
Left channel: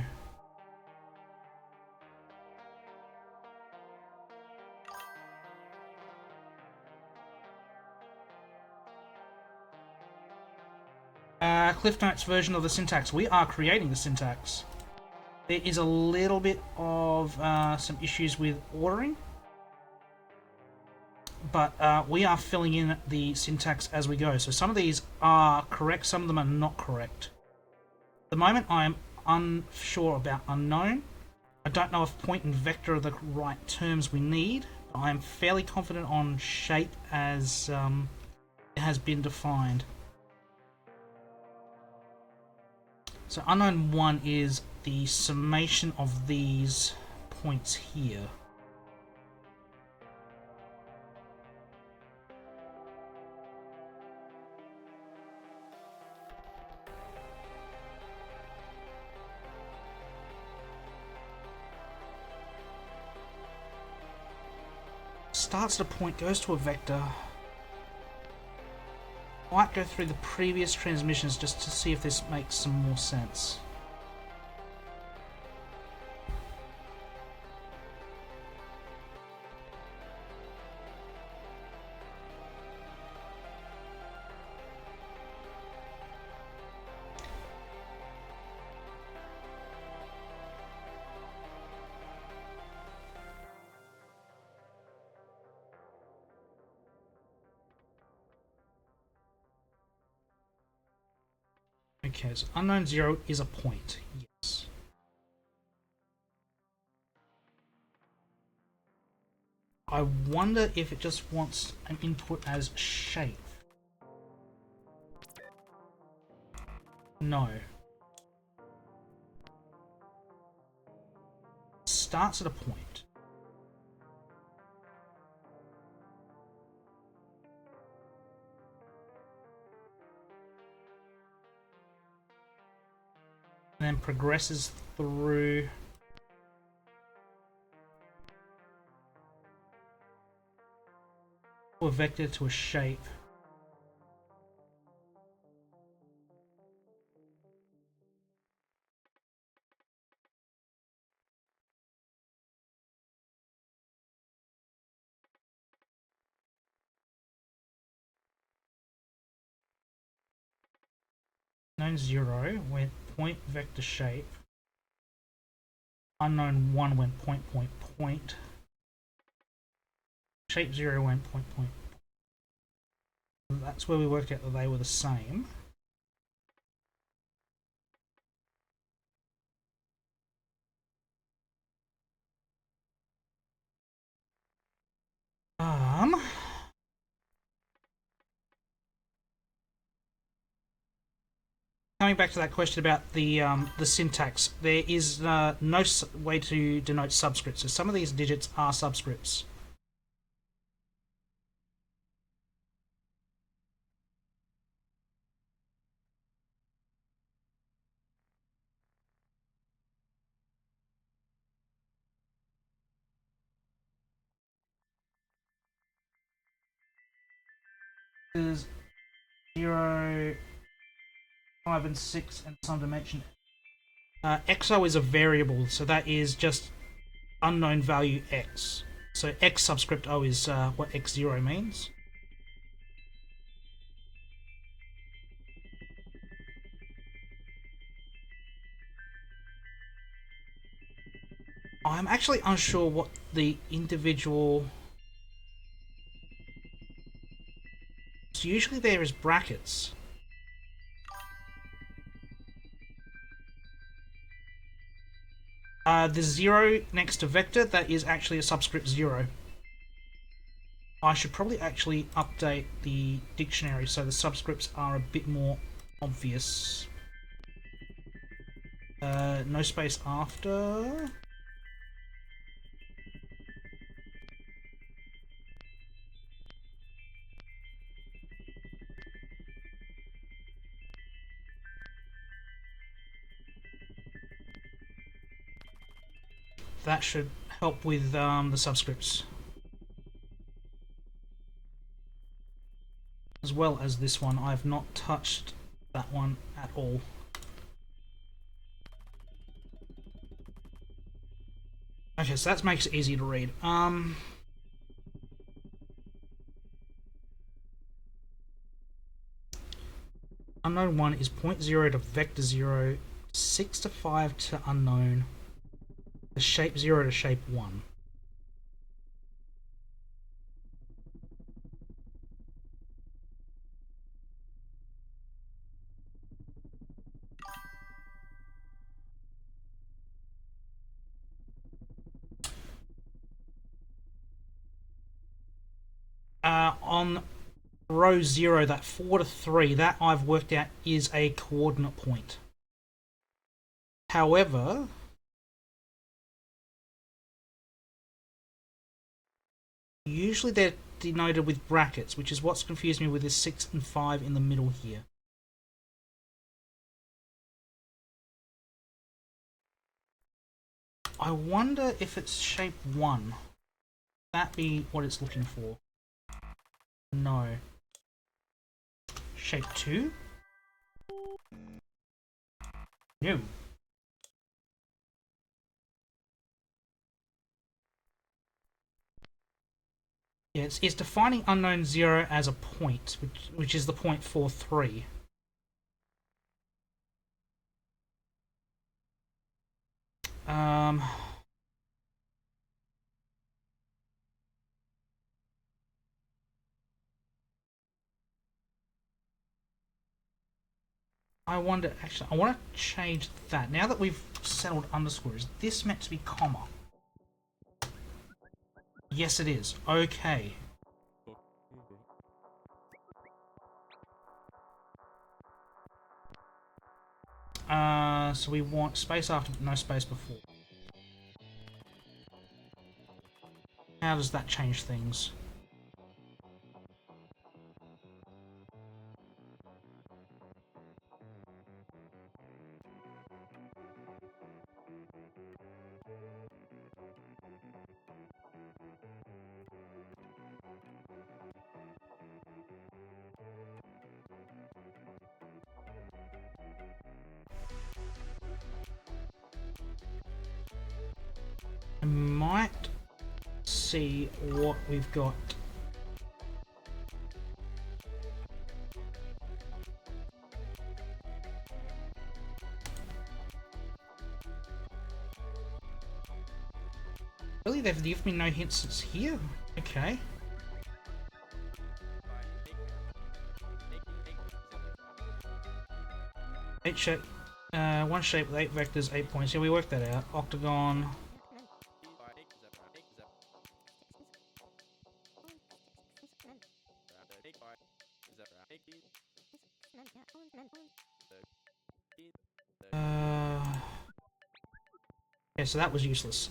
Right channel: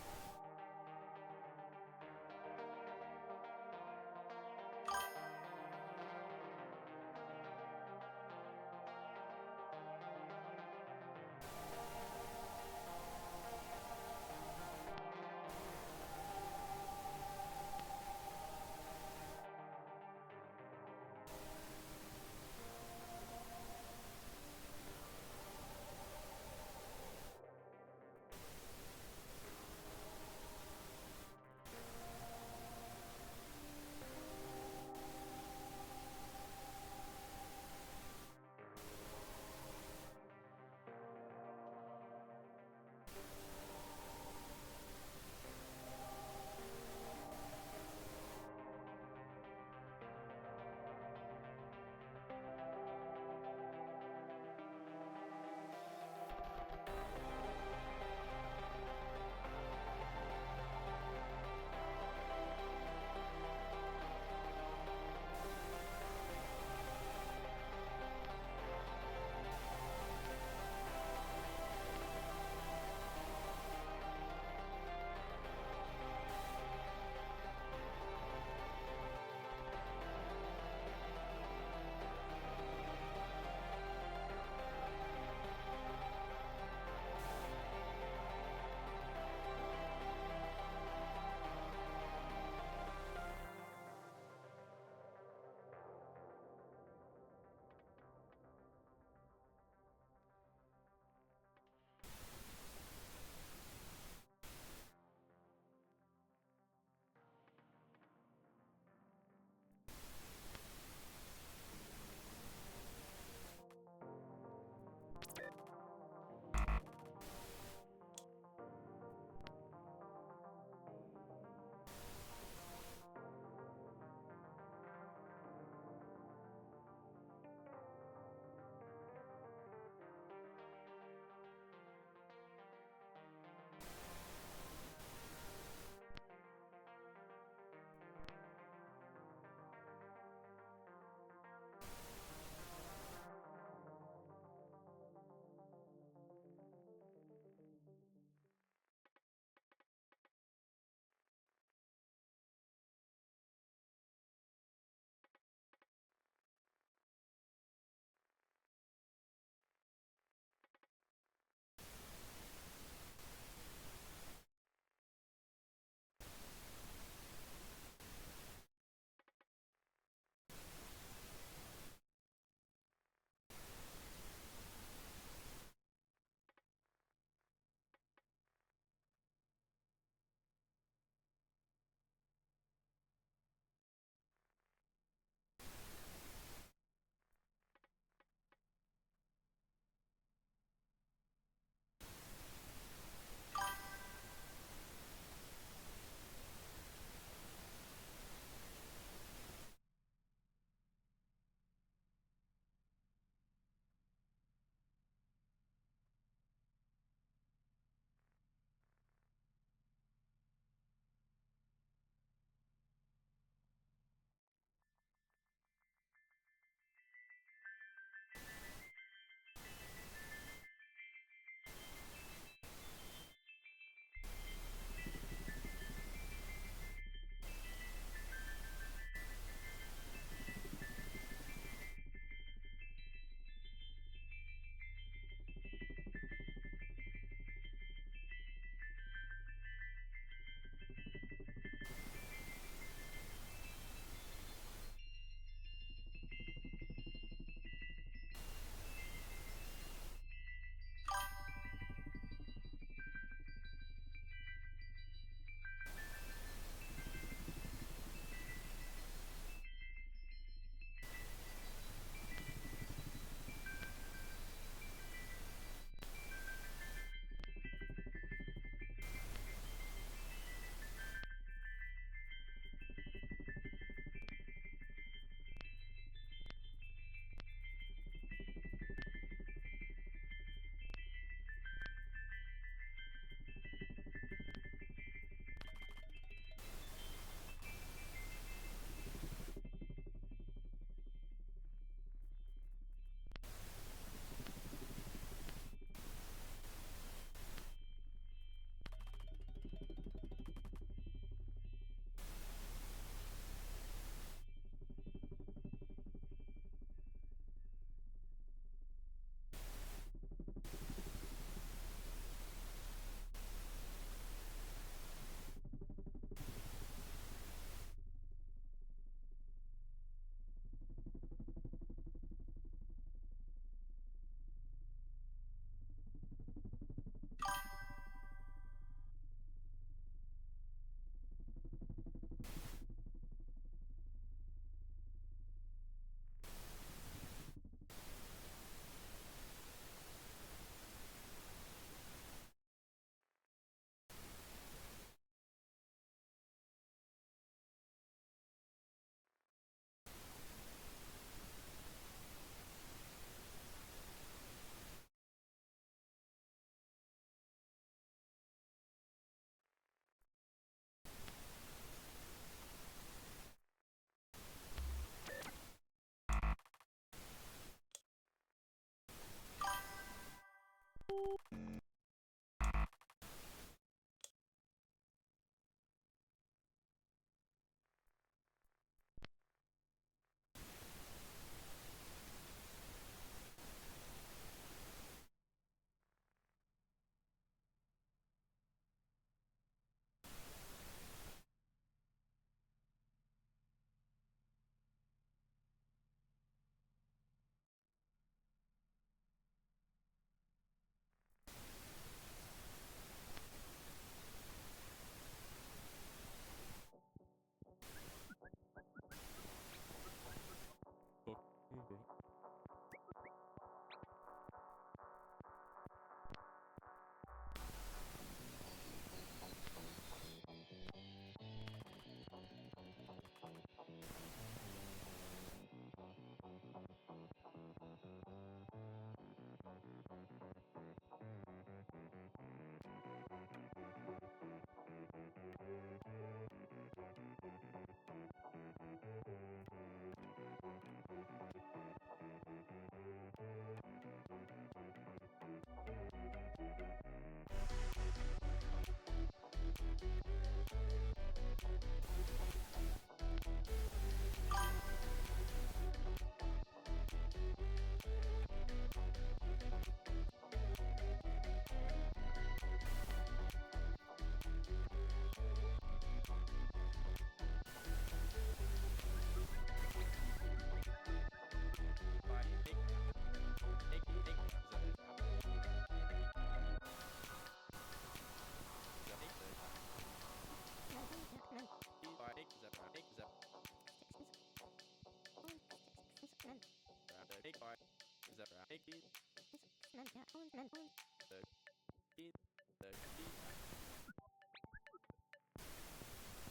Cliff Notes version of the syntax. We are creating the syntax. There is a little bit of some issues with ordering, but we are filling in the syntax as we go. So some of these are correct, some of them are not correct. At the moment I am unsure about unknown. I don't know if point and vector are the right terms we need. I am fairly confident on shape as it has been defined. So unknown 1 is the summation of these points here. Starts at a point, goes to a vector. Might go through the previous transmissions just to see if this makes some more sense. Okay, so unknown 0 is a point. Yes. I wonder if it just wants an input as shape. No. Starts at a point. and then progresses through a vector to a shape. Unknown 0 went point vector shape. Unknown 1 went point point point. Shape 0 went point point. And that's where we worked out that they were the same. Coming back to that question about the syntax, there is no way to denote subscripts. So some of these digits are subscripts. Is 0, 5, and 6, and some dimension. XO is a variable, so that is just unknown value X. So X subscript O is what X0 means. I'm actually unsure what the individual... So usually there is brackets. The 0 next to vector, that is actually a subscript 0. I should probably actually update the dictionary so the subscripts are a bit more obvious. No space after. That should help with the subscripts. As well as this one, I have not touched that one at all. Okay, so that makes it easy to read. Unknown 1 is 0 to vector 0, 6 to 5 to unknown, the shape 0 to shape 1. On row 0, that 4 to 3, that I've worked out is a coordinate point. However, usually they're denoted with brackets, which is what's confused me with this 6 and 5 in the middle here. I wonder if it's shape 1. That be what it's looking for? No. Shape 2? No. Yeah, it's defining unknown 0 as a point, which is the point 43. I wonder, actually, I want to change that. Now that we've settled underscore, is this meant to be comma? Yes, it is. Okay. So we want space after, but no space before. How does that change things? I might see what we've got. Really, they've given me no hints here? Okay. Eight shape, one shape with 8 vectors, 8 points. Yeah, we worked that out. Octagon. Yeah, so that was useless.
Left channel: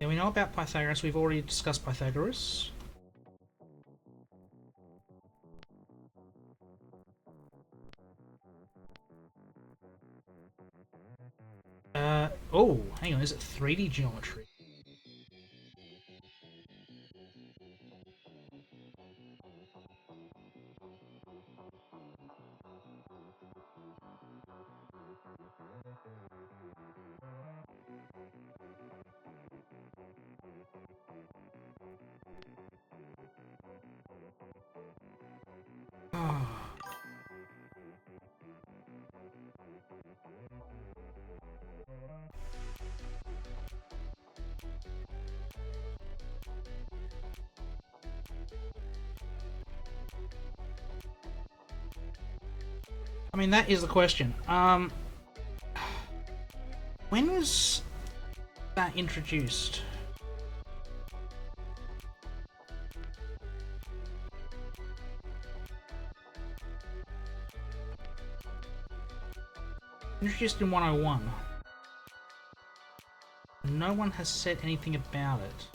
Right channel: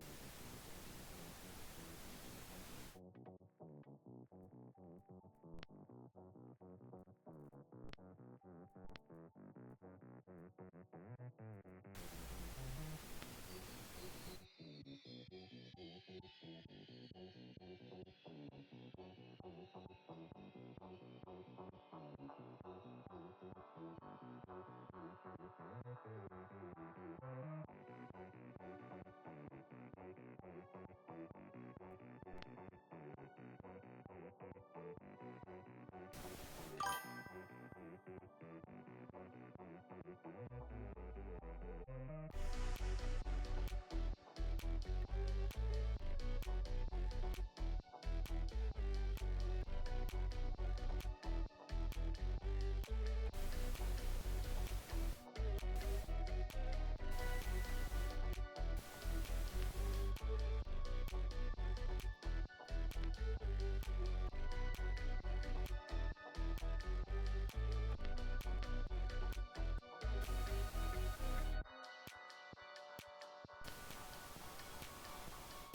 Yeah, we know about Pythagoras. We've already discussed Pythagoras. Oh, hang on. Is it 3D geometry? I mean, that is the question. When was that introduced? Introduced in 101. No one has said anything about it.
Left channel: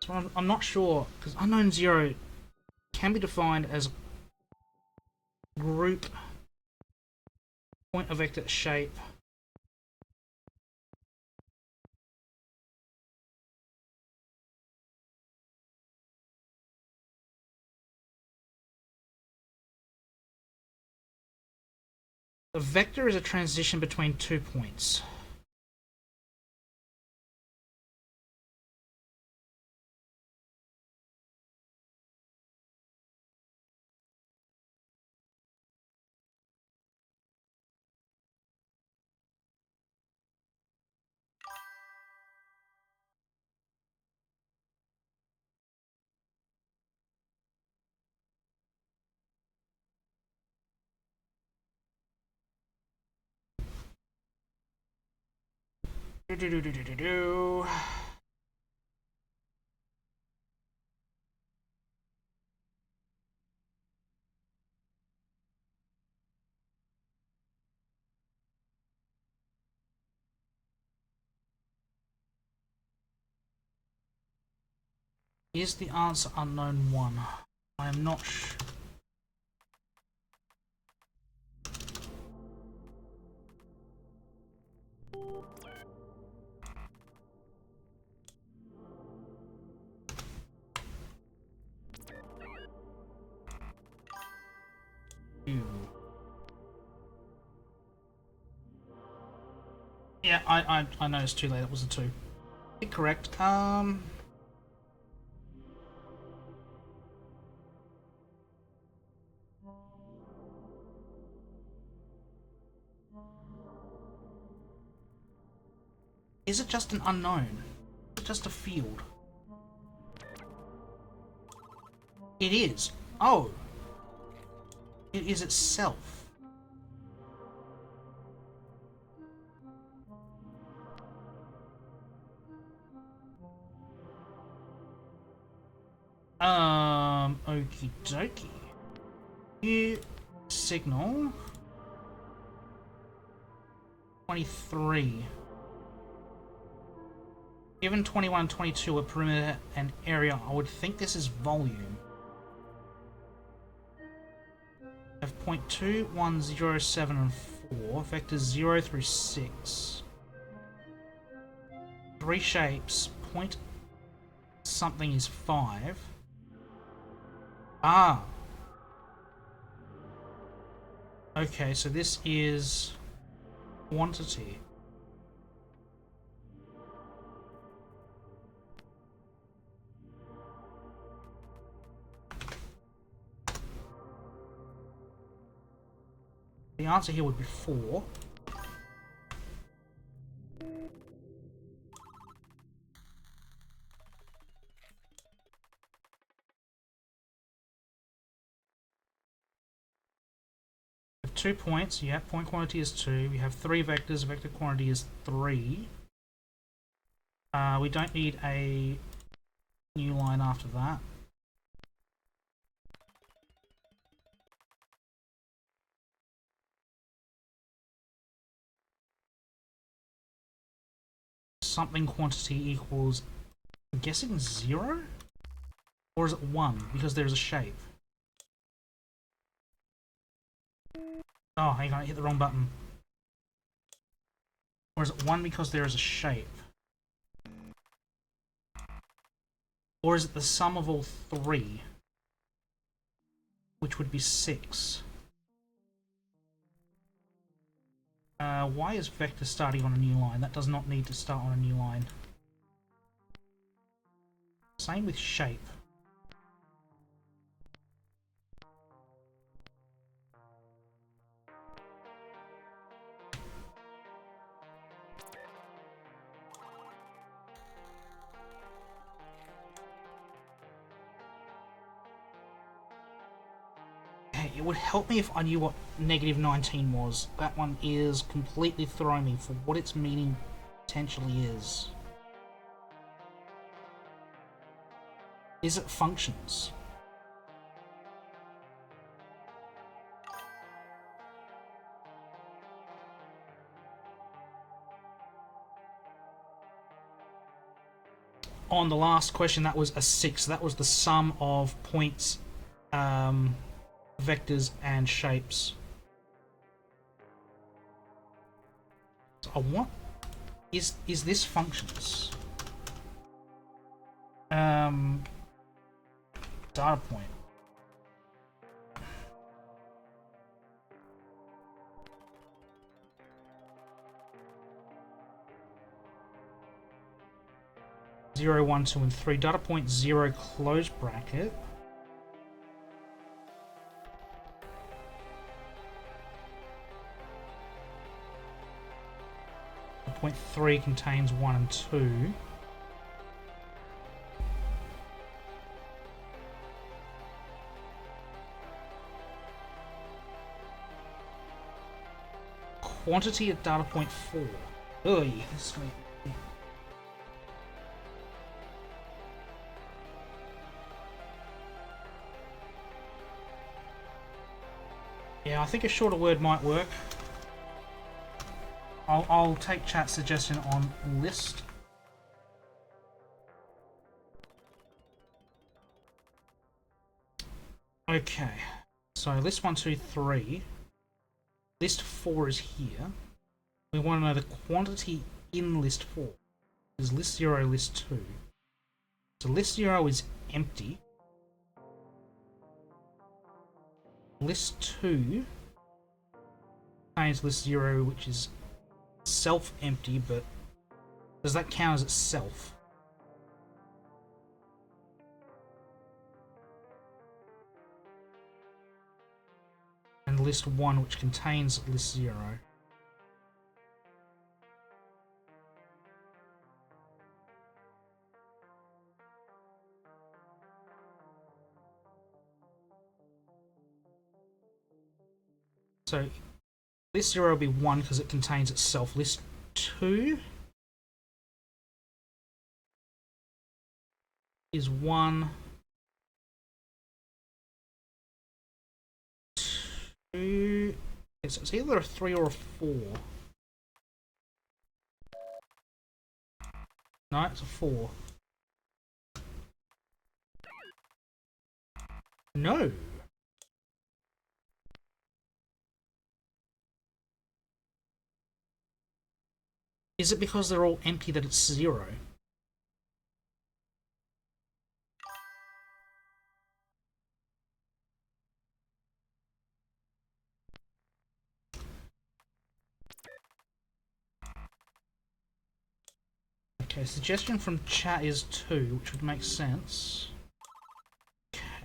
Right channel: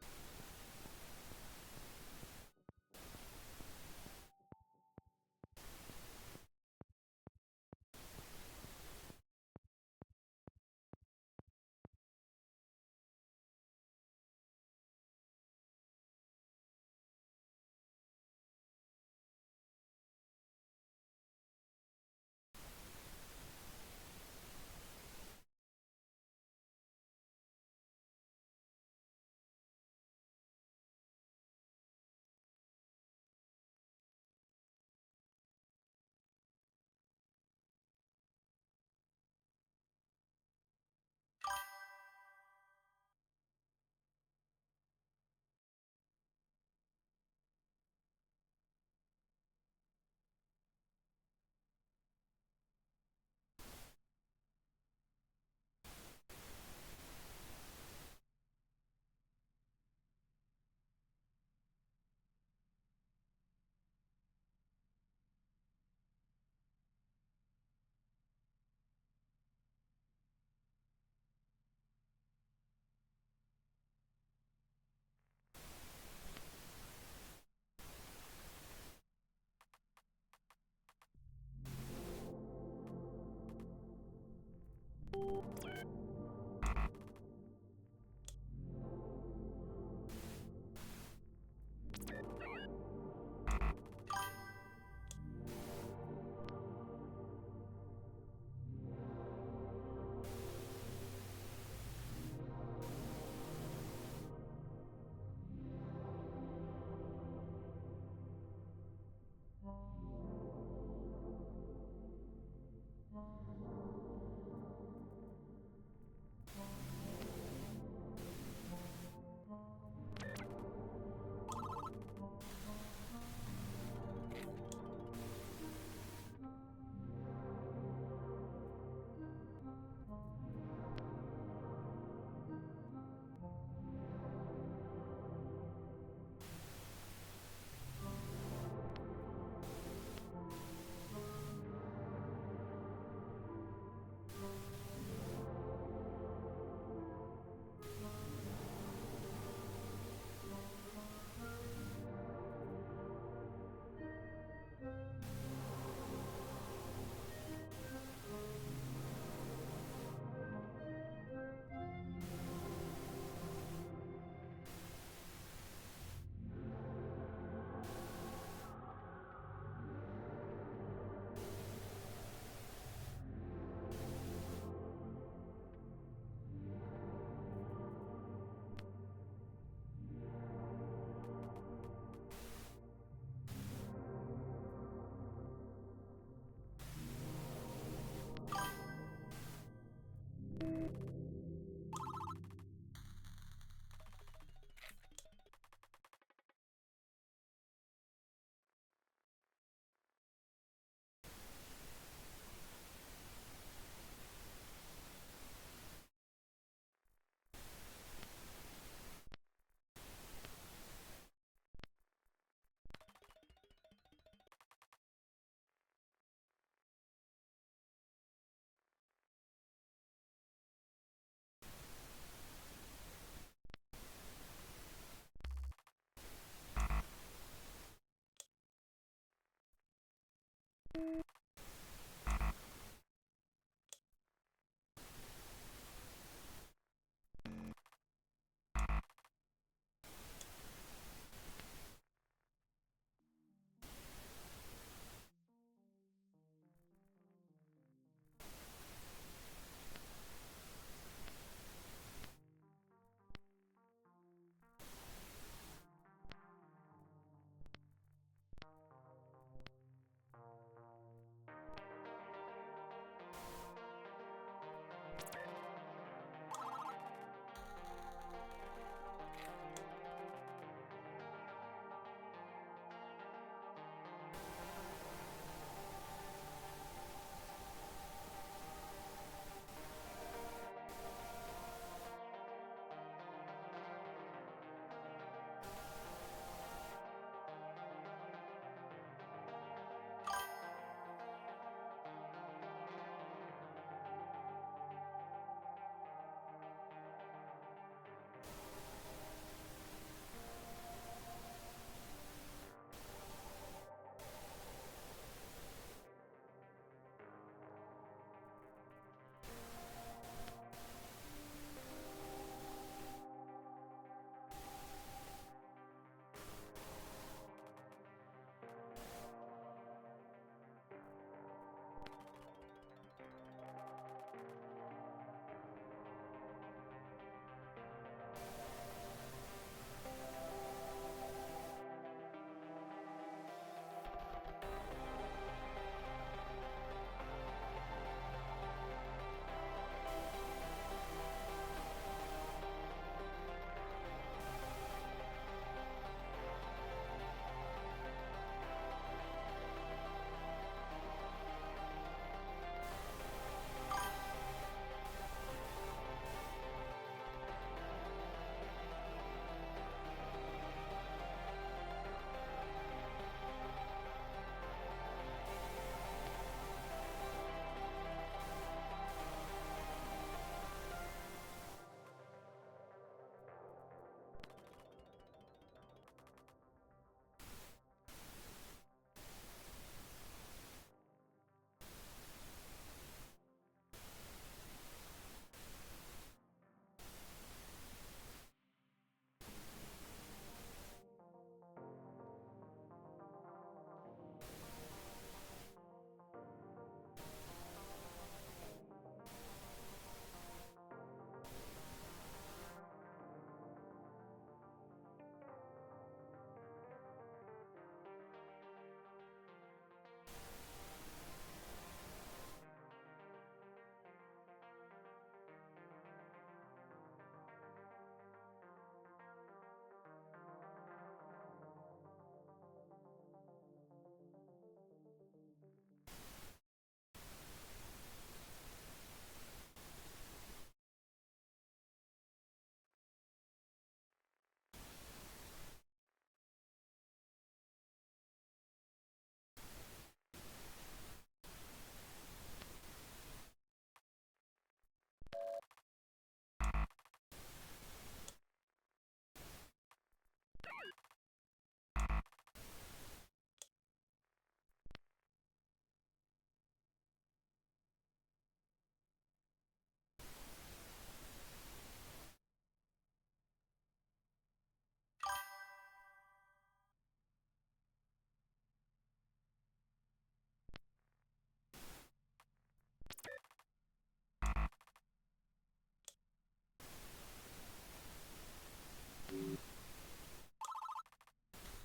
So I'm not sure, because unknown zero can be defined as group, point of vector, shape. A vector is a transition between 2 points. Is the answer unknown 1? I am not sure. Yeah, I noticed too late. It was a 2. Correct. Is it just an unknown? Just a field? It is. Oh. It is itself. Okie dokie. Here, signal. 23. Given 21 and 22 are perimeter and area, I would think this is volume. Have point 2, 1, 0, 7, and 4. Vectors 0 through 6. 3 shapes. Point something is 5. Ah. Okay, so this is quantity. The answer here would be 4. We have 2 points, yeah, point quantity is 2. We have 3 vectors, vector quantity is 3. We don't need a new line after that. Something quantity equals, I'm guessing 0? Or is it 1 because there's a shape? Oh, hang on, I hit the wrong button. Or is it 1 because there is a shape? Or is it the sum of all 3? Which would be 6. Why is vector starting on a new line? That does not need to start on a new line. Same with shape. It would help me if I knew what negative 19 was. That one is completely throwing me for what its meaning potentially is. Is it functions? On the last question, that was a 6. That was the sum of points, vectors, and shapes. So I want... Is this functions? Data point. Zero, 1, 2, and 3. Data point 0, close bracket. Point 3 contains 1 and 2. Quantity at data point 4. Ugh, this one. Yeah, I think a shorter word might work. I'll take chat suggestion on list. Okay, so list 1, 2, 3. List 4 is here. We want to know the quantity in list 4. Is list 0, list 2. So list 0 is empty. List 2 contains list 0, which is self-empty, but does that count as itself? And list 1, which contains list 0. So list 0 will be 1 because it contains itself. List 2 is 1, 2. It's either a 3 or a 4. No, it's a 4. No. Is it because they're all empty that it's 0? Okay, suggestion from chat is 2, which would make sense.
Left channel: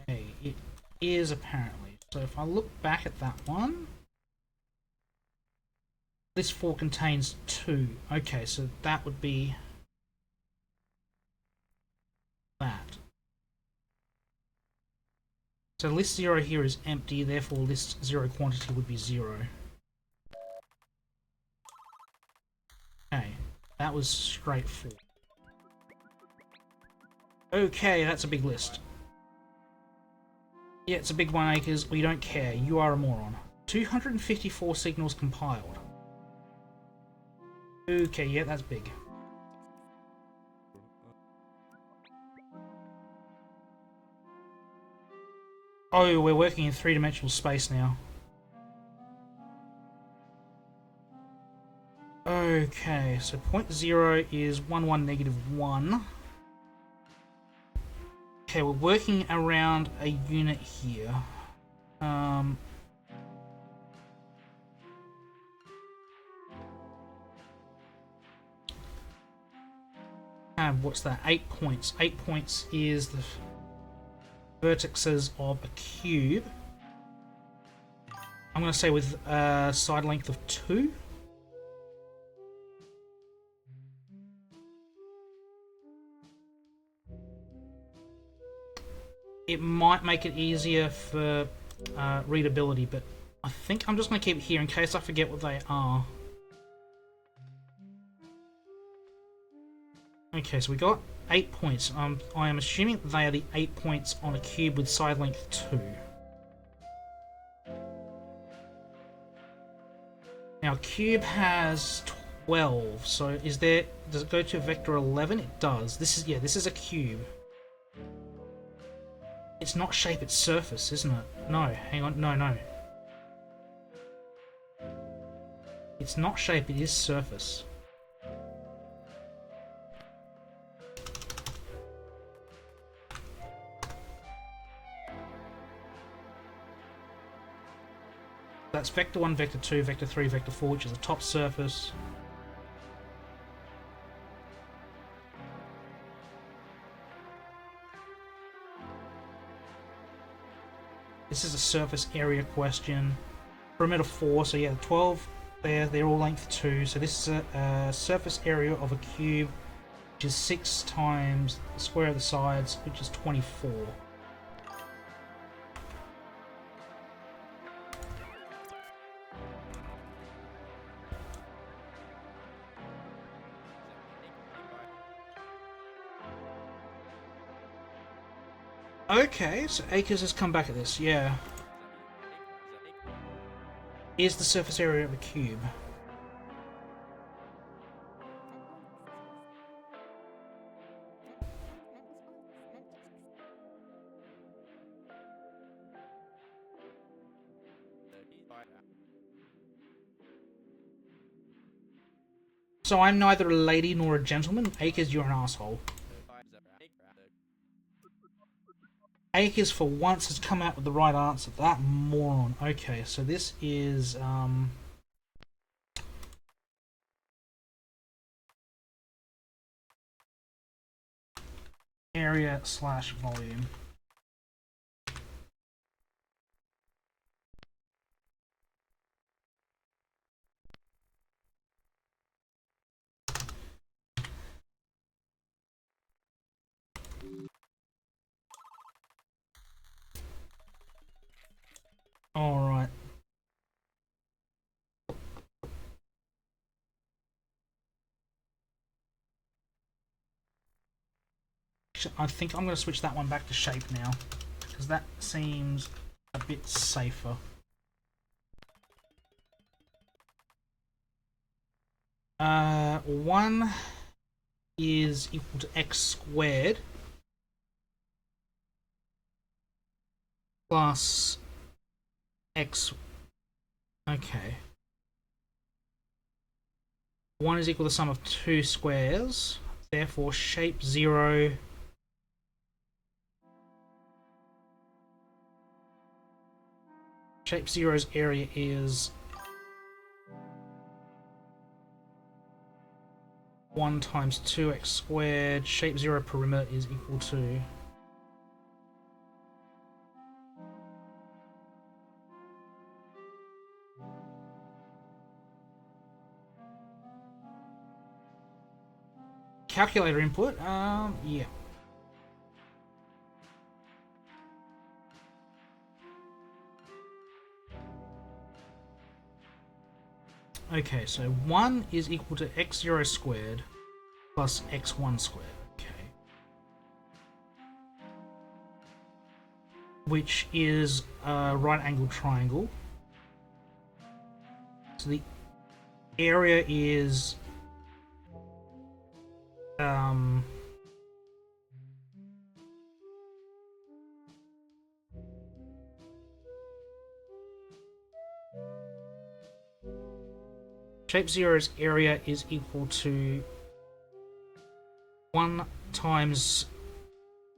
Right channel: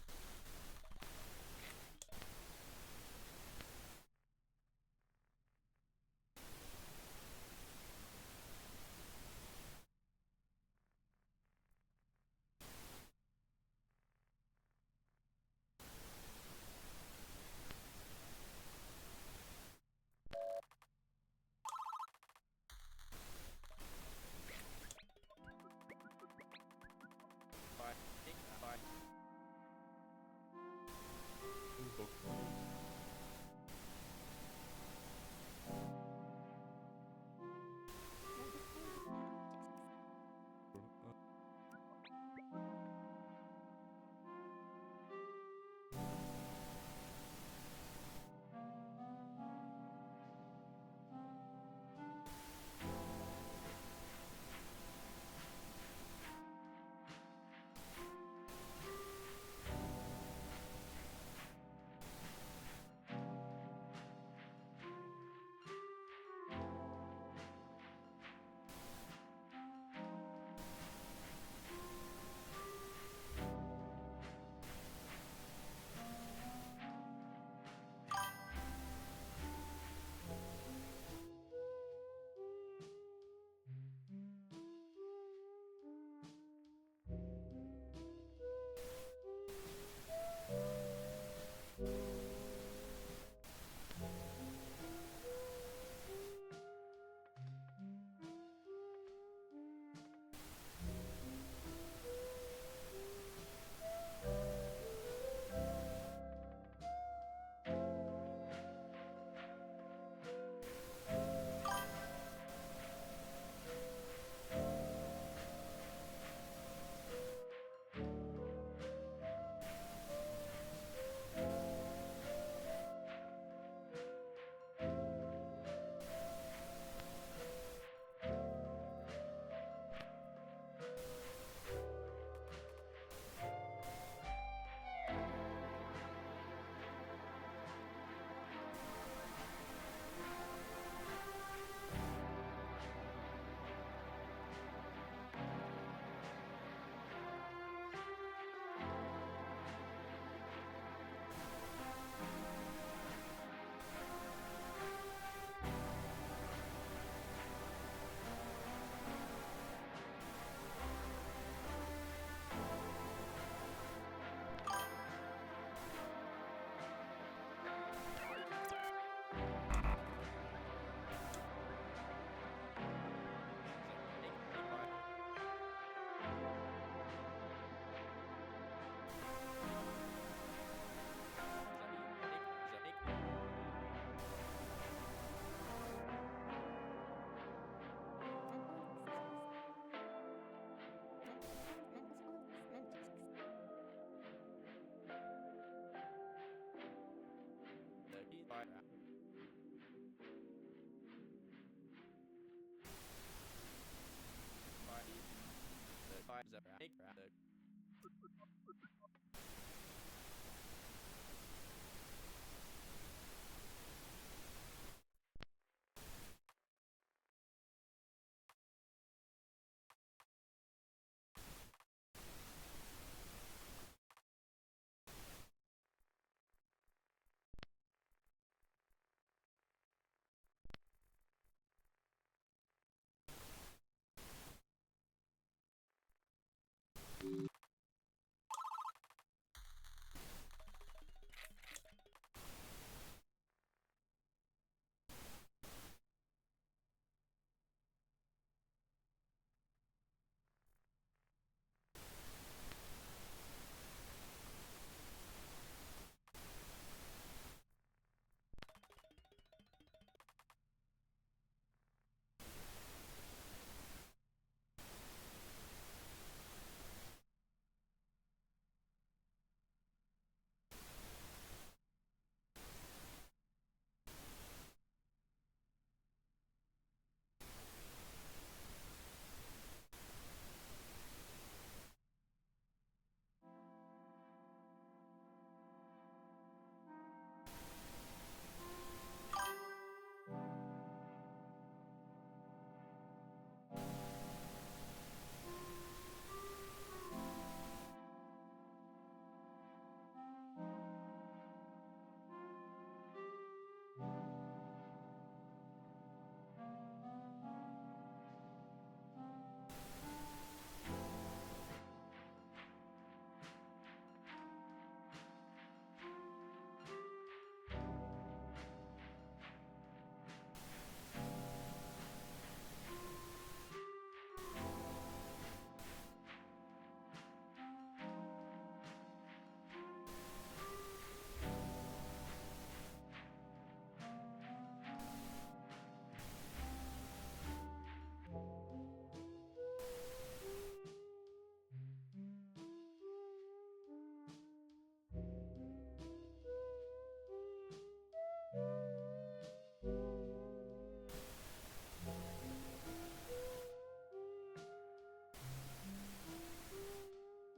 Okay, it is apparently. So if I look back at that one, list 4 contains 2. Okay, so that would be that. So list 0 here is empty, therefore list 0 quantity would be 0. Okay, that was straightforward. Okay, that's a big list. Yeah, it's a big 1 acres. We don't care. You are a moron. 254 signals compiled. Okay, yeah, that's big. Oh, we're working in 3-dimensional space now. Okay, so point 0 is 1, 1, negative 1. Okay, we're working around a unit here. What's that? 8 points. 8 points is the vertices of a cube. I'm going to say with a side length of 2. It might make it easier for readability, but I think I'm just going to keep it here in case I forget what they are. Okay, so we got 8 points. I am assuming they are the 8 points on a cube with side length 2. Now, cube has 12, so does it go to vector 11? It does. This is a cube. It's not shape, it's surface, isn't it? No, hang on, no. It's not shape, it is surface. That's vector 1, vector 2, vector 3, vector 4, which is the top surface. This is a surface area question. Perimeter 4, so yeah, 12 there, they're all length 2. So this is a surface area of a cube, which is 6 times the square of the sides, which is 24. Okay, so Acres has come back at this, yeah. Is the surface area of a cube. So I'm neither a lady nor a gentleman. Acres, you're an asshole. Acres for once has come out with the right answer. That moron. Okay, so this is area slash volume. Alright. I think I'm going to switch that one back to shape now, because that seems a bit safer. One is equal to x squared plus x. Okay. 1 is equal to the sum of 2 squares. Therefore, shape 0 shape 0's area is 1 times 2x squared. Shape 0 perimeter is equal to calculator input. Yeah. Okay, so 1 is equal to x0 squared plus x1 squared. Okay. Which is a right angled triangle. So the area is shape 0's area is equal to 1 times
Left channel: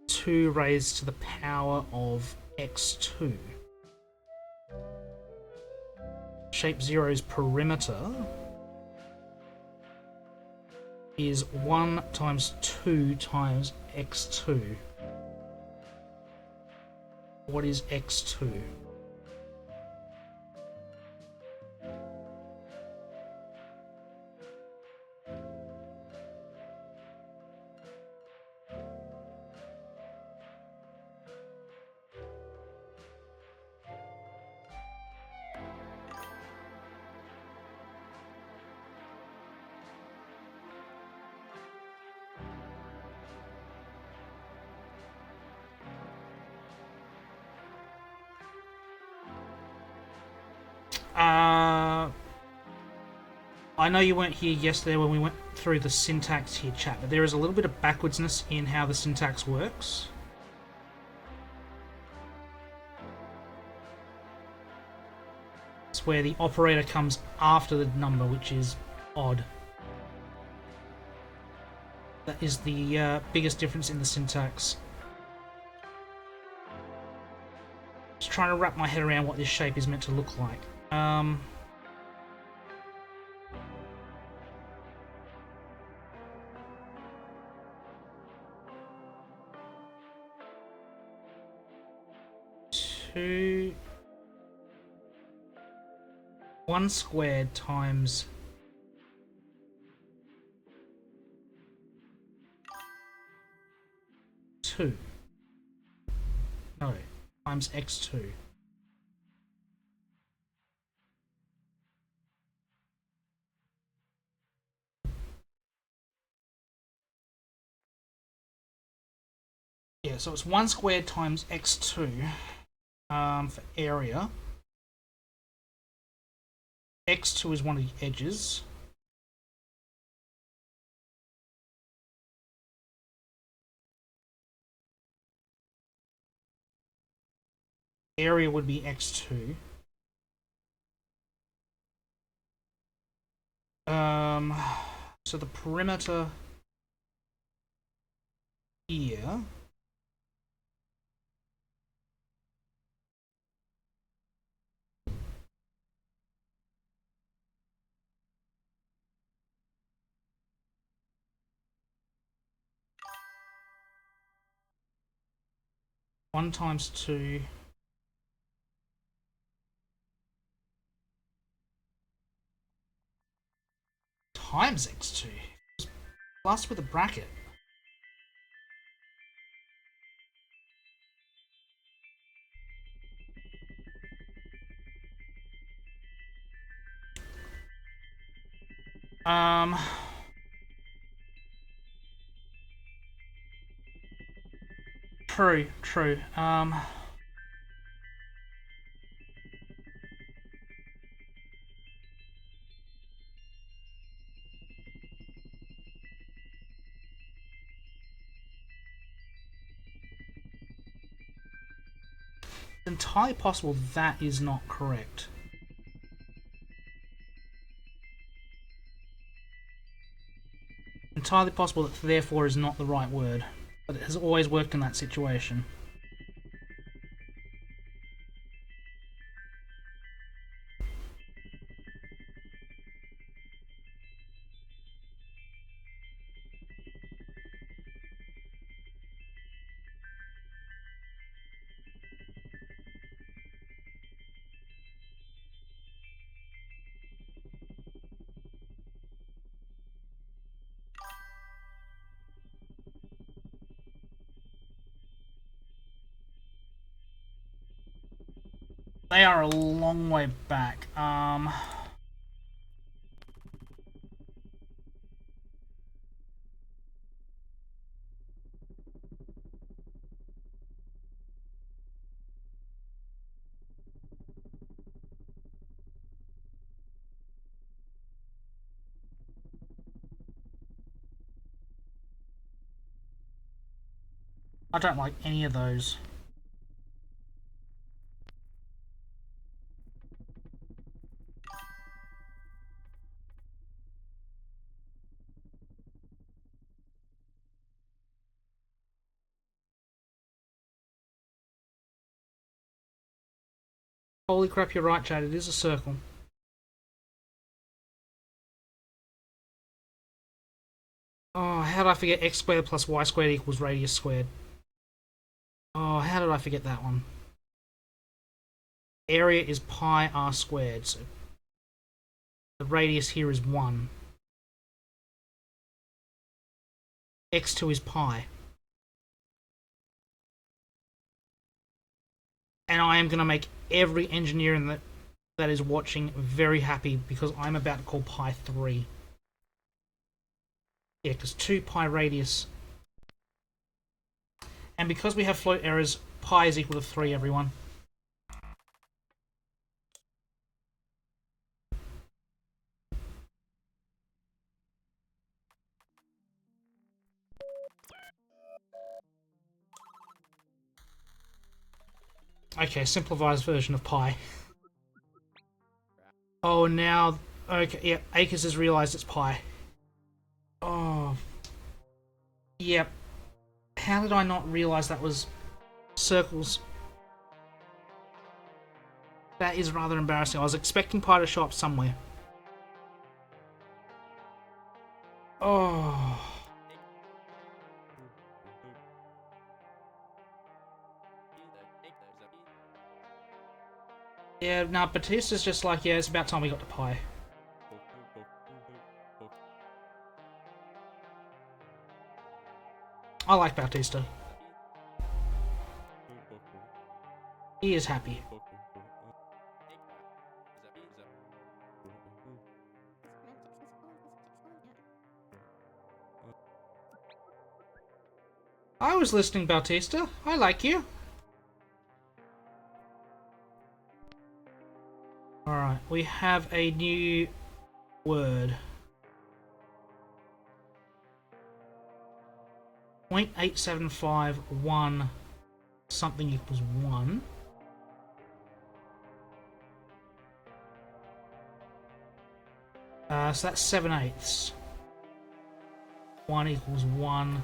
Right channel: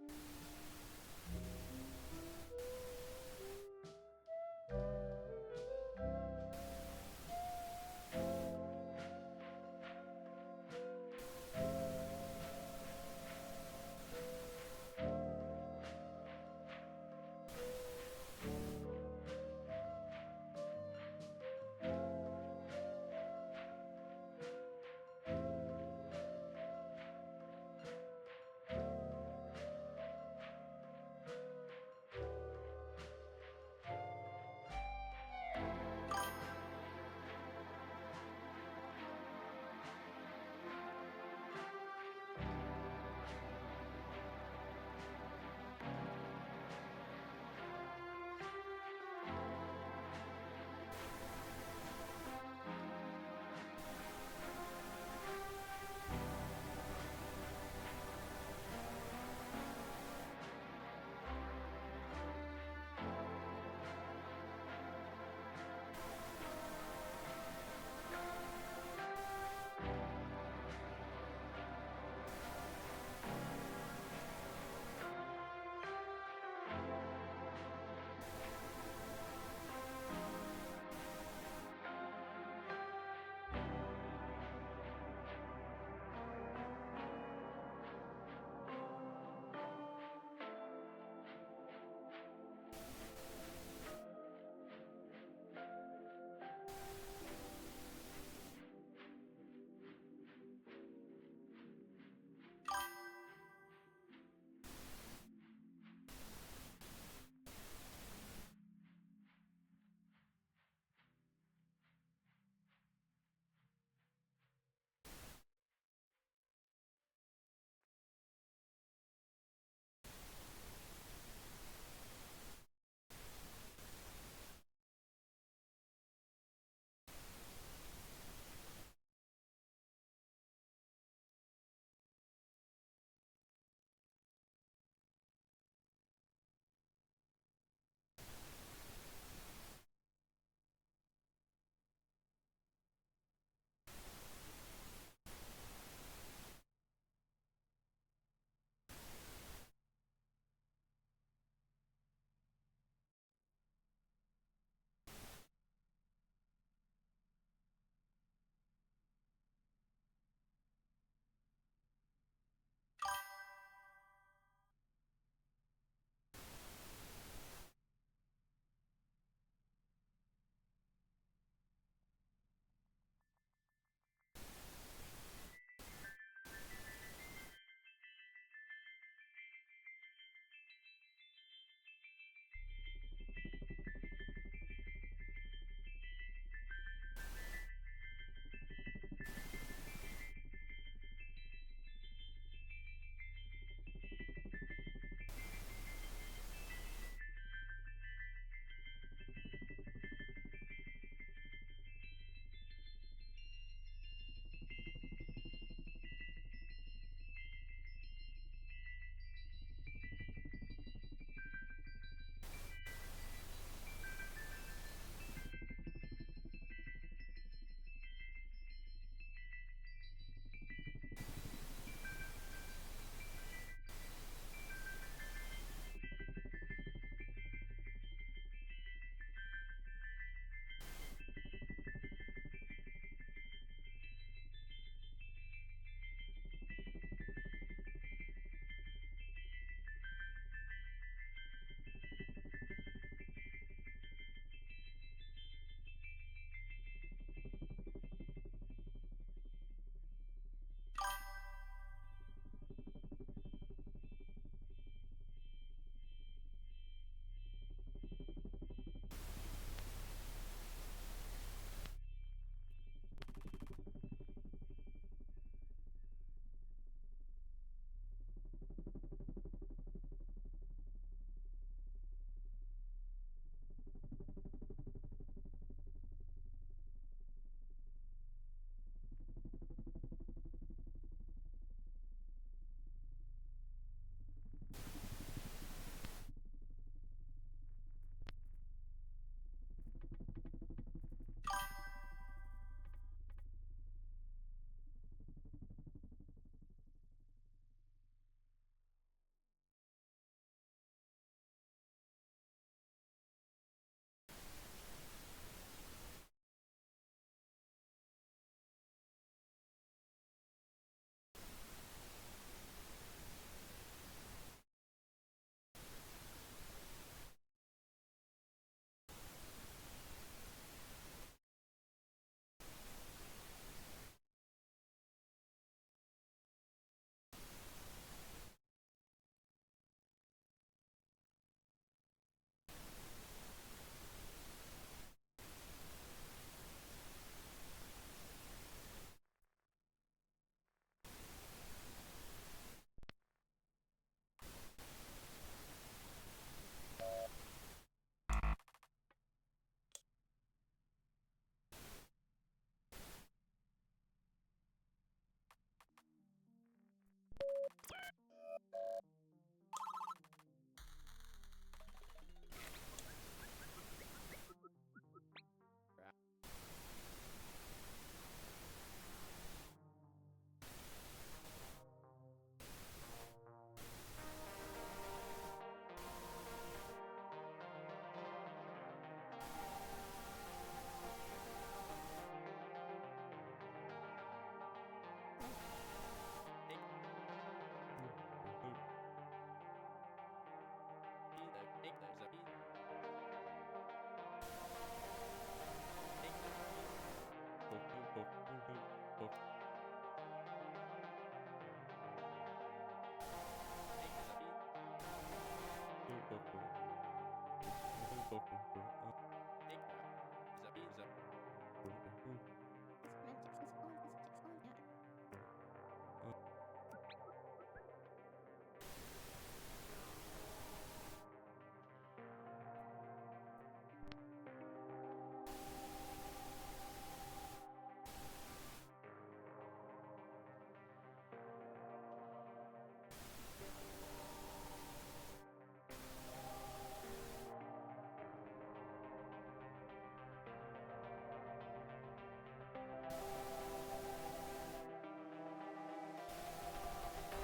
2 raised to the power of x2. Shape 0's perimeter is 1 times 2 times x2. What is x2? I know you weren't here yesterday when we went through the syntax here, chat, but there is a little bit of backwardsness in how the syntax works. It's where the operator comes after the number, which is odd. That is the biggest difference in the syntax. Just trying to wrap my head around what this shape is meant to look like. Two 1 squared times 2. No, times x2. Yeah, so it's 1 squared times x2 for area. x2 is one of the edges. Area would be x2. So the perimeter here one times 2 times x2 plus with a bracket. True. Entirely possible that is not correct. Entirely possible that therefore is not the right word, but it has always worked in that situation. They are a long way back. I don't like any of those. Holy crap, you're right, Chad. It is a circle. Oh, how did I forget x squared plus y squared equals radius squared? Oh, how did I forget that one? Area is pi r squared, so the radius here is 1. x2 is pi. And I am going to make every engineer that is watching very happy because I'm about to call pi 3. Yeah, because 2 pi radius. And because we have float errors, pi is equal to 3, everyone. Okay, simplified version of pi. Oh, now... Okay, yeah, Acres has realised it's pi. Oh. Yep. How did I not realise that was circles? That is rather embarrassing. I was expecting pi to show up somewhere. Oh. Yeah, nah, Batista's just like, yeah, it's about time we got to pi. I like Bautista. He is happy. I was listening, Bautista. I like you. Alright, we have a new word. 0.8751 something equals 1. So that's 7/8. 1 equals 1.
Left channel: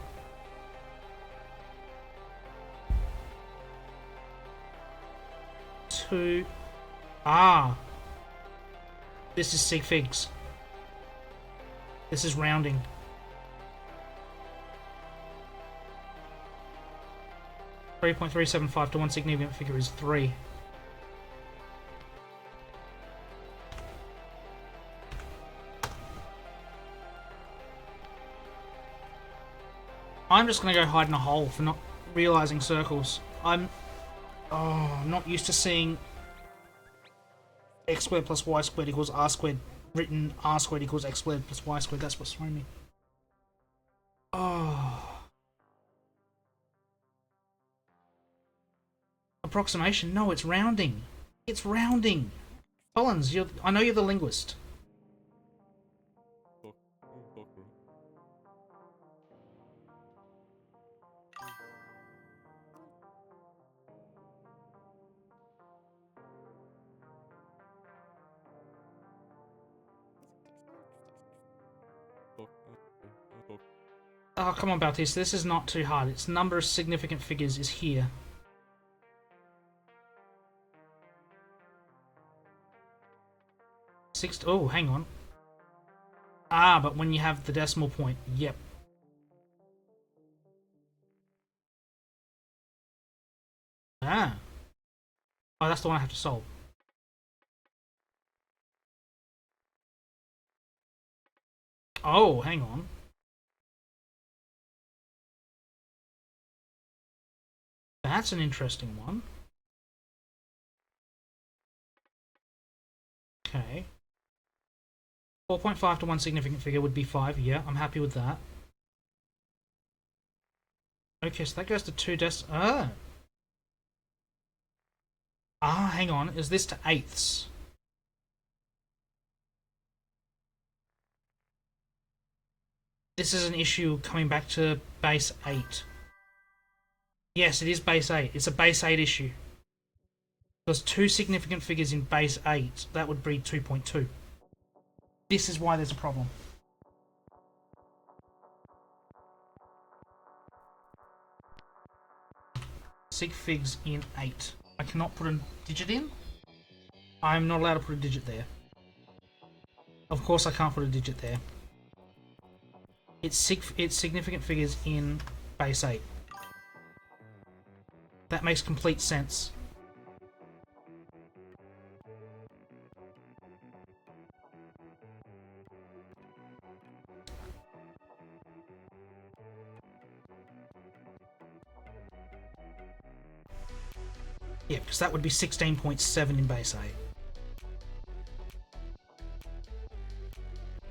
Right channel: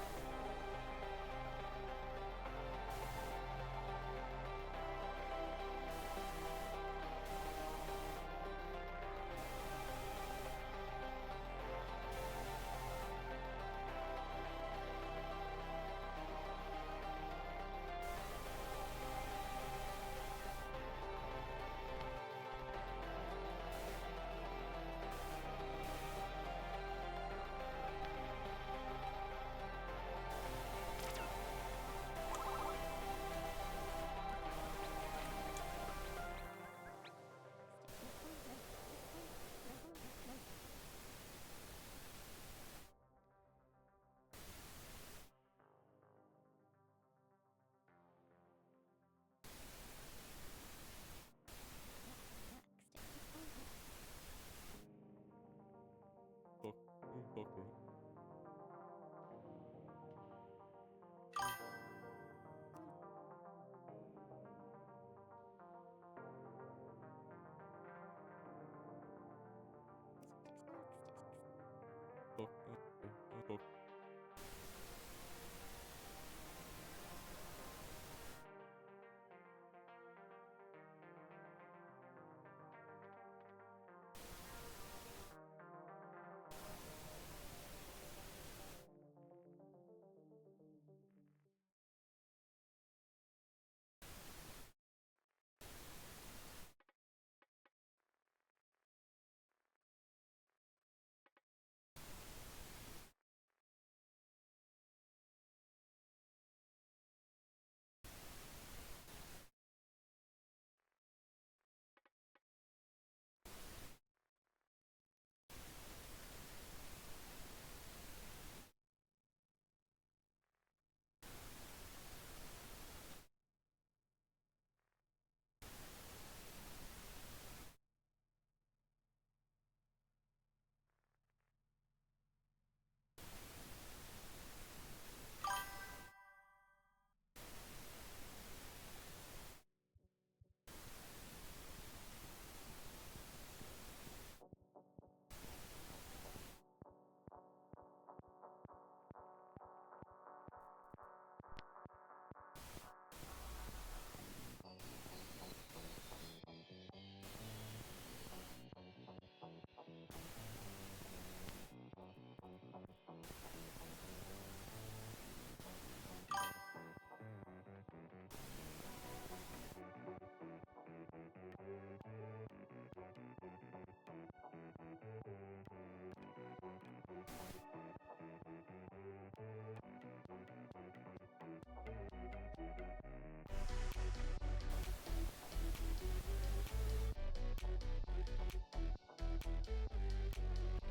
2. Ah! This is sig figs. This is rounding. .375 to one significant figure is 3. I'm just going to go hide in a hole for not realising circles. I'm not used to seeing x squared plus y squared equals r squared written r squared equals x squared plus y squared. That's what's throwing me. Oh. Approximation? No, it's rounding. It's rounding. Collins, I know you're the linguist. Oh, come on, Bautista. This is not too hard. Its number of significant figures is here. Oh, hang on. Ah, but when you have the decimal point. Yep. Ah. Oh, that's the one I have to solve. Oh, hang on. That's an interesting one. Okay. 4.5 to one significant figure would be 5. Yeah, I'm happy with that. Okay, so that goes to 2 Ah. Ah, hang on. Is this to eighths? This is an issue coming back to base 8. Yes, it is base 8. It's a base 8 issue. There's 2 significant figures in base 8. That would be 2.2. This is why there's a problem. Sig figs in 8. I cannot put a digit in. I'm not allowed to put a digit there. Of course I can't put a digit there. It's significant figures in base 8. That makes complete sense. Yeah, because that would be 16.7 in base 8.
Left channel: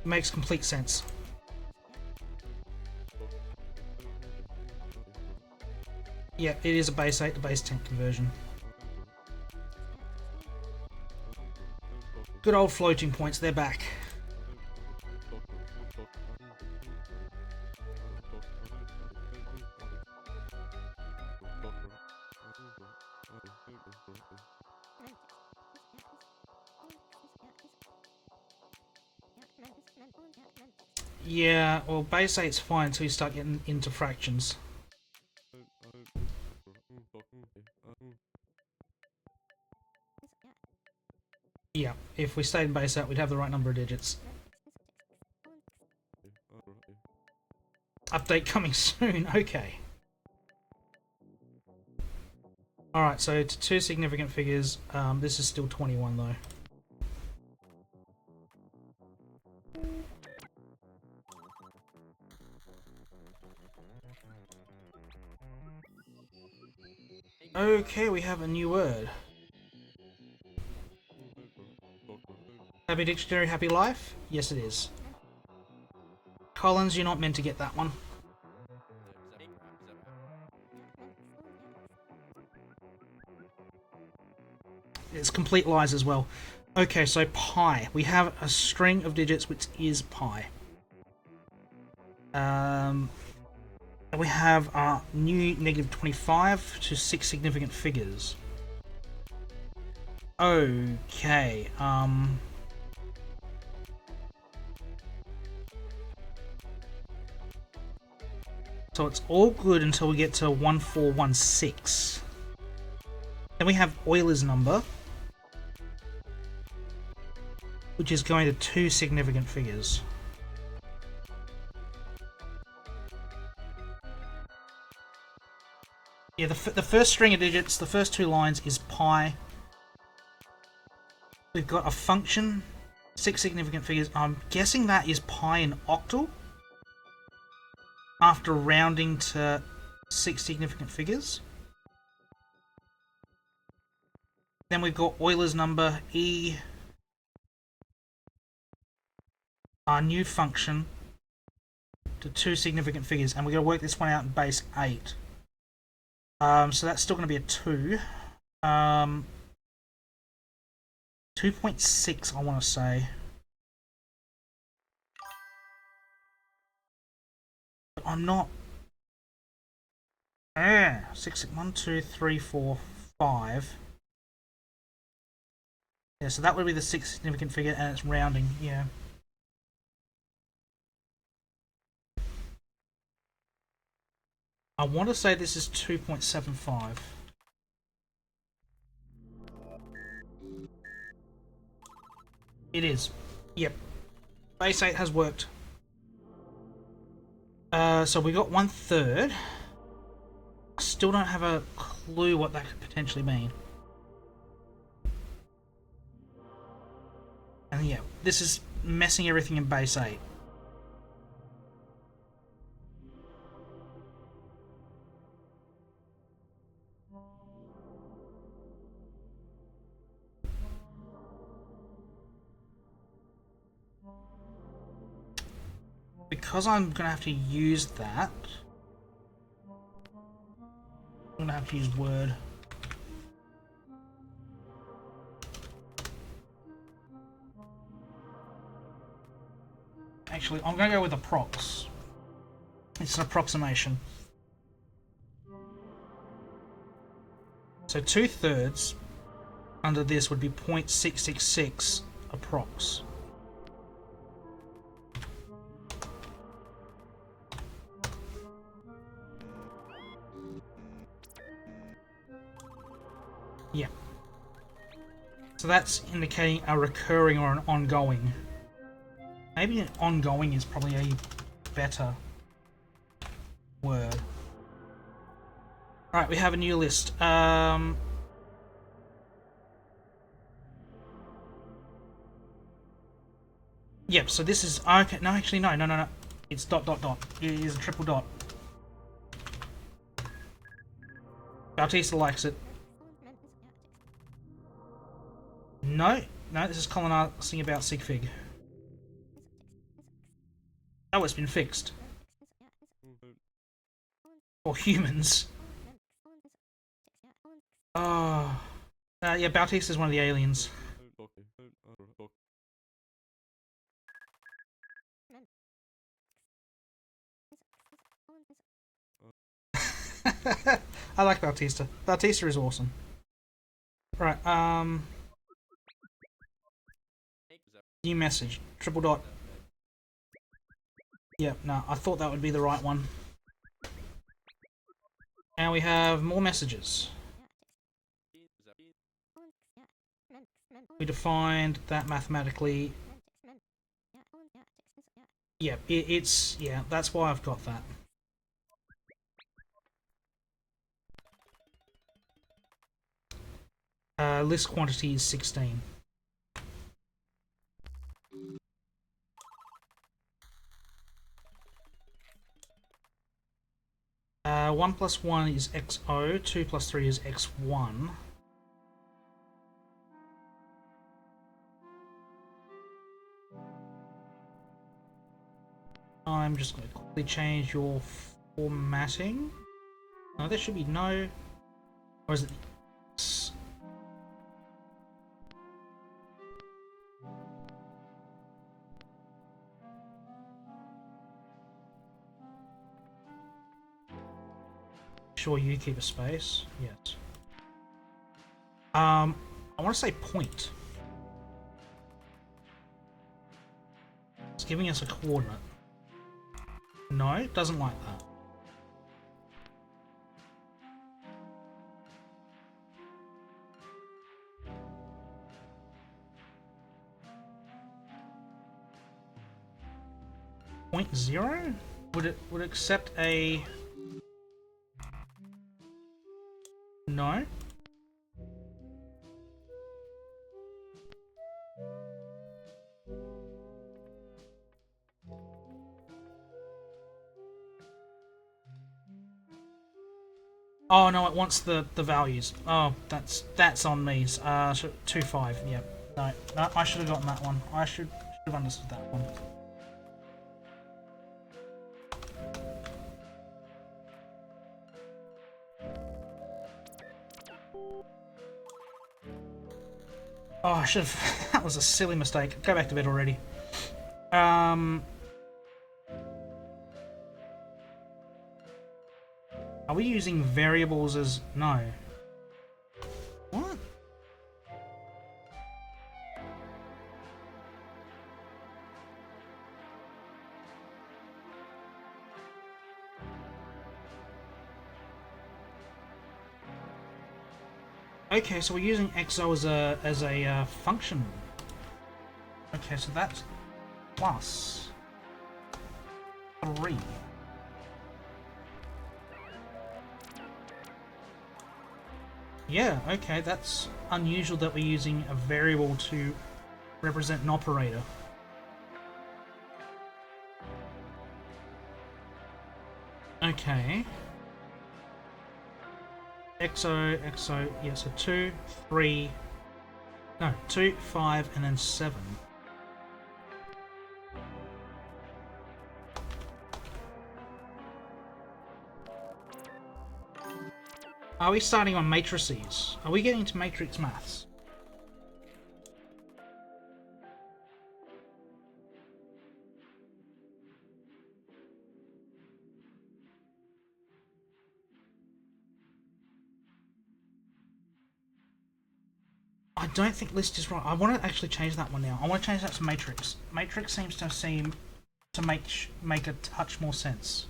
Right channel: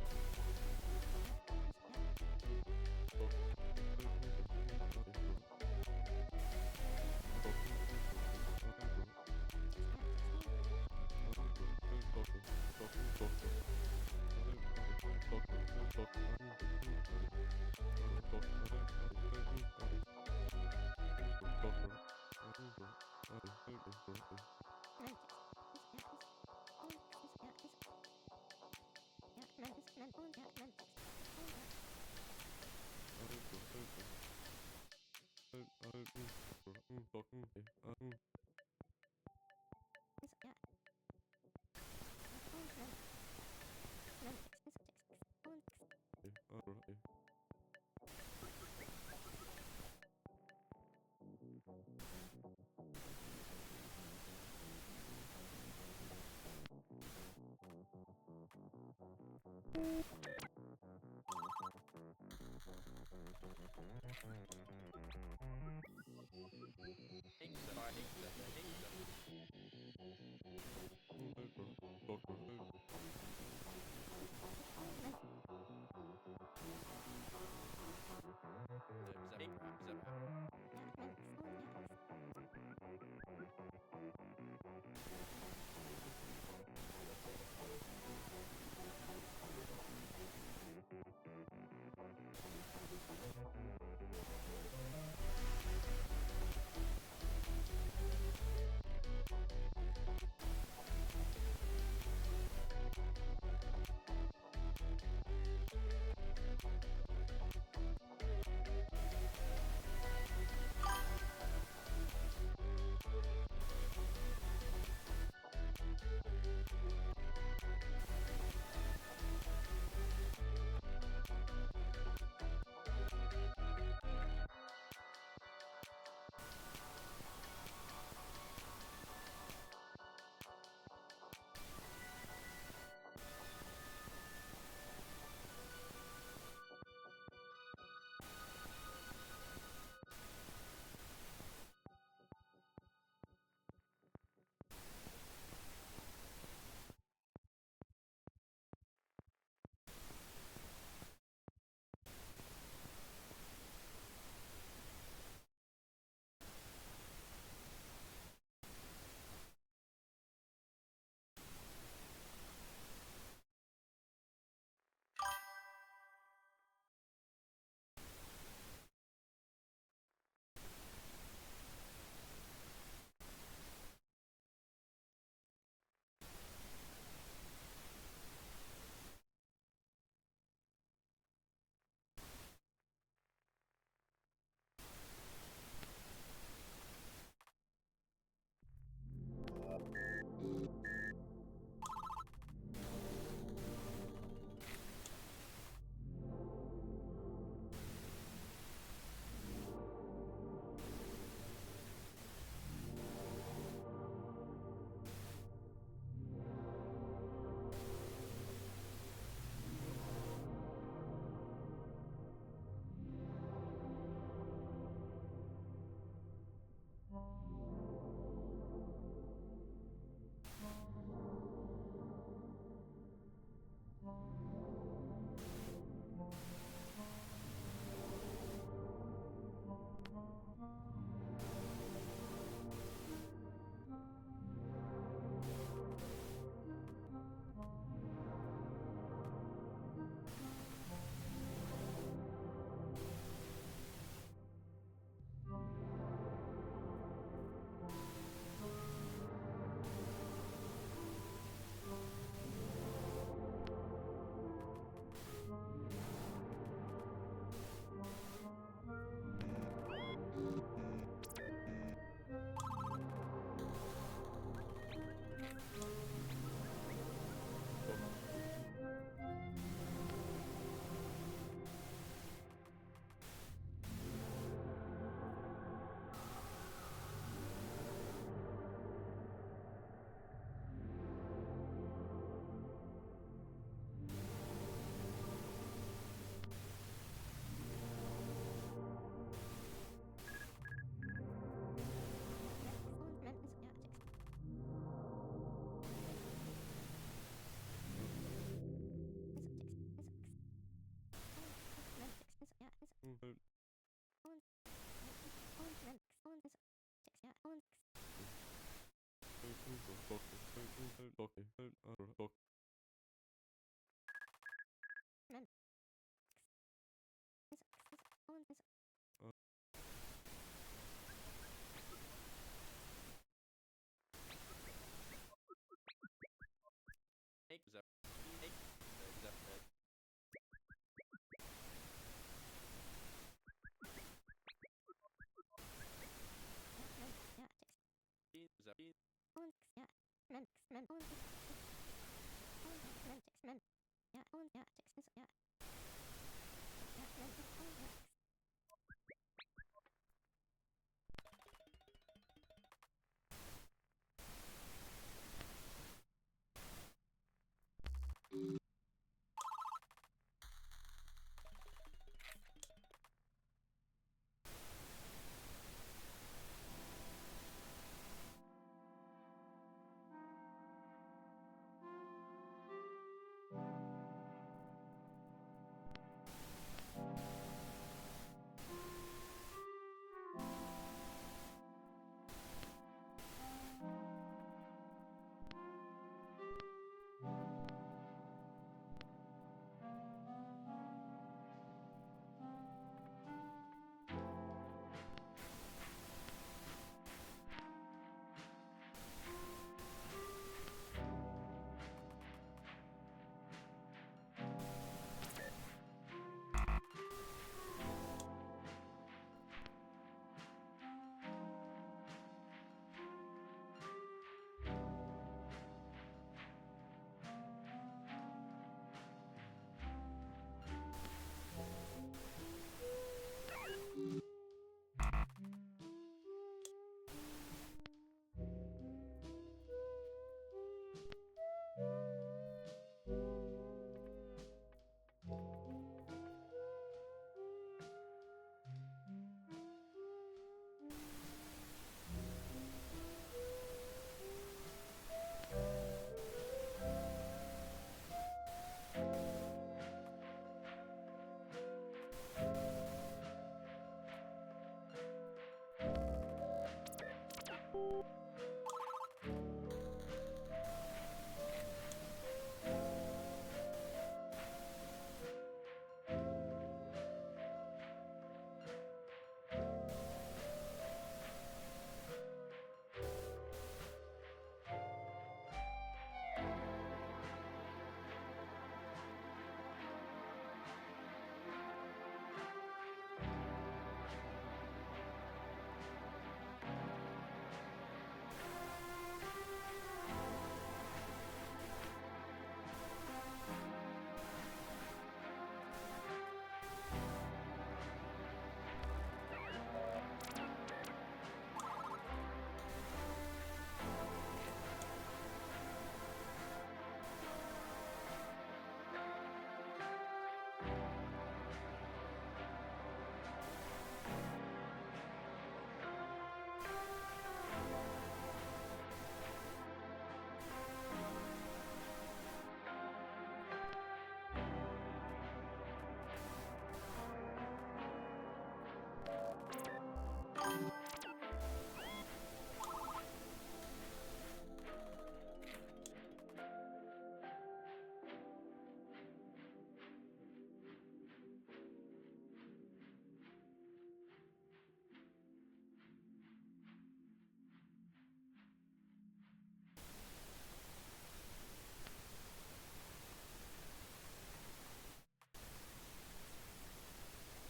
It makes complete sense. Yeah, it is a base 8 to base 10 conversion. Good old floating points, they're back. Yeah, well, base 8's fine until you start getting into fractions. Yeah, if we stayed in base 8, we'd have the right number of digits. Update coming soon, okay. Alright, so to 2 significant figures, this is still 21 though. Okay, we have a new word. Happy dictionary, happy life? Yes, it is. Collins, you're not meant to get that one. It's complete lies as well. Okay, so pi. We have a string of digits which is pi. We have our new negative 25 to 6 significant figures. Okay, so it's all good until we get to 1416. Then we have Euler's number, which is going to 2 significant figures. Yeah, the first string of digits, the first 2 lines is pi. We've got a function, 6 significant figures. I'm guessing that is pi in octal after rounding to 6 significant figures. Then we've got Euler's number, E, our new function, to 2 significant figures, and we're going to work this one out in base 8. So that's still going to be a 2. 2.6, I want to say. But I'm not. 6, 1, 2, 3, 4, 5. Yeah, so that would be the 6 significant figure, and it's rounding. Yeah. I want to say this is 2.75. It is. Yep. Base 8 has worked. So we got 1/3. Still don't have a clue what that could potentially mean. And yeah, this is messing everything in base 8. Because I'm going to have to use that, I'm going to have to use Word. Actually, I'm going to go with approx. It's an approximation. So 2/3 under this would be 0.666 approx. Yeah. So that's indicating a recurring or an ongoing. Maybe an ongoing is probably a better word. Alright, we have a new list. Yep, so this is... Okay, no, actually, no. It's dot, dot, dot. It is a triple dot. Bautista likes it. No, this is Colin asking about Sigfig. Oh, it's been fixed. For humans. Oh. Yeah, Bautista is one of the aliens. I like Bautista. Bautista is awesome. Right, new message. Triple dot. Yep, no, I thought that would be the right one. And we have more messages. We defined that mathematically. Yep, it's... Yeah, that's why I've got that. List quantity is 16. One plus 1 is XO, 2 plus 3 is X1. I'm just going to quickly change your formatting. No, there should be no... Or is it... Sure, you keep a space. Yes. I want to say point. It's giving us a coordinate. No, it doesn't like that. Point 0? Would it accept a... No? Oh no, it wants the values. Oh, that's on me. 2.5. Yeah. No, I should have gotten that one. I should have understood that one. Oh, I should have. That was a silly mistake. Go back to bed already. Are we using variables as... No. What? Okay, so we're using XO as a function. Okay, so that's plus 3. Yeah, okay, that's unusual that we're using a variable to represent an operator. Okay. XO, yeah, so 2, 3, no, 2, 5, and then 7. Are we starting on matrices? Are we getting into matrix maths? I don't think list is right. I want to actually change that one now. I want to change that to matrix. Matrix seems to seem to make a touch more sense.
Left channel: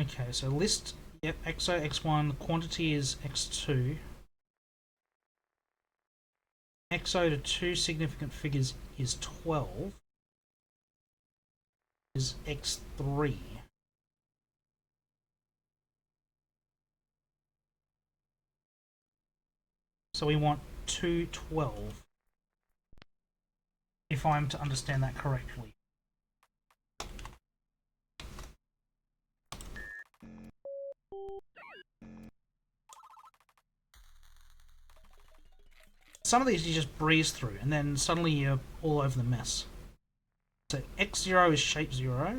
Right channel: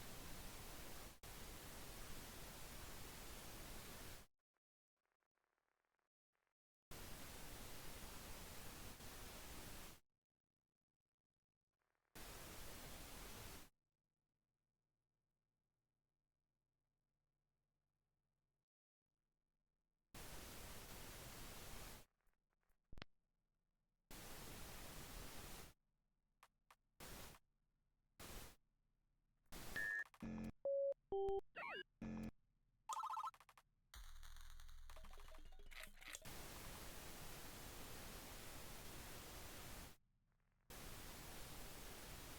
Okay, so list, yep, XO, X1, quantity is X2. XO to 2 significant figures is 12. Is X3. So we want 212. If I'm to understand that correctly. Some of these you just breeze through, and then suddenly you're all over the mess. So x0 is shape 0,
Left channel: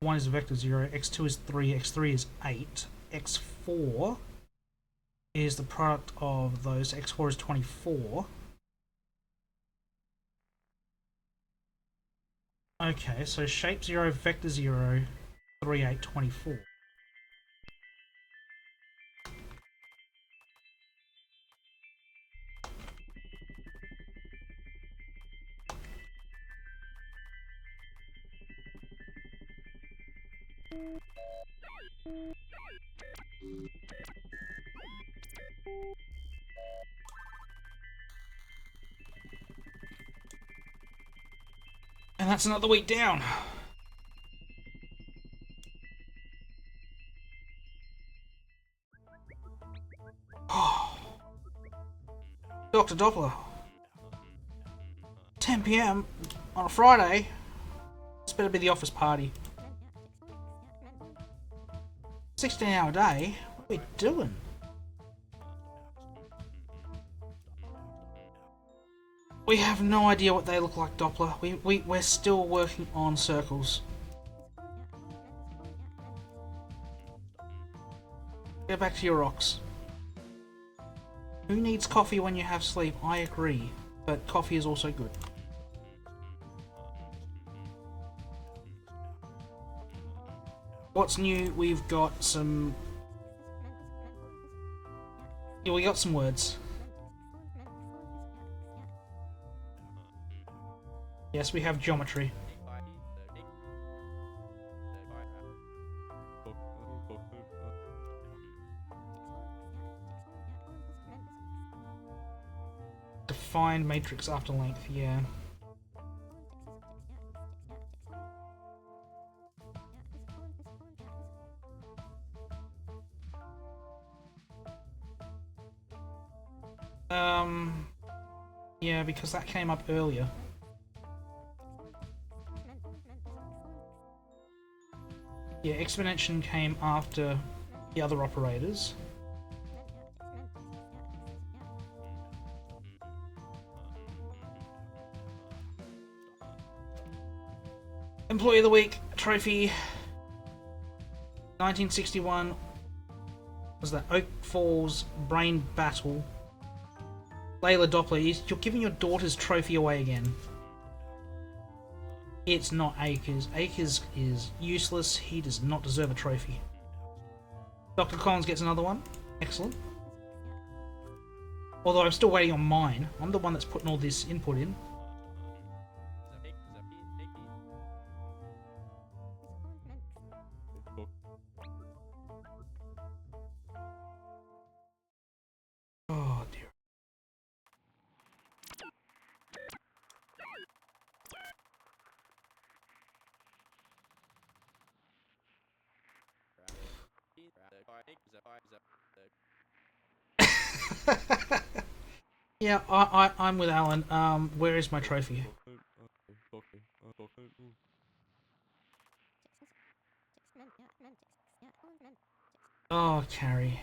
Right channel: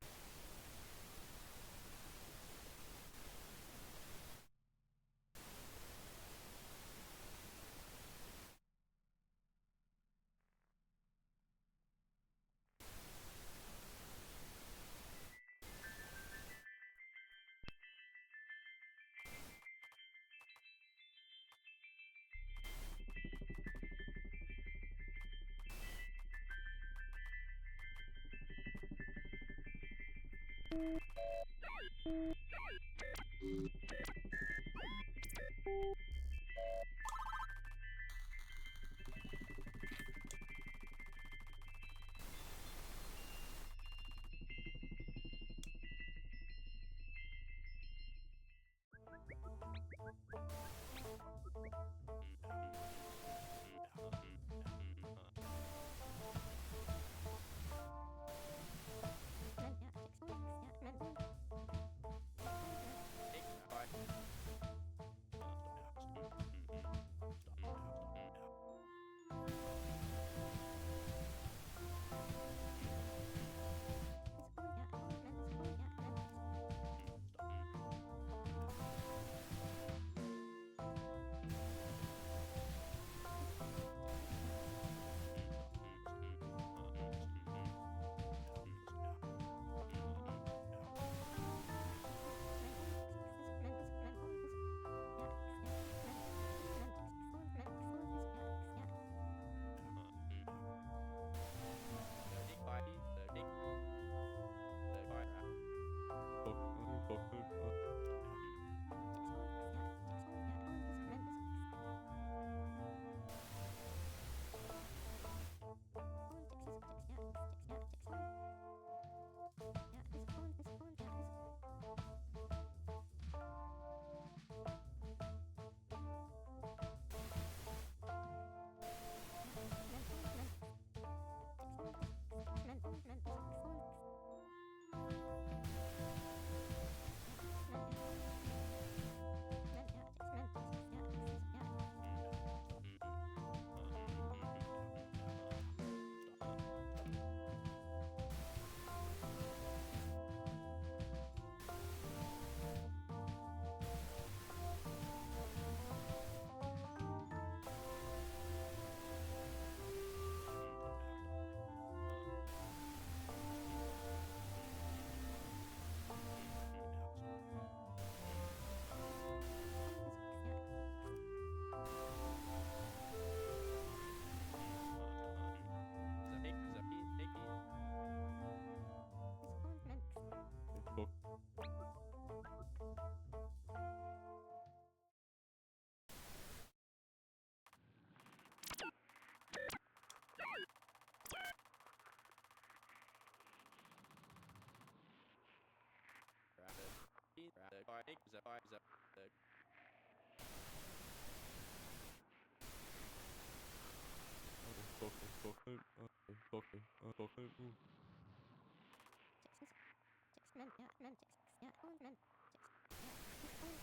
1 is vector 0, x2 is 3, x3 is 8, x4 is the product of those, x4 is 24. Okay, so shape 0, vector 0, 3, 8, 24. And that's another week down. Dr. Doppler. 10 PM on a Friday. This better be the office party. 16-hour day? What are we doing? We have no idea what they look like, Doppler. We're still working on circles. Get back to your rocks. Who needs coffee when you have sleep? I agree, but coffee is also good. What's new? We've got some... Yeah, we got some words. Yes, we have geometry. Define matrix after length, yeah. Yeah, because that came up earlier. Yeah, exponentiation came after the other operators. Employee of the Week trophy. 1961 was the Oak Falls Brain Battle. Layla Doppler, you're giving your daughter's trophy away again. It's not Akers. Akers is useless. He does not deserve a trophy. Dr. Collins gets another one. Excellent. Although I'm still waiting on mine. I'm the one that's putting all this input in. Yeah, I'm with Alan. Where is my trophy? Oh, Carrie.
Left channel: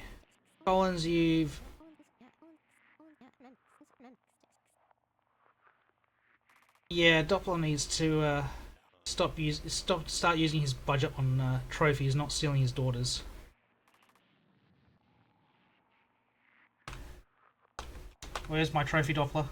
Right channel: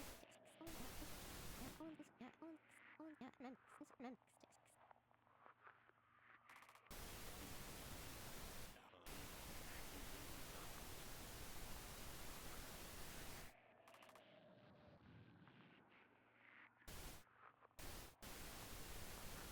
Collins, you've... Yeah, Doppler needs to start using his budget on trophies, not stealing his daughters. Where's my trophy, Doppler?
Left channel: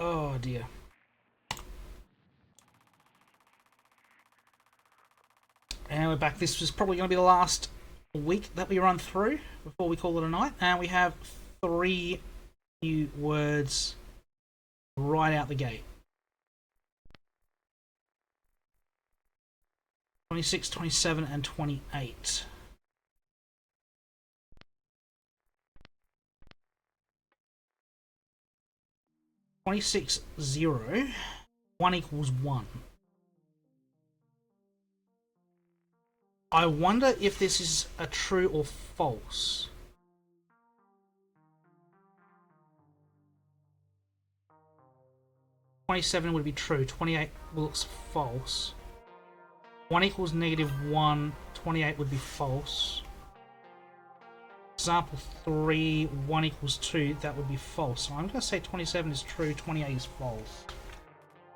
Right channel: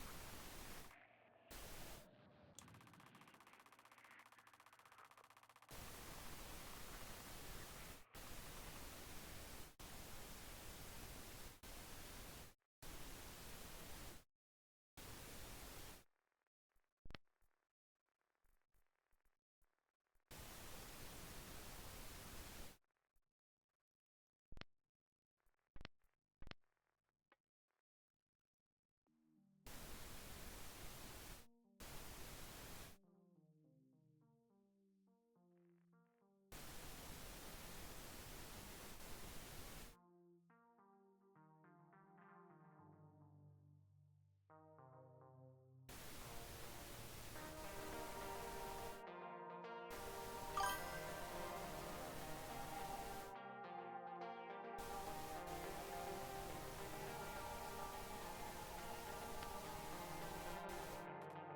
Oh dear. And we're back. This was probably going to be the last week that we run through before we call it a night. And we have 3 new words right out the gate. 26, 27, and 28. "26, 0, 1 equals 1. I wonder if this is a true or false. "27 would be true, 28 looks false. 1 equals -1, 28 would be false. Example 3, 1 equals 2, that would be false. So I'm going to say 27 is true, 28 is false.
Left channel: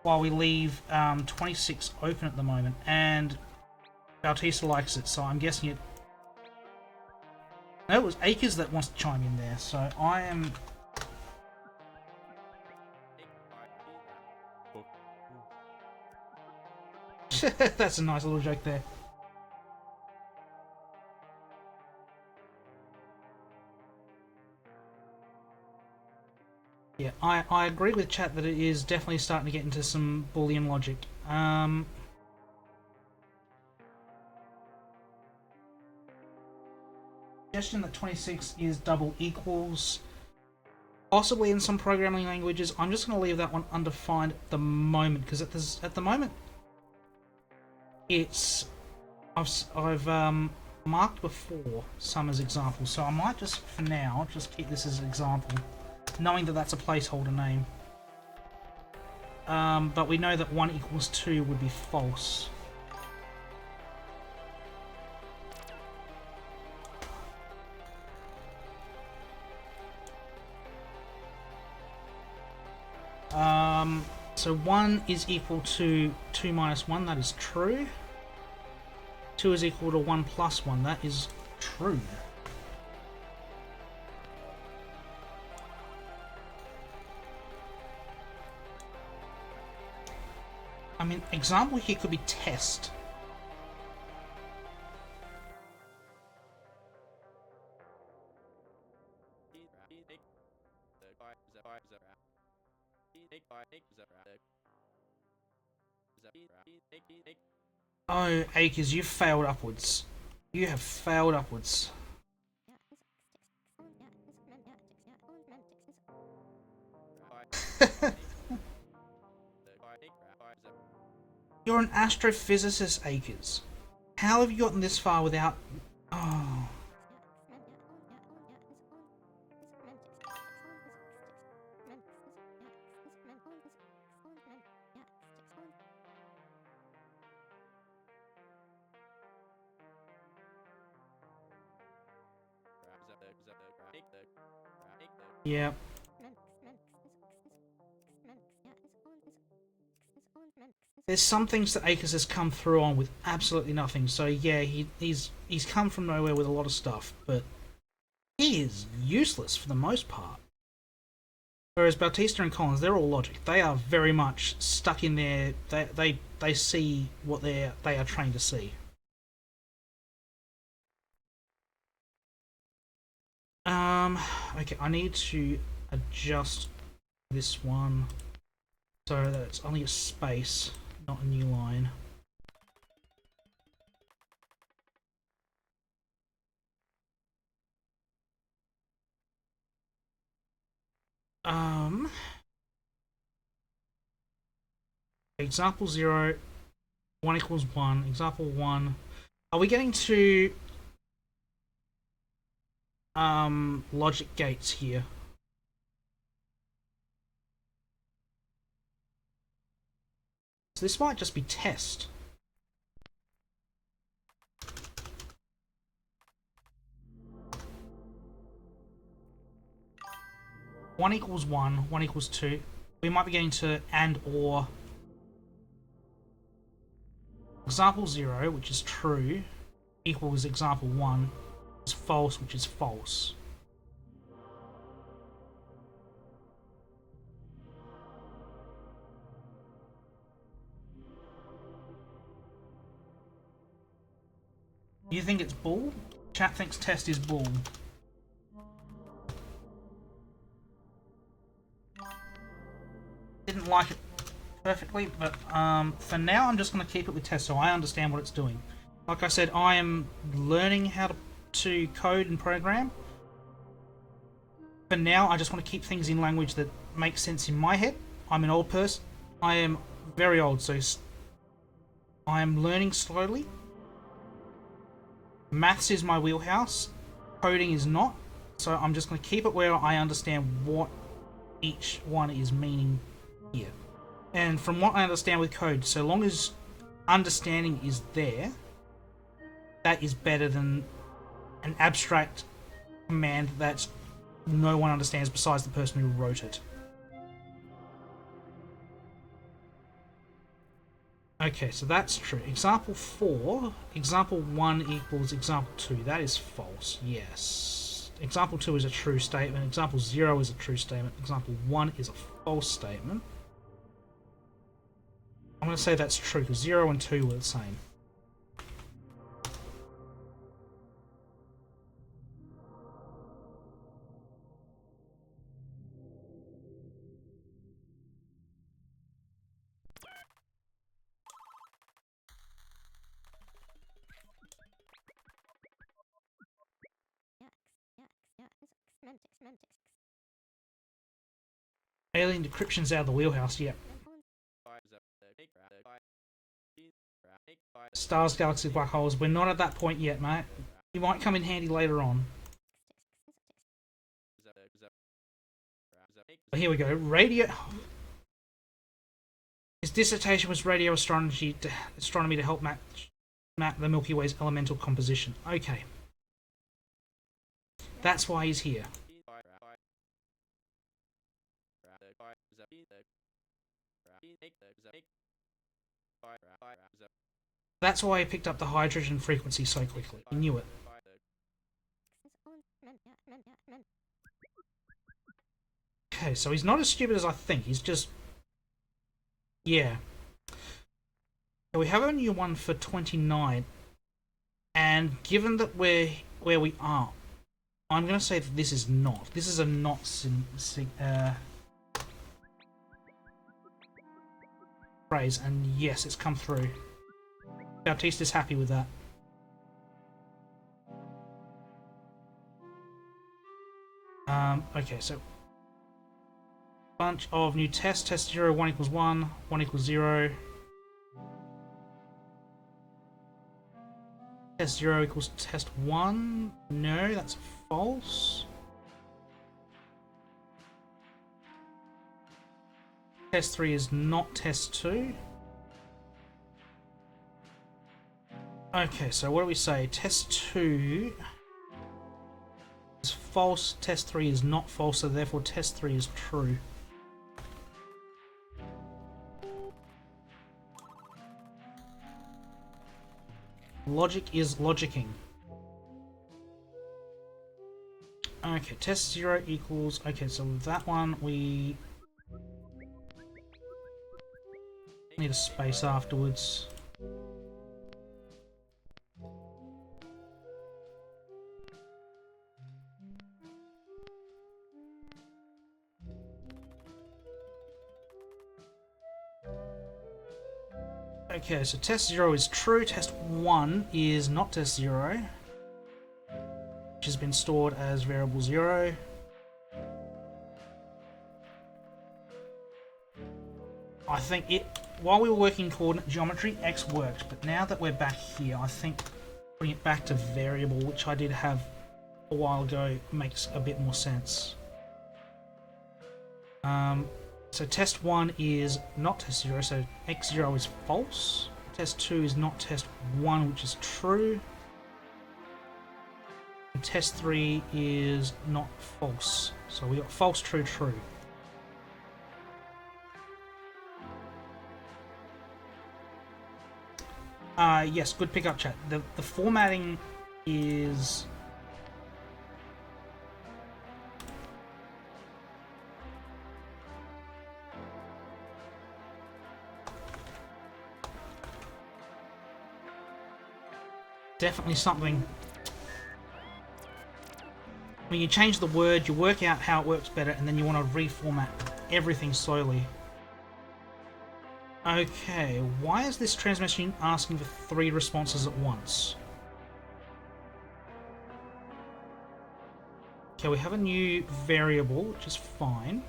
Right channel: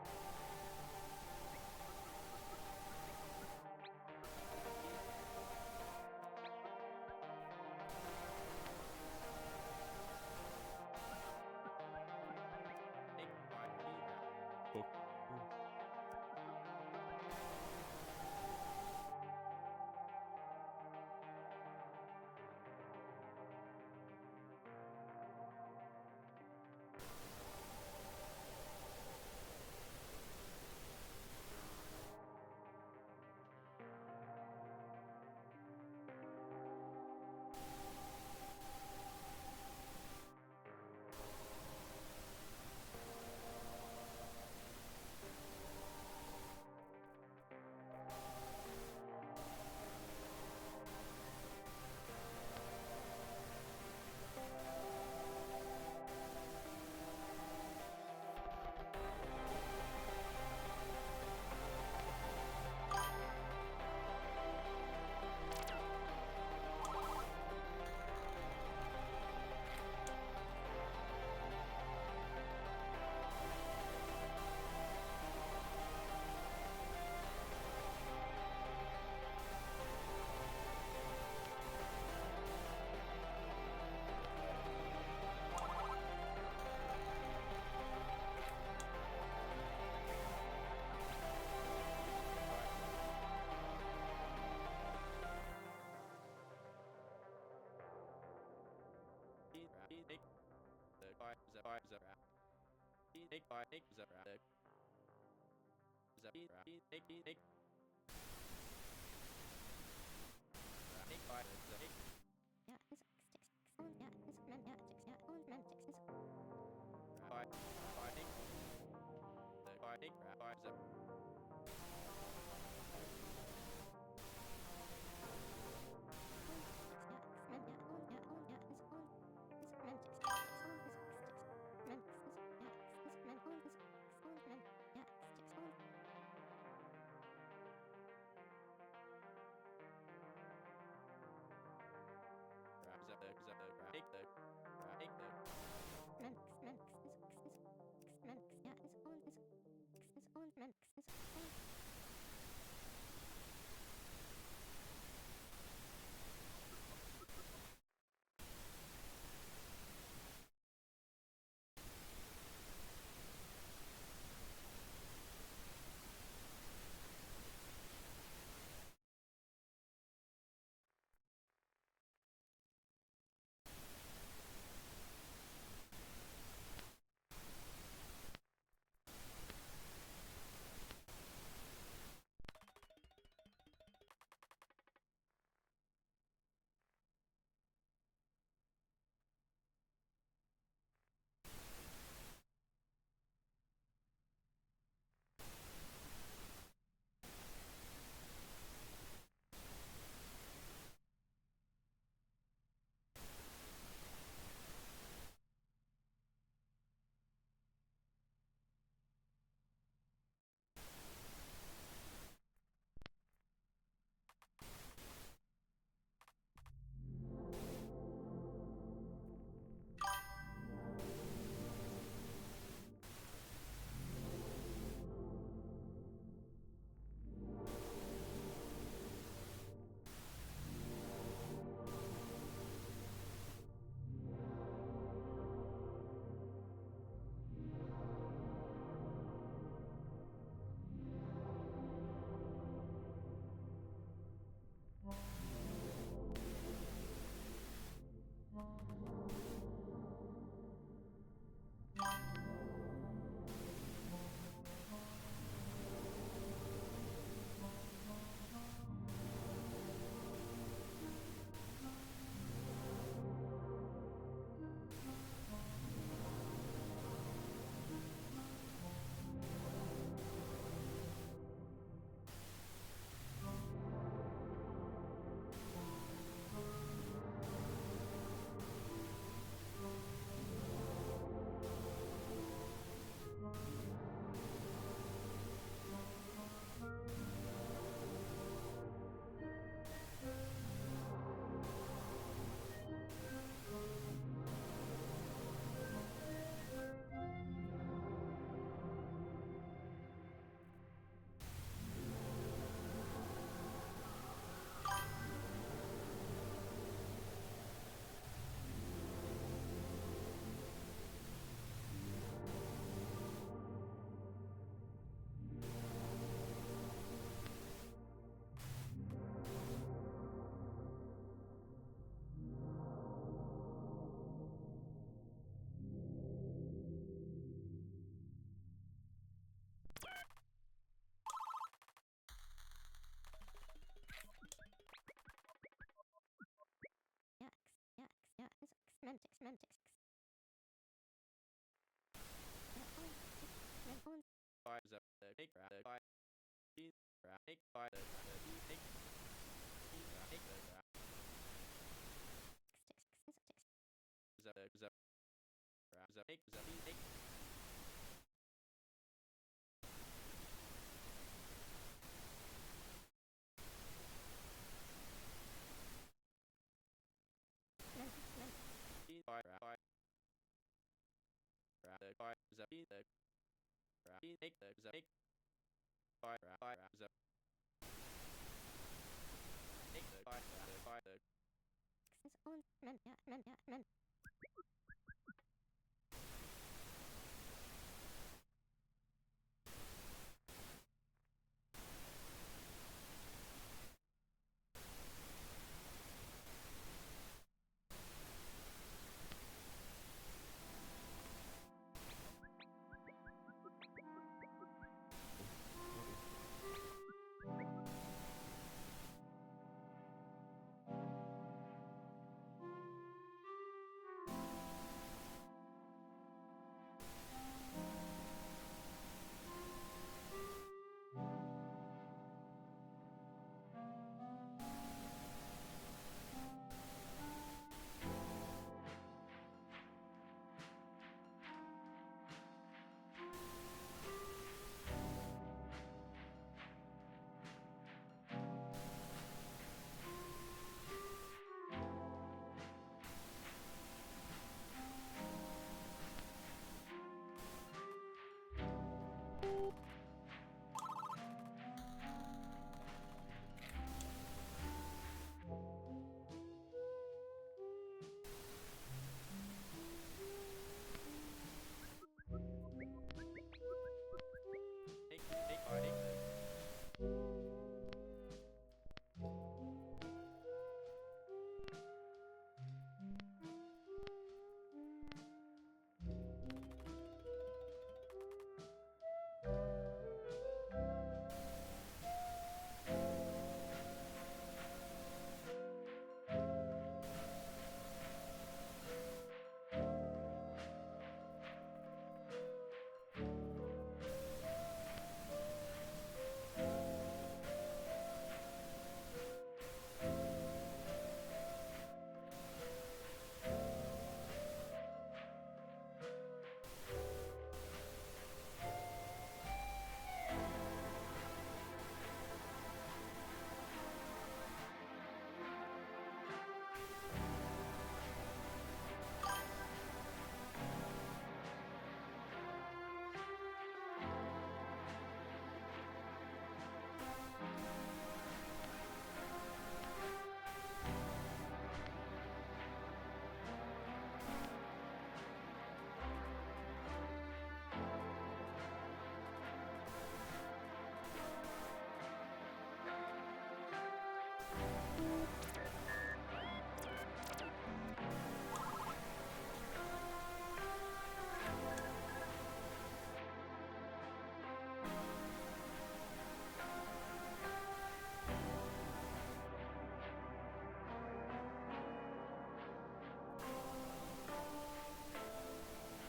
While we leave 26 open at the moment, and Bautista likes it, so I'm guessing it... No, it was Acres that wants to chime in there, so I am... That's a nice little joke there. Yeah, I agree with chat that it is definitely starting to get into some Boolean logic. Suggestion that 26 is double equals. Possibly in some programming languages. I'm just going to leave that one undefined at the moment, because at the moment it's... I've marked before some as examples, so I might just, for now, just keep this as an example, knowing that that's a placeholder name. But we know that 1 equals 2 would be false. So 1 is equal to 2 minus 1, that is true. 2 is equal to 1 plus 1, that is true. I mean, example here could be test. Oh, Acres, you've failed upwards. You have failed upwards. You're an astrophysicist, Acres. How have you gotten this far without... Oh... Yeah. There's some things that Acres has come through on with absolutely nothing. So yeah, he's come from nowhere with a lot of stuff, but he is useless for the most part. Whereas Bautista and Collins, they're all logic. They are very much stuck in there. They see what they are trained to see. Okay, I need to adjust this one so that it's only a space, not a new line. Example 0, 1 equals 1. Example 1. Are we getting to logic gates here? So this might just be test. One equals 1, 1 equals 2. We might be getting to and or. Example 0, which is true, equals example 1, is false, which is false. You think it's bull? Chat thinks test is bull. Didn't like it perfectly, but for now I'm just going to keep it with test so I understand what it's doing. Like I said, I am learning how to code and program. For now, I just want to keep things in language that makes sense in my head. I'm an old person. I am very old, so I am learning slowly. Maths is my wheelhouse. Coding is not. So I'm just going to keep it where I understand what each one is meaning here. And from what I understand with code, so long as understanding is there, that is better than an abstract command that no one understands besides the person who wrote it. Okay, so that's true. Example 4, example 1 equals example 2. That is false, yes. Example 2 is a true statement. Example 0 is a true statement. Example 1 is a false statement. I'm going to say that's true because 0 and 2 were the same. Alien decryption's out of the wheelhouse, yeah. Stars, galaxies, black holes. We're not at that point yet, mate. You might come in handy later on. But here we go. His dissertation was radio astronomy to help map the Milky Way's elemental composition. Okay. That's why he's here. That's why he picked up the hydrogen frequency so quickly. He knew it. Okay, so he's not as stupid as I think. He's just... yeah. So we have a new one for 29. And given that we're where we are, I'm going to say that this is not. This is a not phrase, and yes, it's come through. Bautista's happy with that. Okay, so bunch of new tests. Test 0, 1 equals 1, 1 equals 0. Test 0 equals test 1. No, that's false. Test 3 is not test 2. Okay, so what do we say? Test 2 is false, test 3 is not false, so therefore test 3 is true. Logic is logicking. Okay, test 0 equals... okay, so that one we need a space afterwards. Okay, so test 0 is true, test 1 is not test 0, which has been stored as variable 0. I think it, while we were working coordinate geometry, X worked, but now that we're back here, I think putting it back to variable, which I did have a while ago, makes a bit more sense. So test 1 is not test 0, so x0 is false. Test 2 is not test 1, which is true. And test 3 is not false. So we got false, true, true. Yes, good pickup, chat. The formatting is... definitely something. When you change the word, you work out how it works better, and then you want to reformat everything slowly. Okay, why is this transmission asking for 3 responses at once? Okay, we have a new variable, which is fine.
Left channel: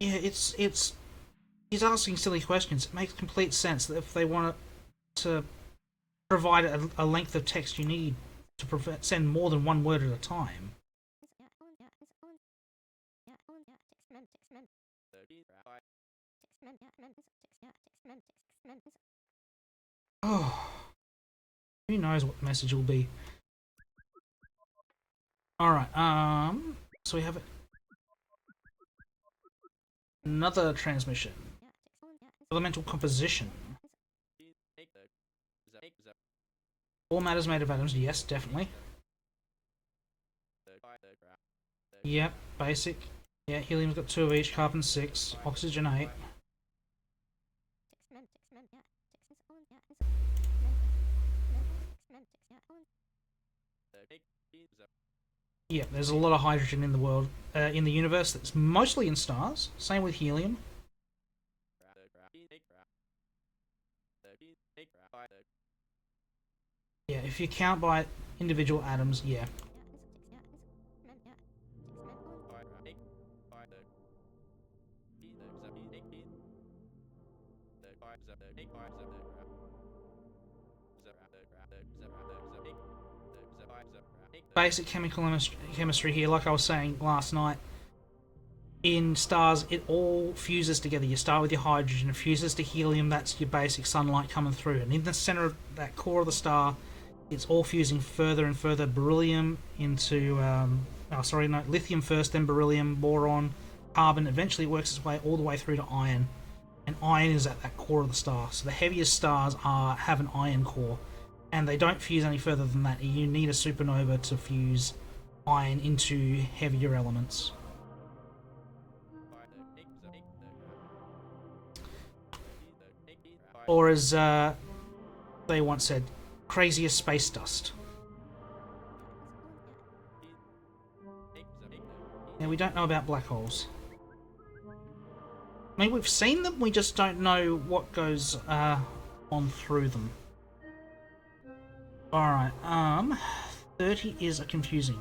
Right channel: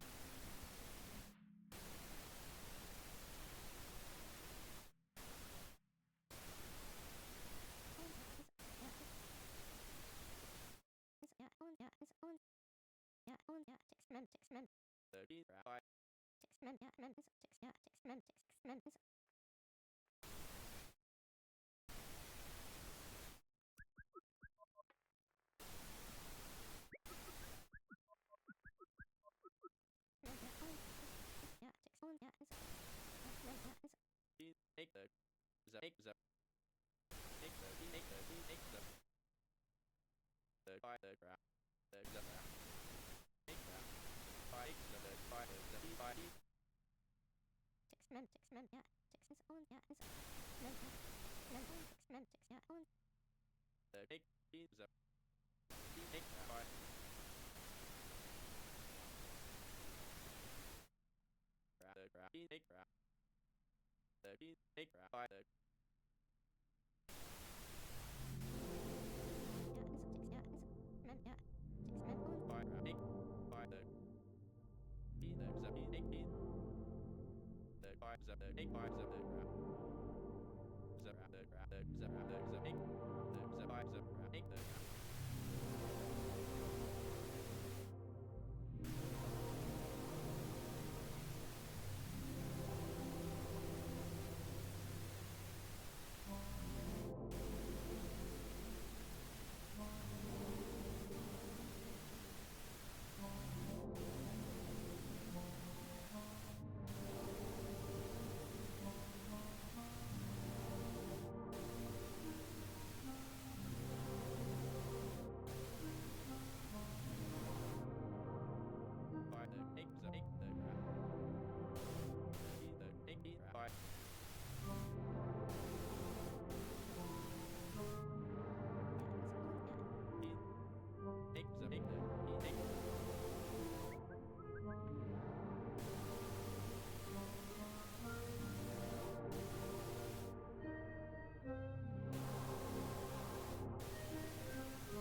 Yeah, he's asking silly questions. It makes complete sense that if they want to provide a length of text you need to send more than one word at a time. Oh, who knows what the message will be. Alright, so we have another transmission. Elemental composition. All matters made of atoms, yes, definitely. Yep, basic. Yeah, helium's got 2 of each, carbon 6, oxygen 8. Yeah, there's a lot of hydrogen in the world, in the universe. That's mostly in stars. Same with helium. Yeah, if you count by individual atoms, yeah. Basic chemical chemistry here, like I was saying last night. In stars, it all fuses together. You start with your hydrogen, it fuses to helium, that's your basic sunlight coming through. And in the center of that core of the star, it's all fusing further and further. Beryllium into, lithium first, then beryllium, boron, carbon. Eventually it works its way all the way through to iron. And iron is at that core of the star. So the heaviest stars have an iron core. And they don't fuse any further than that. You need a supernova to fuse iron into heavier elements. Or as they once said, crazy as space dust. And we don't know about black holes. I mean, we've seen them, we just don't know what goes on through them. Alright, 30 is confusing.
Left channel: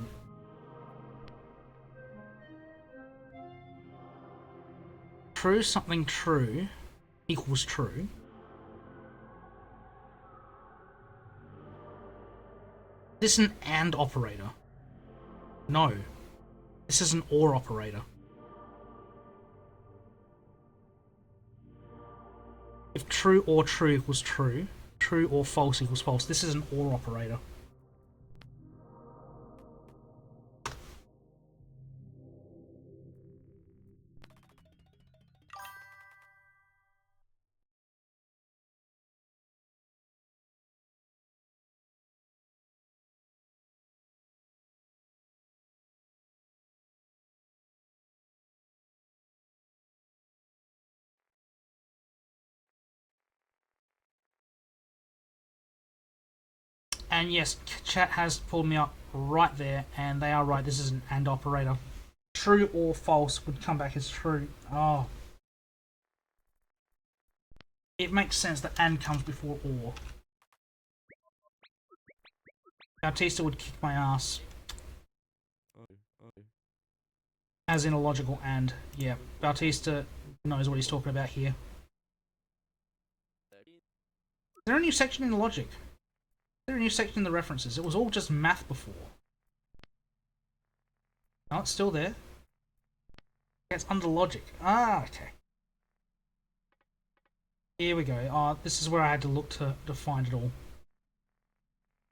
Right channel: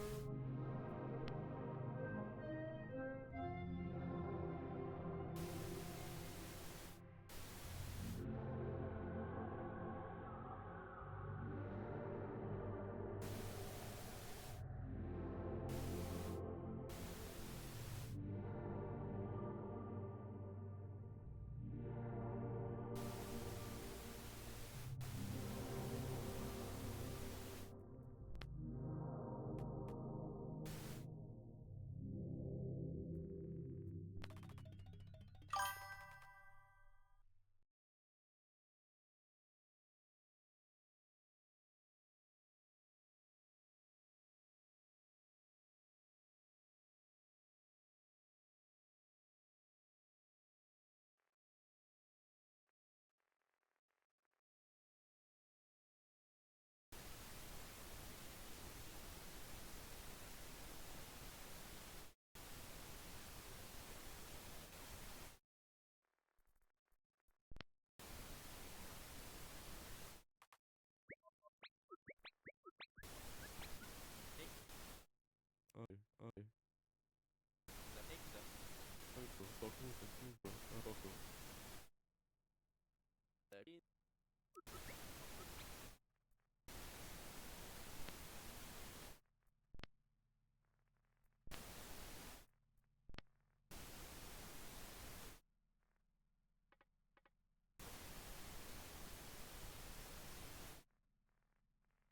True something true equals true. This is an AND operator. No. This is an OR operator. If true or true equals true, true or false equals false. This is an OR operator. And yes, chat has pulled me up right there, and they are right. This is an AND operator. True or false would come back as true. Oh. it makes sense that and comes before or. Bautista would kick my ass. As in a logical and. Yeah, Bautista knows what he's talking about here. Is there a new section in the logic? Is there a new section in the references? It was all just math before. No, it's still there. It's under logic. Ah, okay. Here we go. Oh, this is where I had to look to find it all.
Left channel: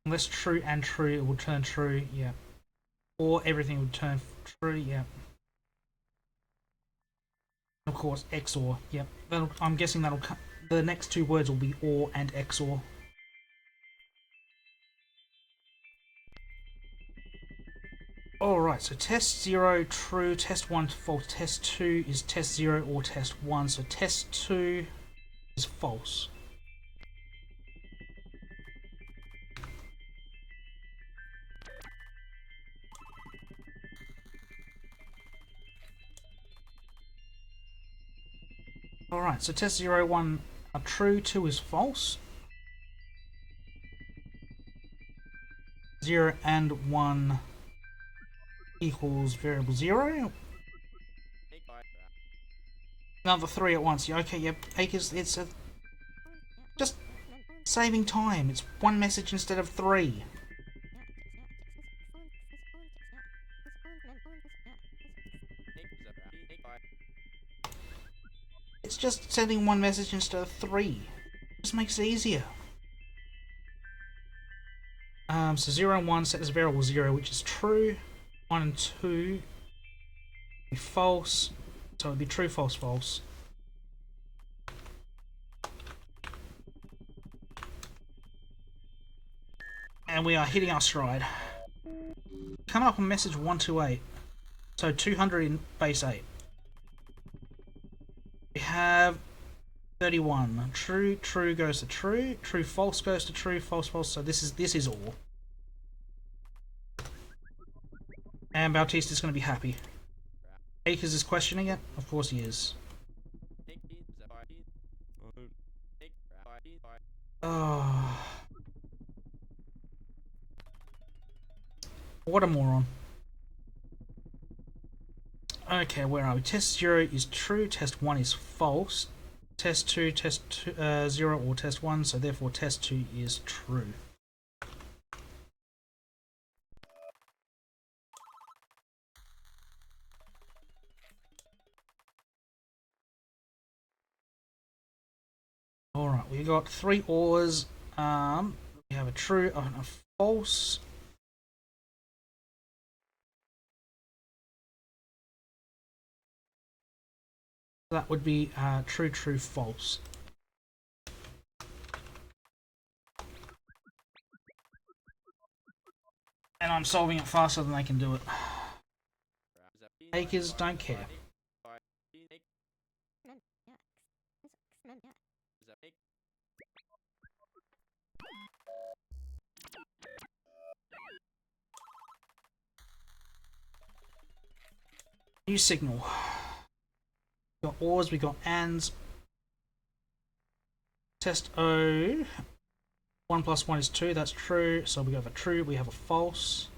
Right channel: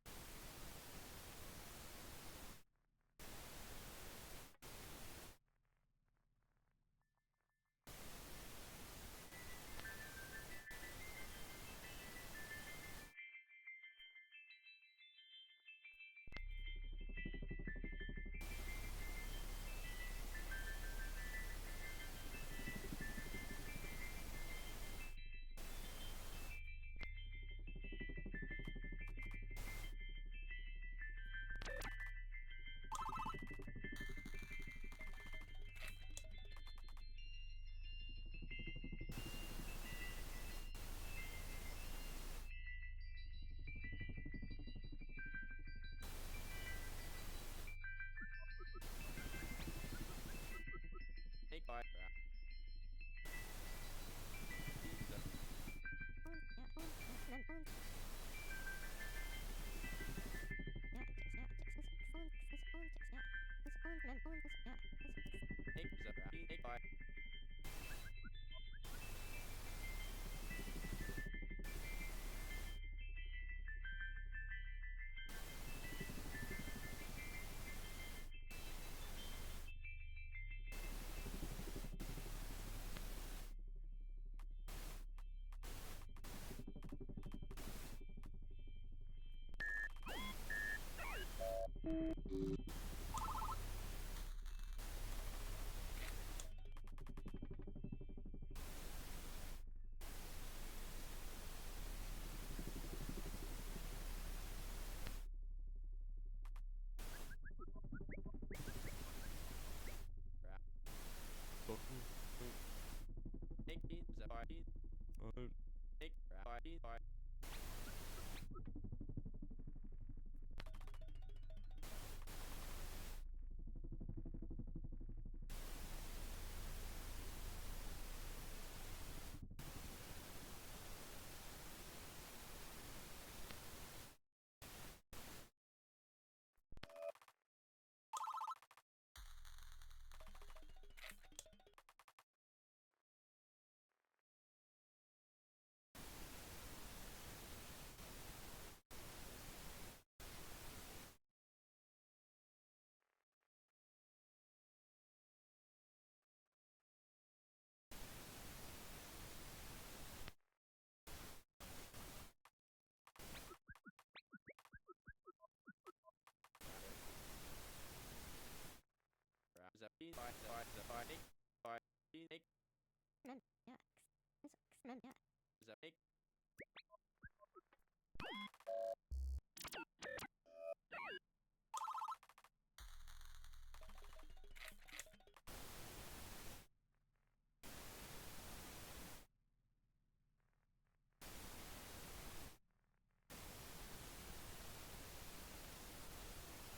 Unless true and true, it will turn true, yeah. Or everything would turn true, yeah. Of course, XOR, yep. I'm guessing that'll come. The next two words will be OR and XOR. Alright, so test 0, true, test 1, false, test 2 is test 0 or test 1, so test 2 is false. Alright, so test 0, 1 are true, 2 is false. 0 and 1 equals variable 0. Another 3 at once. Yeah, okay, yep. Acres, it's just saving time. It's one message instead of 3. It's just sending one message instead of 3. Just makes it easier. So 0 and 1 set as variable 0, which is true. 1 and 2 be false. So it would be true, false, false. And we are hitting our stride. Coming up on message 128. So 200 in base 8. We have 31. True, true goes to true. True, false goes to true. False, false. So this is all. And Bautista is going to be happy. Akers is questioning it. Of course he is. Oh. What a moron. Okay, where are we? Test 0 is true, test 1 is false. Test 2, test 0 or test 1, so therefore test 2 is true. Alright, we got 3 ORs. We have a true and a false. That would be true, true, false. And I'm solving it faster than they can do it. Akers don't care. New signal. We got ORs, we got ANDs. Test O. 1 plus 1 is 2, that's true. So we have a true, we have a false.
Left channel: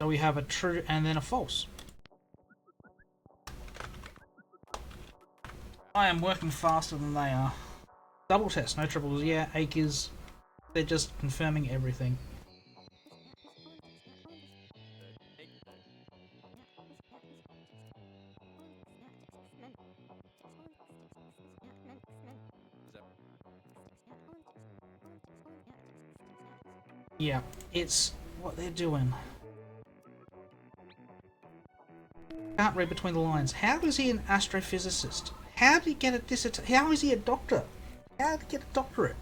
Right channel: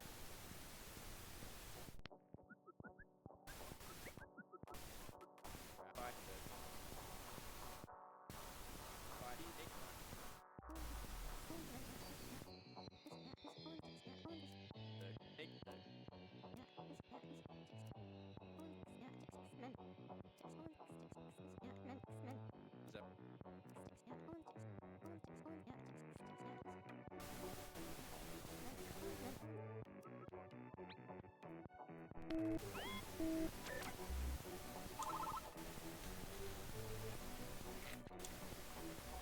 So we have a true and then a false. I am working faster than they are. Double test, no triples. Yeah, Akers. They're just confirming everything. Yeah, it's what they're doing. Can't read between the lines. How is he an astrophysicist? How did he get a dissertation? How is he a doctor? How did he get a doctorate?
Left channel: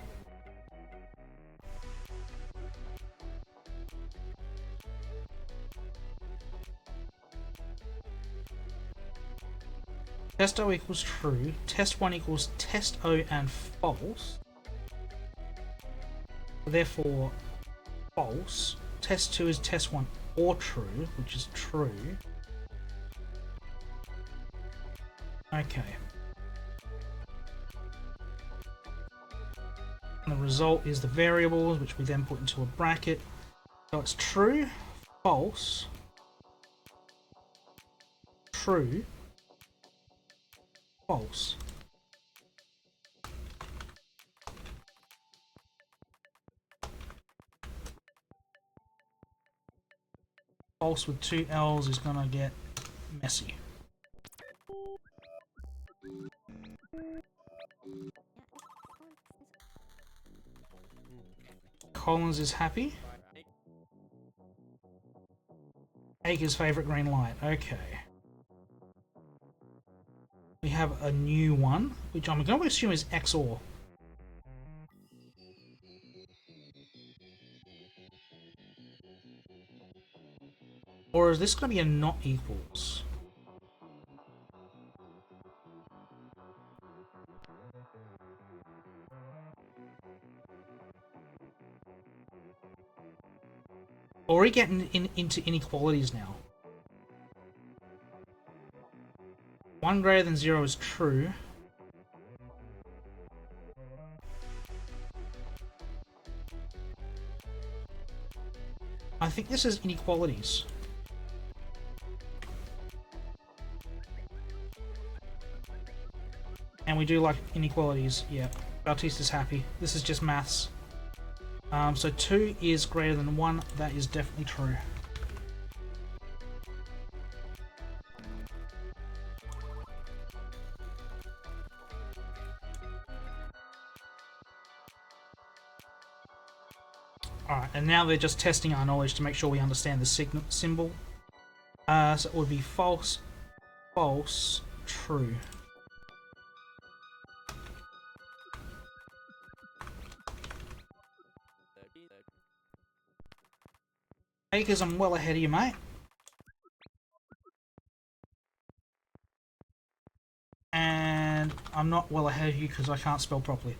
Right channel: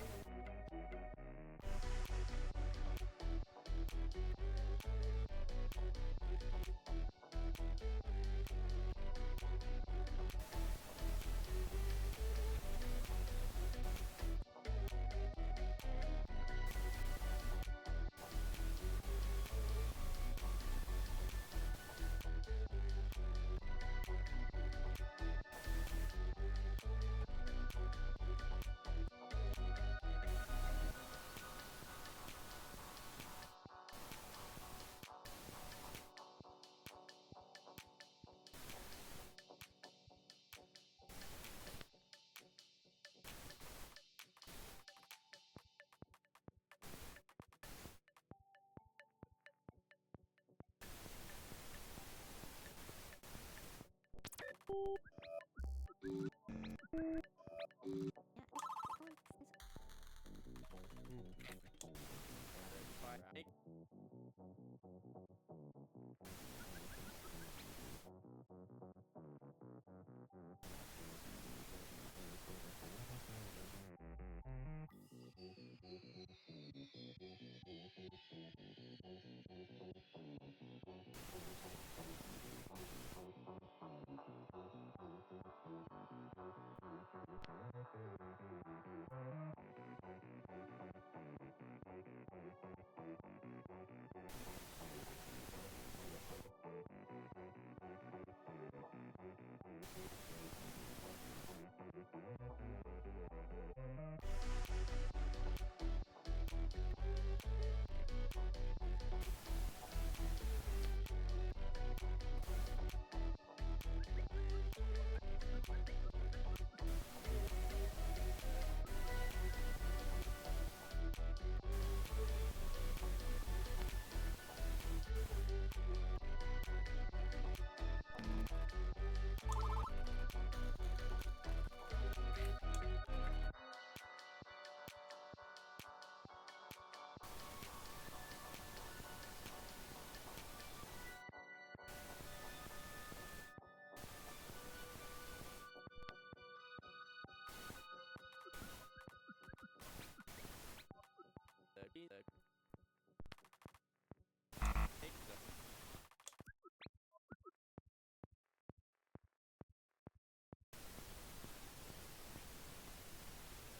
Test O equals true. Test 1 equals test O and false. Therefore, false. Test 2 is test 1 or true, which is true. Okay. And the result is the variables, which we then put into a bracket. So it's true, false, true, false. False with two L's is gonna get messy. Collins is happy. Aker's favorite green light. Okay. We have a new one, which I'm going to assume is XOR. Or is this going to be a not equals? Or are we getting into inequalities now? 1 greater than 0 is true. I think this is inequalities. And we do like inequalities, yeah. Bautista's happy. This is just maths. So 2 is greater than 1, that is definitely true. Alright, and now they're just testing our knowledge to make sure we understand the symbol. So it would be false, false, true. Akers, I'm well ahead of you, mate. And I'm not well ahead of you because I can't spell properly.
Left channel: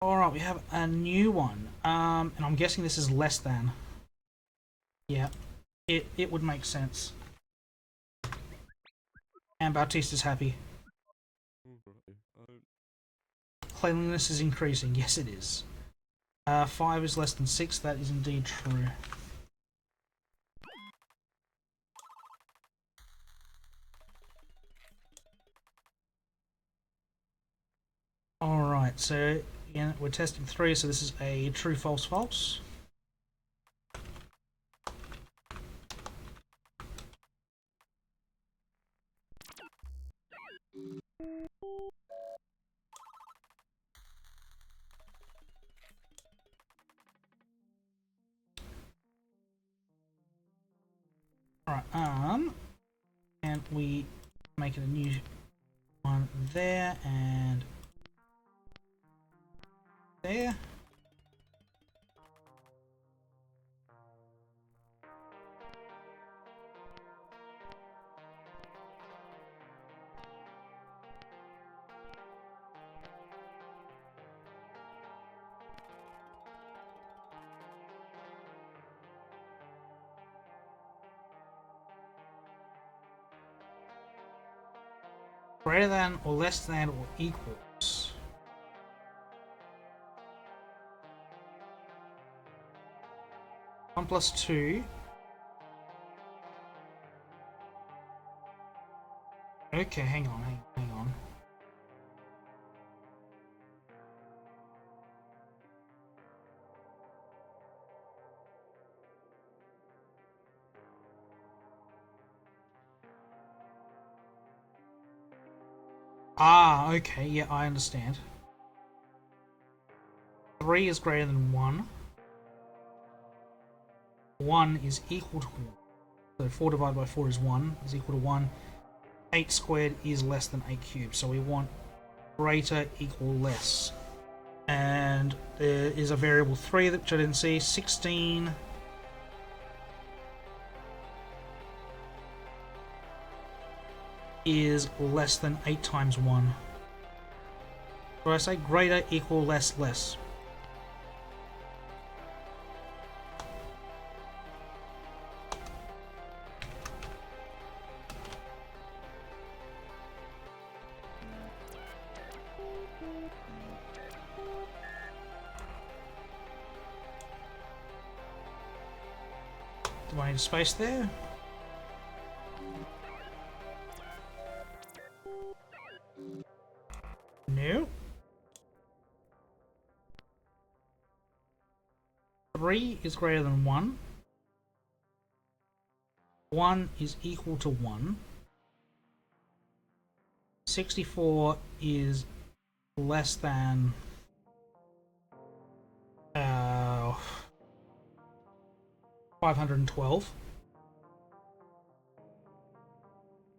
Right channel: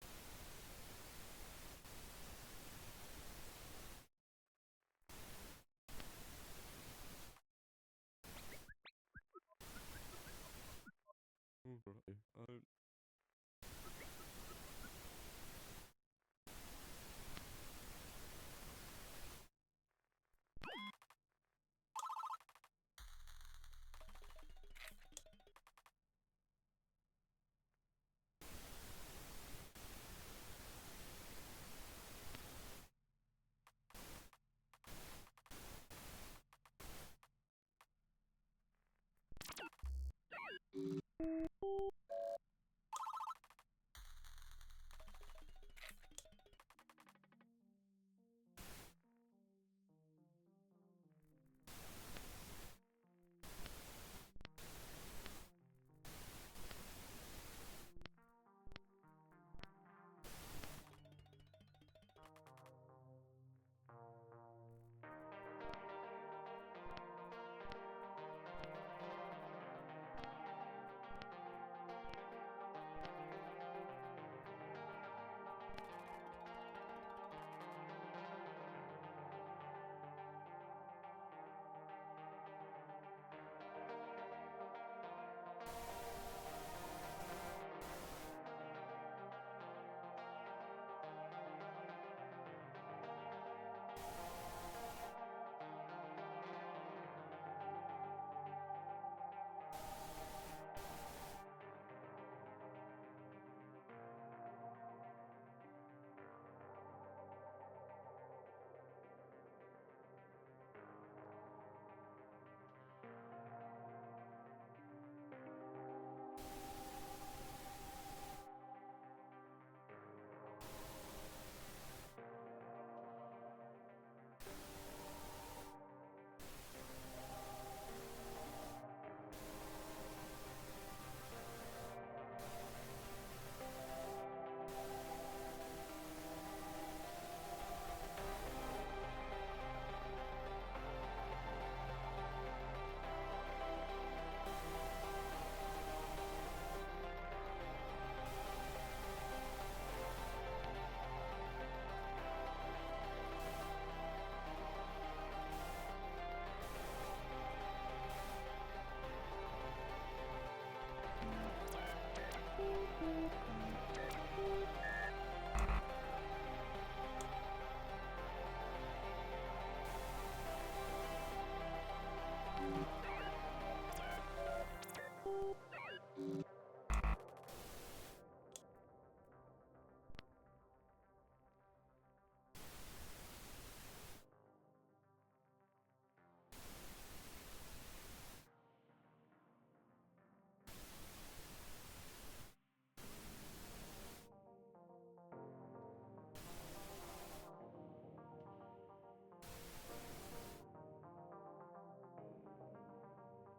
Alright, we have a new one. And I'm guessing this is less than. Yeah, it would make sense. And Bautista's happy. Cleanliness is increasing. Yes, it is. 5 is less than 6. That is indeed true. Alright, so again, we're testing 3, so this is a true, false, false. Alright, and we make it a new one there and there. Greater than or less than or equals. One plus 2. Okay, hang on. Ah, okay, yeah, I understand. 3 is greater than 1. 1 is equal to 1. So 4 divided by 4 is 1, is equal to 1. 8 squared is less than 8 cubed, so we want greater, equal, less. And there is a variable 3 which I didn't see. 16 is less than 8 times 1. So I say greater, equal, less, less. Do I need space there? No. 3 is greater than 1. 1 is equal to 1. 64 is less than 512.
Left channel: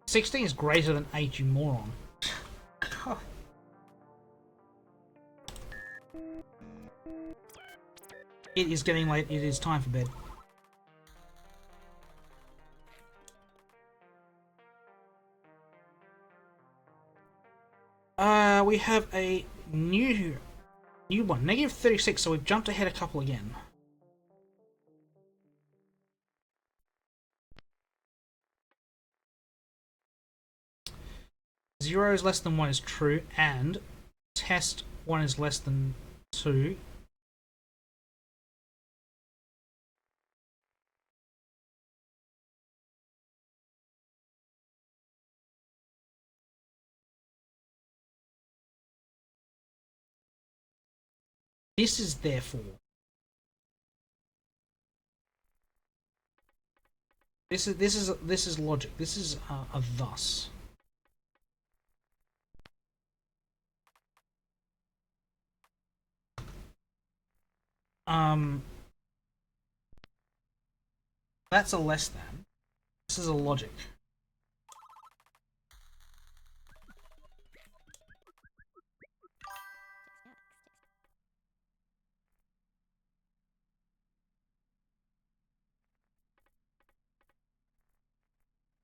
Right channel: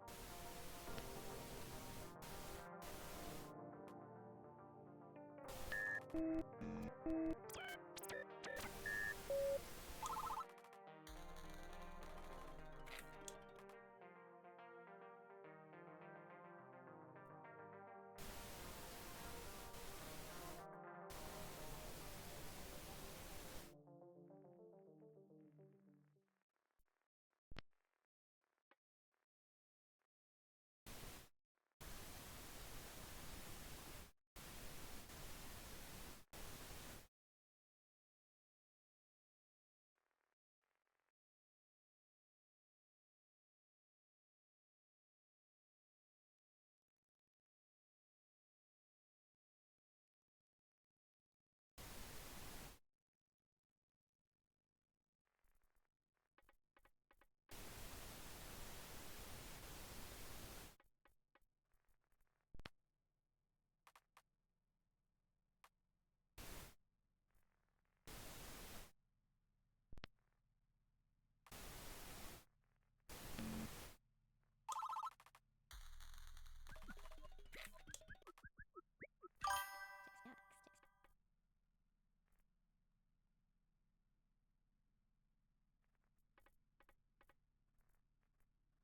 16 is greater than 8, you moron. It is getting late. It is time for bed. We have a new one. Negative 36, so we've jumped ahead a couple again. Zero is less than 1 is true, and test 1 is less than 2. This is therefore. This is logic. This is a thus. That's a less than. This is a logic.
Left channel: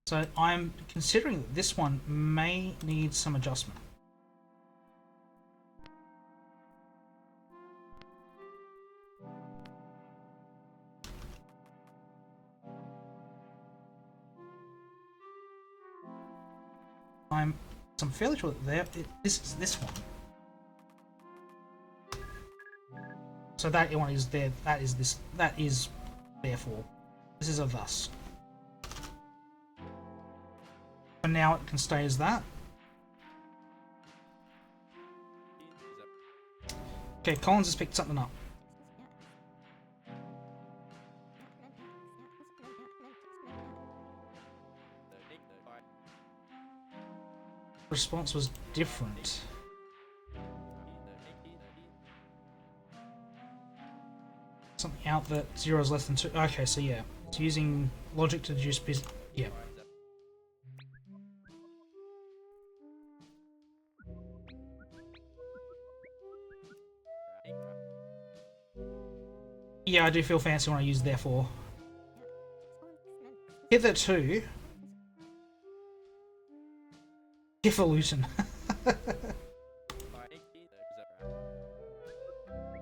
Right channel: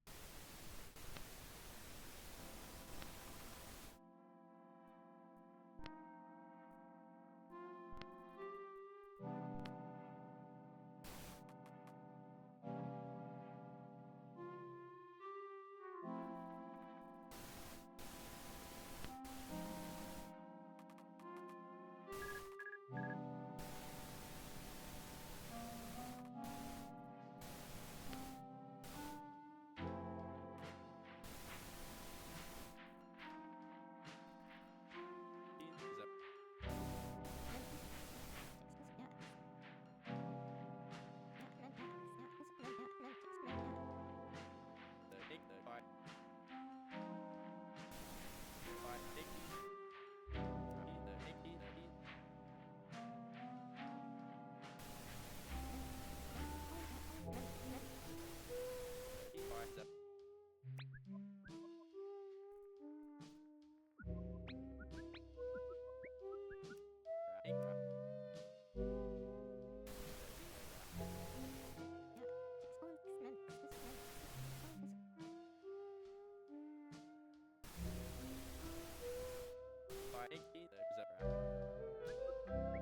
So I'm considering that this one may need some adjustment. I'm fairly sure that this is this one. So that one is there. That is this. That is therefore. This is a thus. And now it can stay as that. Okay, Collins has picked something up. Response was different. Something out that 0 is less than 2. Okay, so yeah, it's using logic to deduce business. Yeah. Yeah, I do feel fancy when I use therefore. Hitherto. Hifalutin.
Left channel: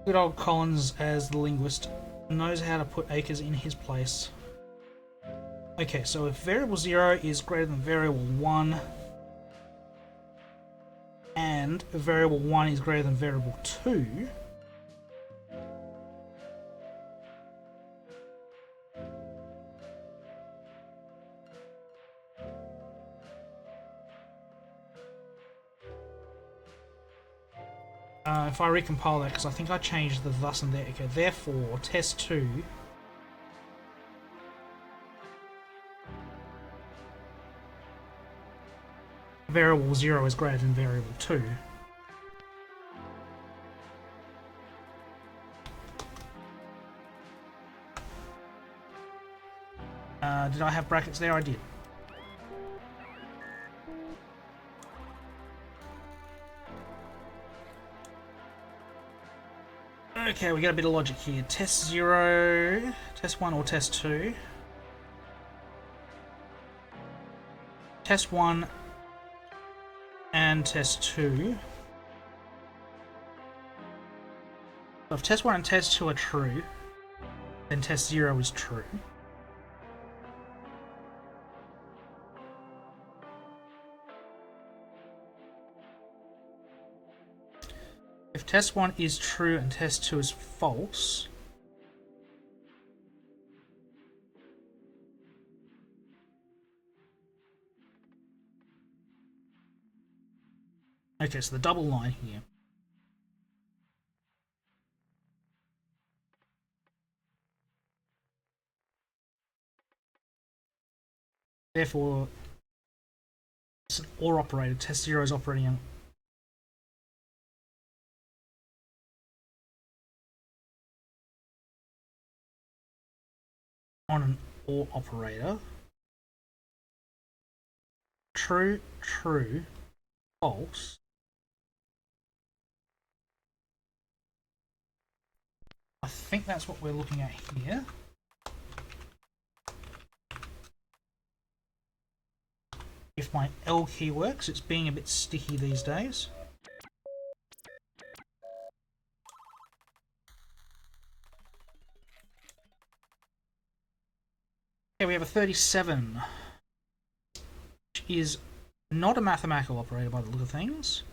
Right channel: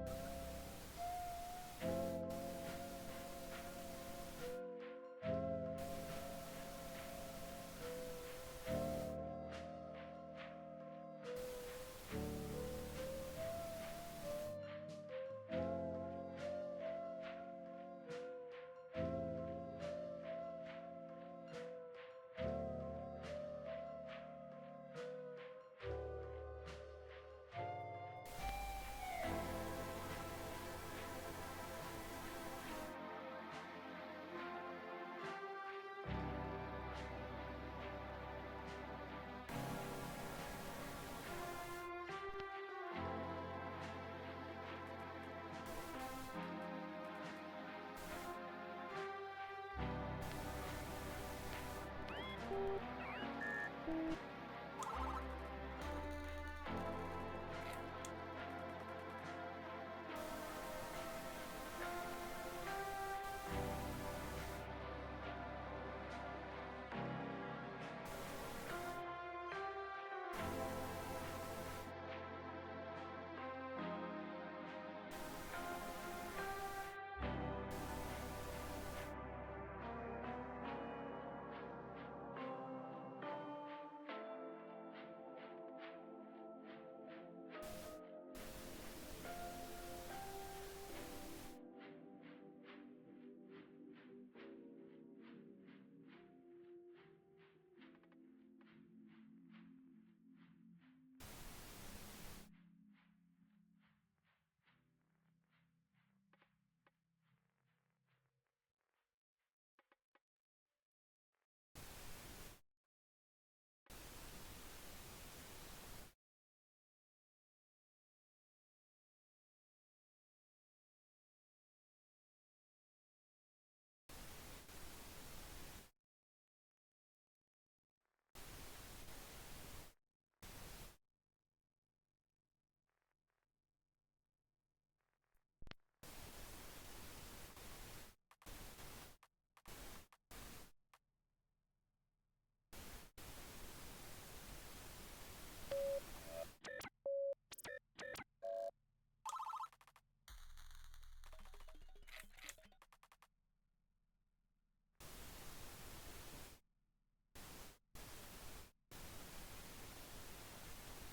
Good old Collins, as the linguist, knows how to put acres in his place. Okay, so if variable 0 is greater than variable 1, and variable 1 is greater than variable 2, if I recompile that, because I think I changed the thus and there. Okay, therefore, test 2 variable 0 is greater than variable 2. Did I have brackets there? I did. Okay, we got a bit of logic here. Test 0, test 1 or test 2. Test 1 and test 2. So if test 1 and test 2 are true, then test 0 is true. If test 1 is true and test 2 is false, okay, so the double line here. Therefore, it's an OR operator. Test 0 is operating on an OR operator. True, true, false. I think that's what we're looking at here. If my L key works, it's being a bit sticky these days. Okay, we have a 37, which is not a mathematical operator by the look of things.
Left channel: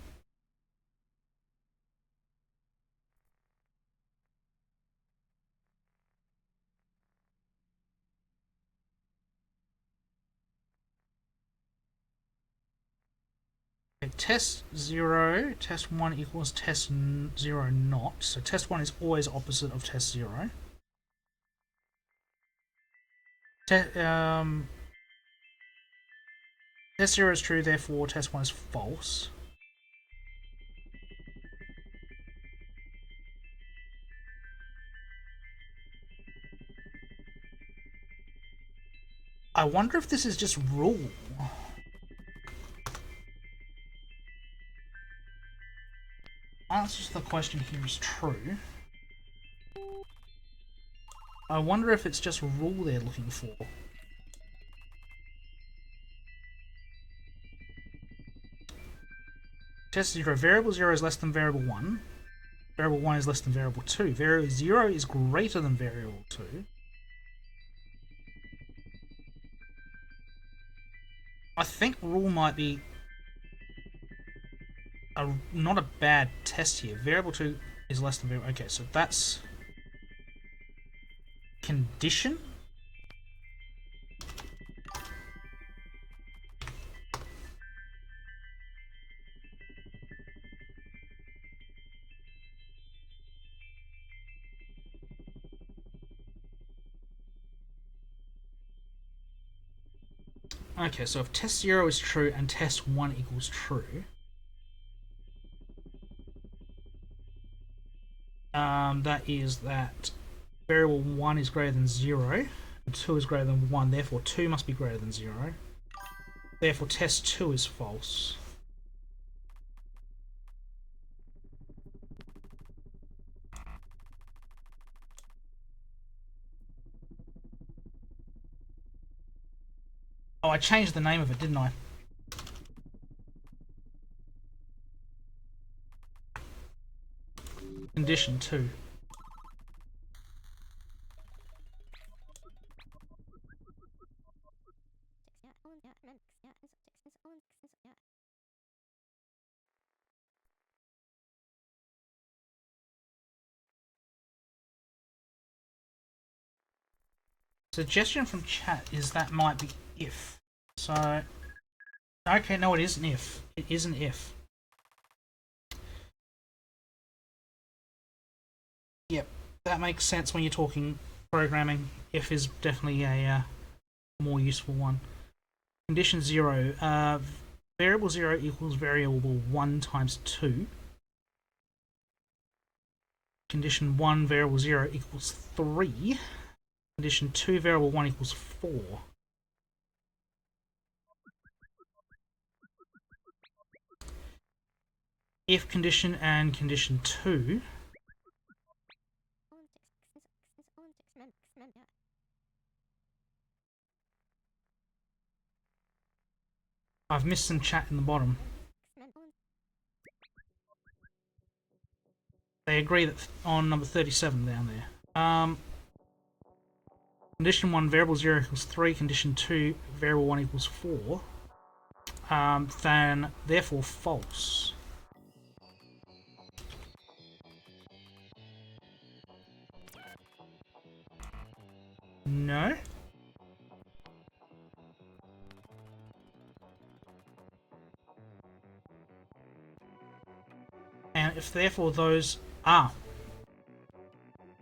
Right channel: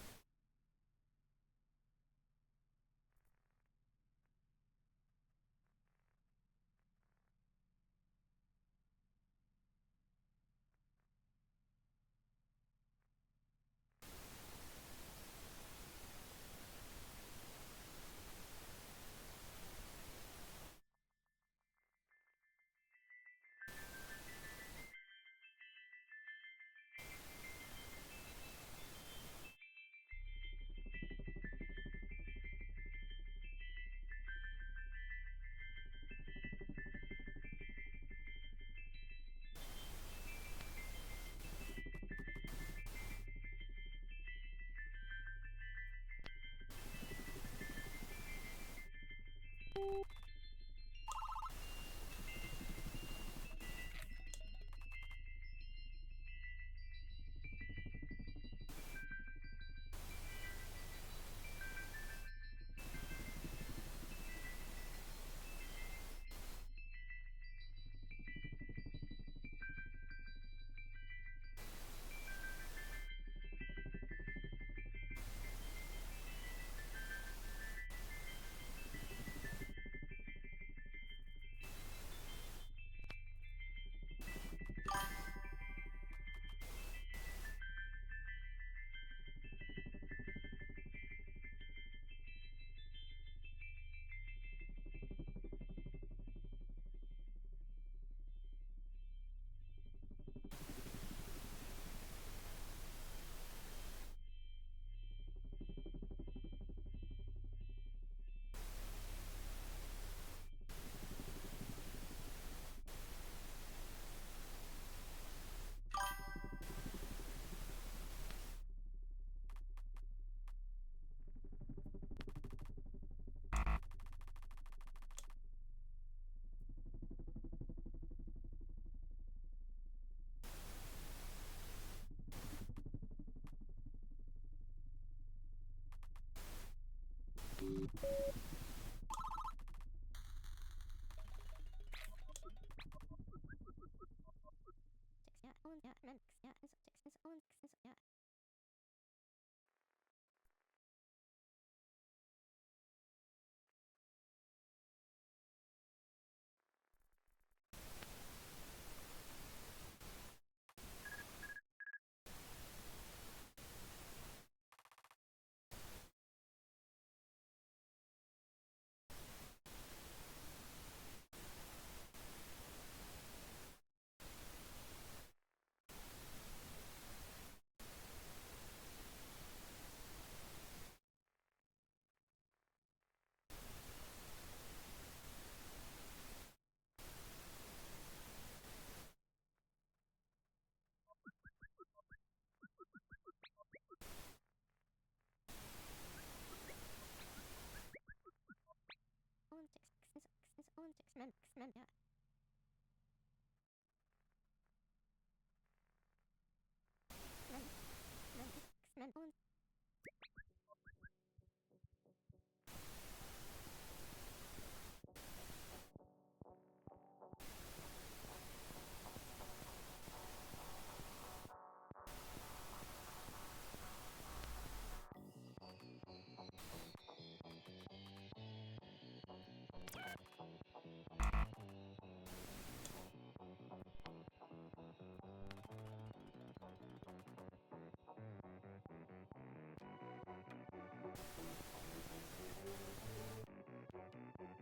Okay, test 0, test 1 equals test 0 not. So test 1 is always opposite of test 0. Test 0 is true, therefore test 1 is false. I wonder if this is just rule. Answer to the question here is true. I wonder if it's just rule they're looking for. Test 0. Variable 0 is less than variable 1. Variable 1 is less than variable 2. Variable 0 is greater than variable 2. I think rule might be not a bad test here. Variable 2 is less than variable... Okay, so that's... condition? Okay, so if test 0 is true and test 1 equals true, that is that variable 1 is greater than 0, and 2 is greater than 1, therefore 2 must be greater than 0. Therefore test 2 is false. Oh, I changed the name of it, didn't I? Condition 2. Suggestion from chat is that might be if. So, okay, no, it isn't if. It isn't if. Yep, that makes sense when you're talking programming. If is definitely a more useful one. Condition 0. Variable 0 equals variable 1 times 2. Condition 1, variable 0 equals 3. Condition 2, variable 1 equals 4. If condition and condition 2. I've missed some chat in the bottom. They agree that on number 37 down there. Condition 1, variable 0 equals 3. Condition 2, variable 1 equals 4. Then, therefore, false. No. And if therefore those are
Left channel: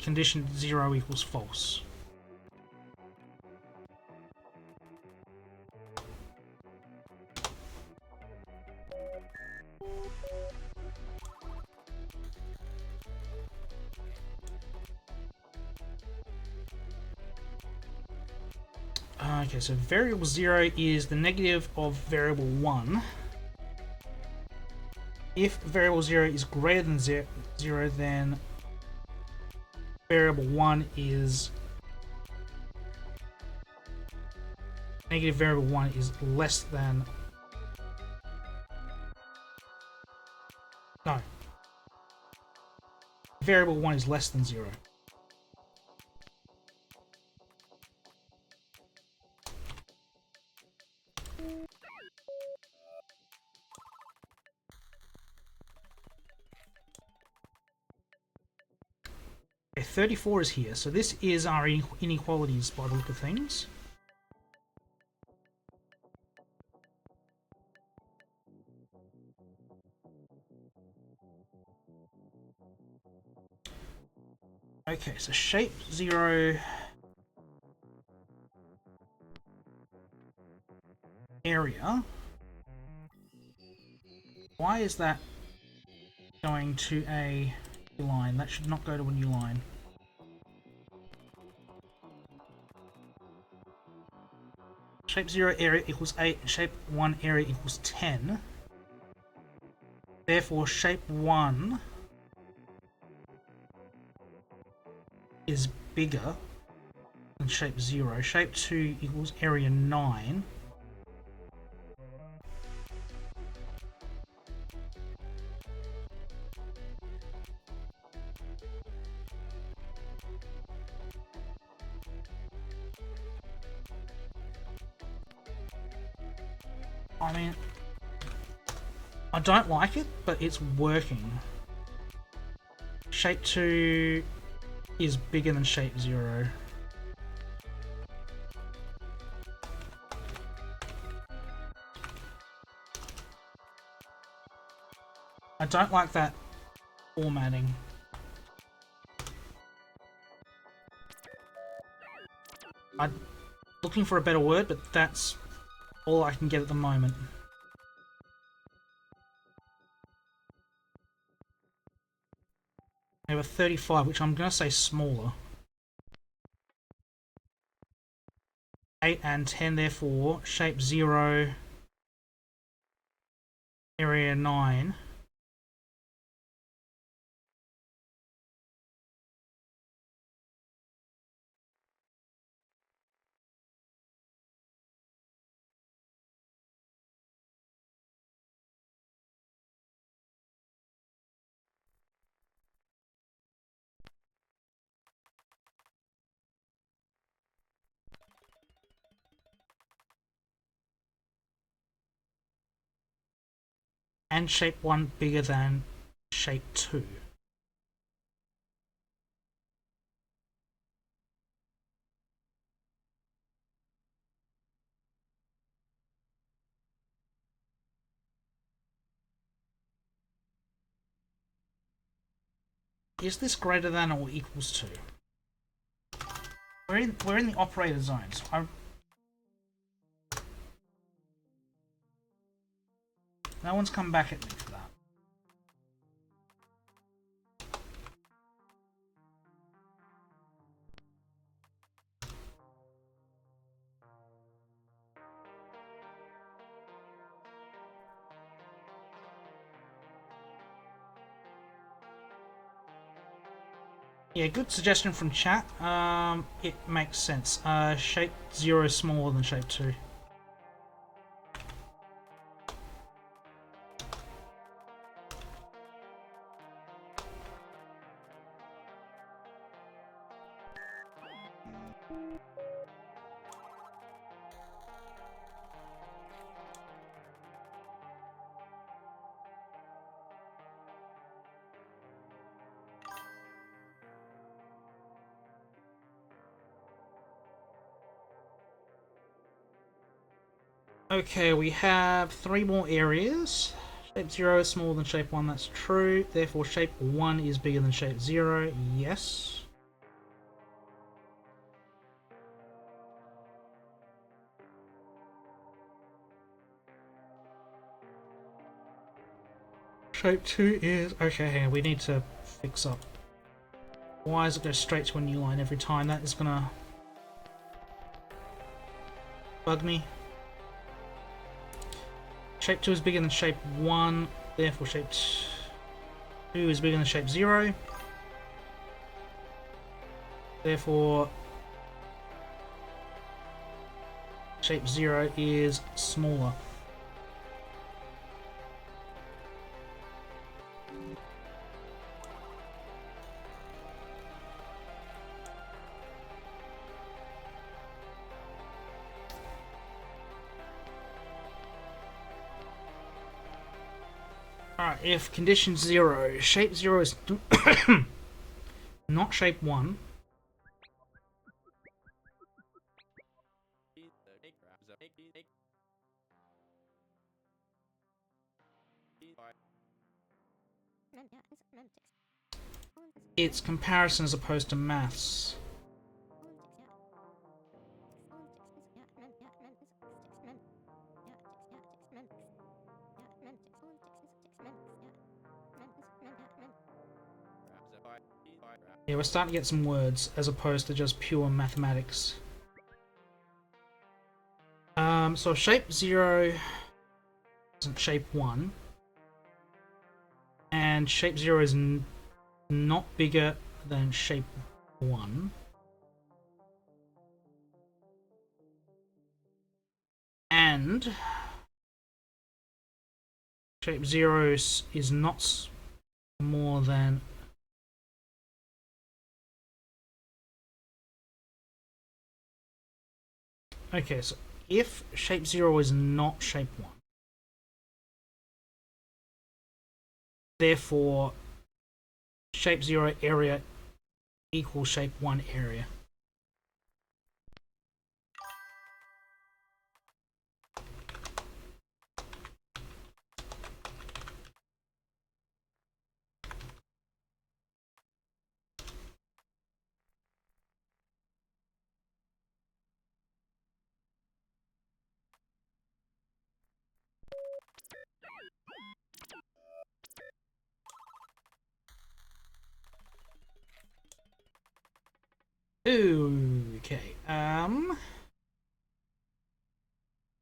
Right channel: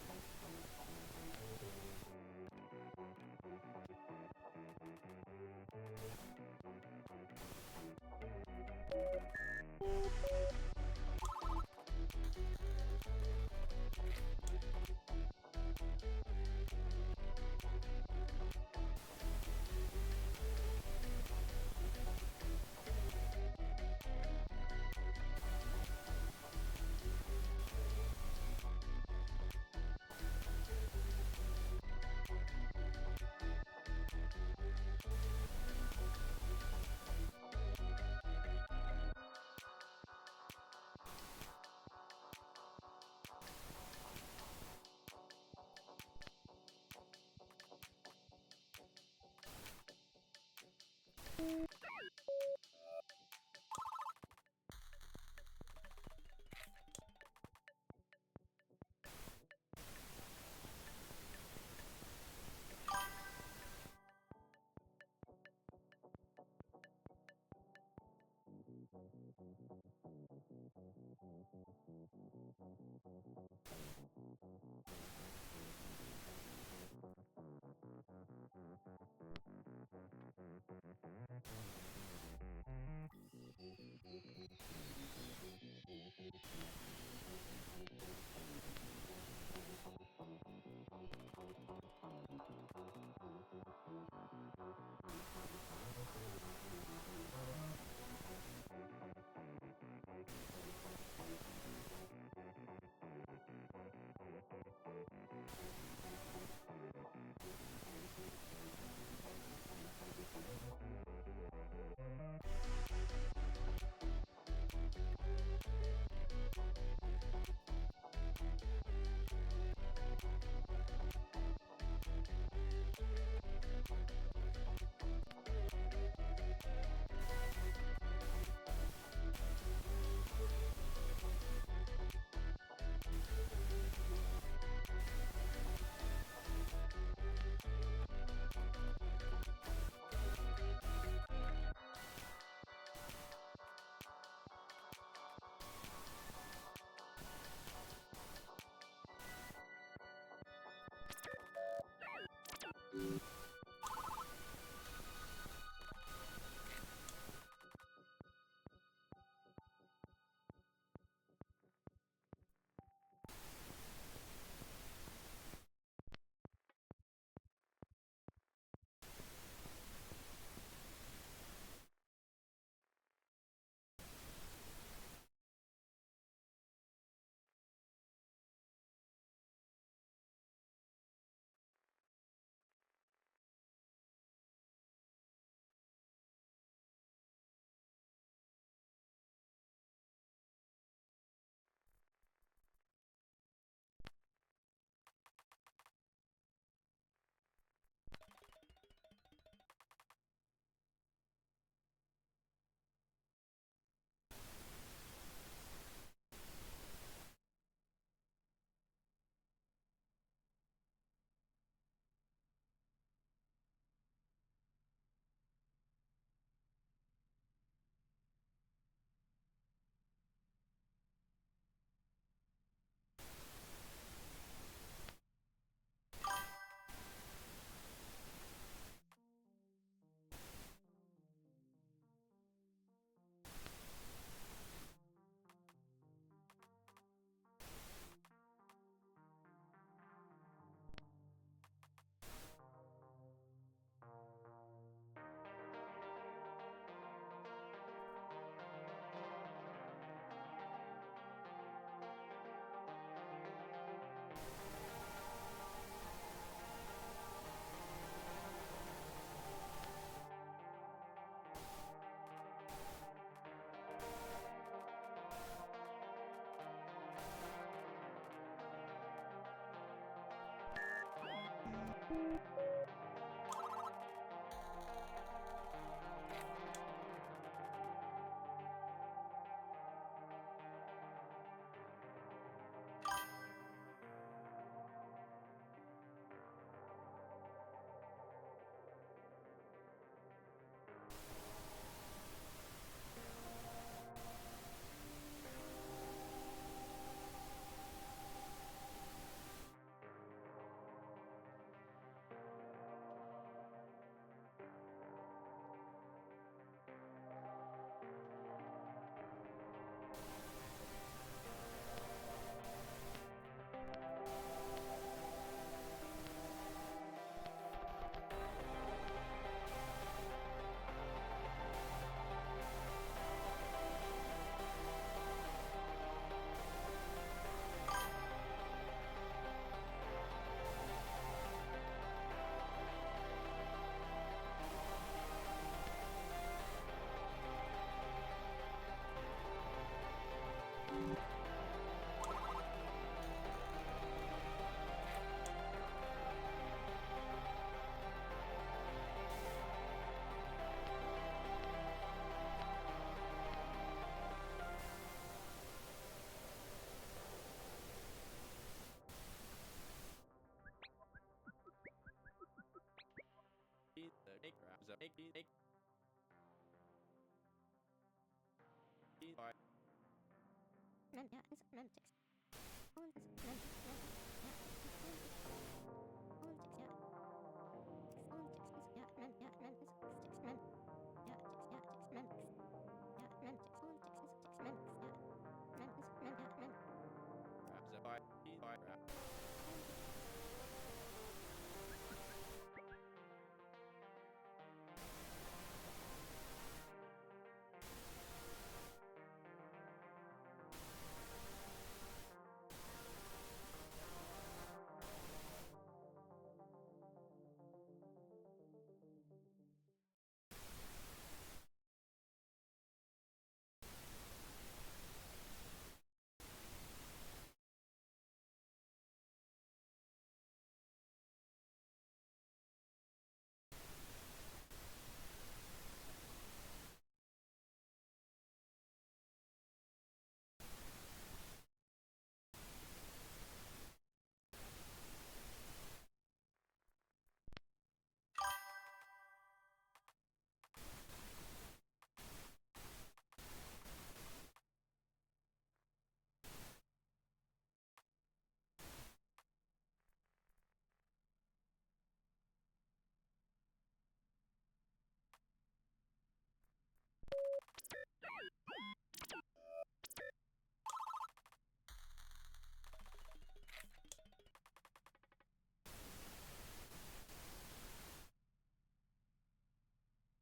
condition 0 equals false. Okay, so variable 0 is the negative of variable 1. If variable 0 is greater than 0, then variable 1 is negative variable 1 is less than... No. Variable 1 is less than 0. Okay, 34 is here, so this is our inequalities by the look of things. Okay, so shape 0 area. Why is that going to a line? That should not go to a new line. Shape 0 area equals 8, shape 1 area equals 10. Therefore, shape 1 is bigger than shape 0. Shape 2 equals area 9. I mean, I don't like it, but it's working. Shape 2 is bigger than shape 0. I don't like that formatting. I'm looking for a better word, but that's all I can get at the moment. We have a 35, which I'm going to say smaller. 8 and 10, therefore, shape 0, area 9. And shape 1 bigger than shape 2. Is this greater than or equals to? We're in the operator zones. No one's come back at me for that. Yeah, good suggestion from chat. It makes sense. Shape 0 is smaller than shape 2. Okay, we have 3 more areas. Shape 0 is smaller than shape 1, that's true. Therefore, shape 1 is bigger than shape 0, yes. Shape 2 is... Okay, we need to fix up. Why does it go straight to a new line every time? That is gonna bug me. Shape 2 is bigger than shape 1, therefore shape 2 is bigger than shape 0. Therefore, shape 0 is smaller. Alright, if condition 0, shape 0 is not shape 1, it's comparison as opposed to maths. Yeah, we're starting to get some words as opposed to just pure mathematics. So shape 0 isn't shape 1, and shape 0 is not bigger than shape 1. And shape 0 is not more than... Okay, so if shape 0 is not shape 1, therefore shape 0 area equals shape 1 area. Okay,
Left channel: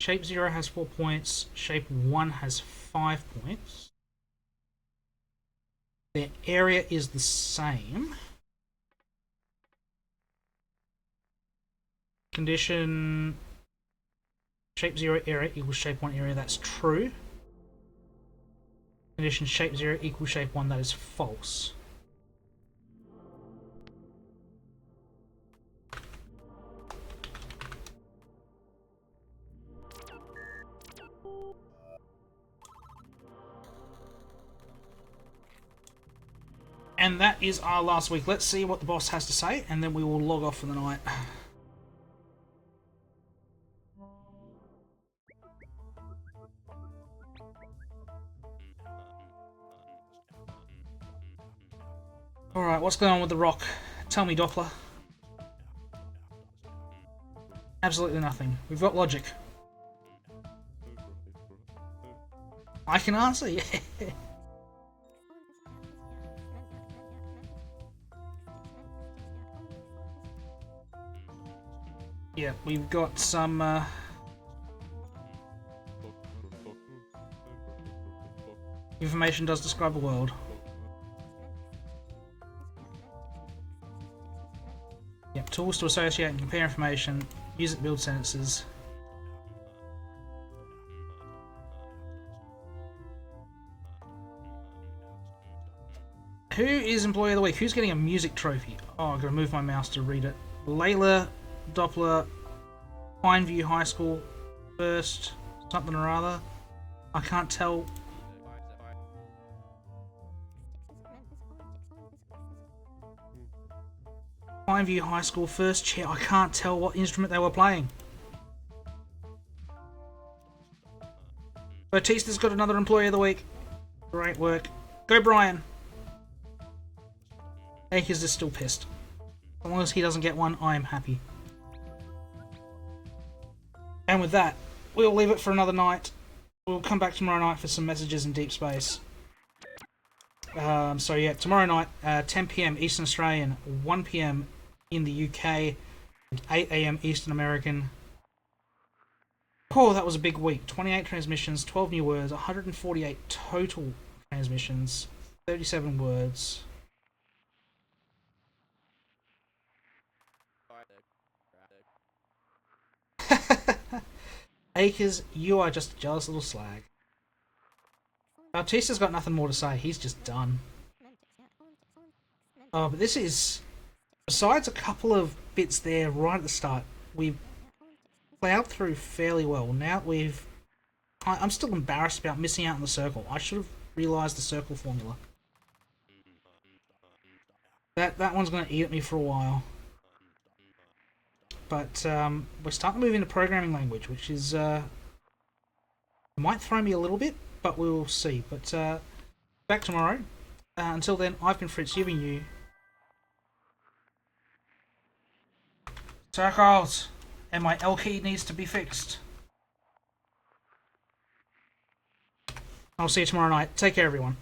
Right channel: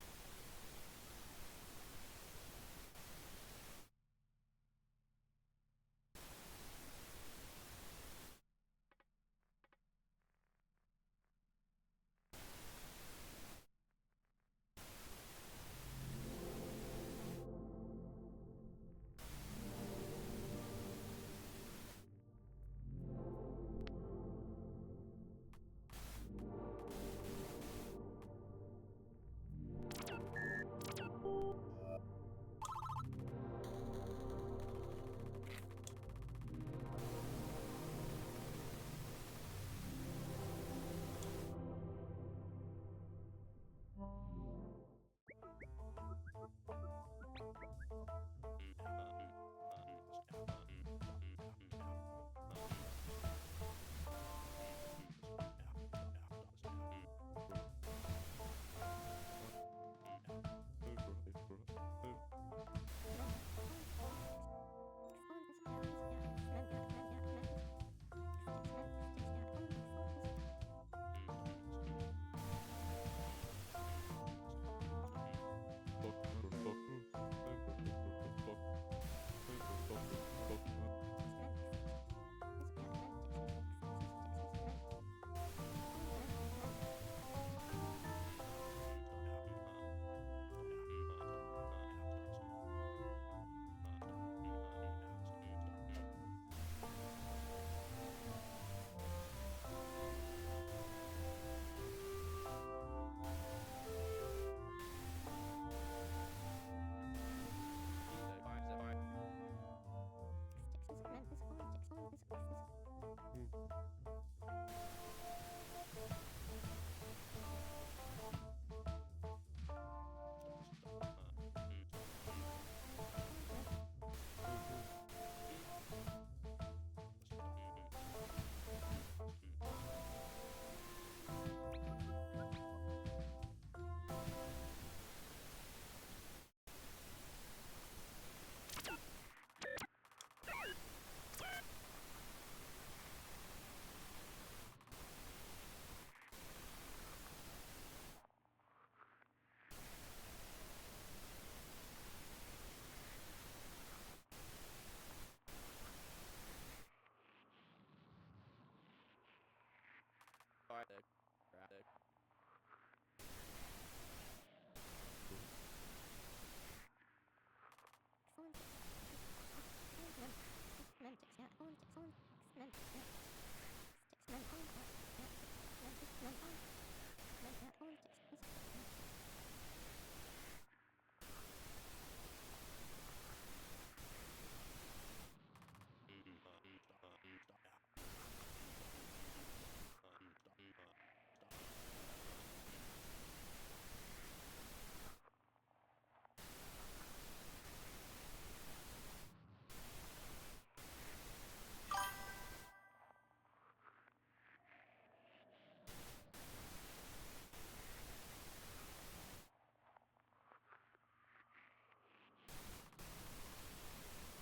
shape 0 has 4 points, shape 1 has 5 points. Their area is the same. Condition shape 0 area equals shape 1 area, that's true. Condition shape 0 equals shape 1, that is false. And that is our last week. Let's see what the boss has to say, and then we will log off for the night. Alright, what's going on with the rock? Tell me, Doppler. Absolutely nothing. We've got logic. I can answer, yeah. Yeah, we've got some information does describe the world. Yep, tools to associate and compare information, use it to build sentences. Who is Employee of the Week? Who's getting a music trophy? Oh, I've got to move my mouse to read it. Layla, Doppler, Pineview High School, first, something or other. I can't tell. Pineview High School, first chair. I can't tell what instrument they were playing. Batista's got another Employee of the Week. Great work. Go, Brian. Akers is still pissed. As long as he doesn't get one, I am happy. And with that, we'll leave it for another night. We'll come back tomorrow night for some messages in Deep Space. So yeah, tomorrow night, 10 PM Eastern Australian, 1 PM in the UK, 8 AM Eastern American. Oh, that was a big week. 28 transmissions, 12 new words, 148 total transmissions, 37 words. Akers, you are just a jealous little slag. Bautista's got nothing more to say. He's just done. Oh, but this is... Besides a couple of bits there right at the start, we've plowed through fairly well. Now we've... I'm still embarrassed about missing out on the circle. I should have realised the circle formula. That one's going to eat at me for a while. But we're starting to move into programming language, which is... might throw me a little bit, but we'll see. But back tomorrow. Until then, I've been Fritz, giving you... circles! And my L key needs to be fixed. I'll see you tomorrow night. Take care, everyone.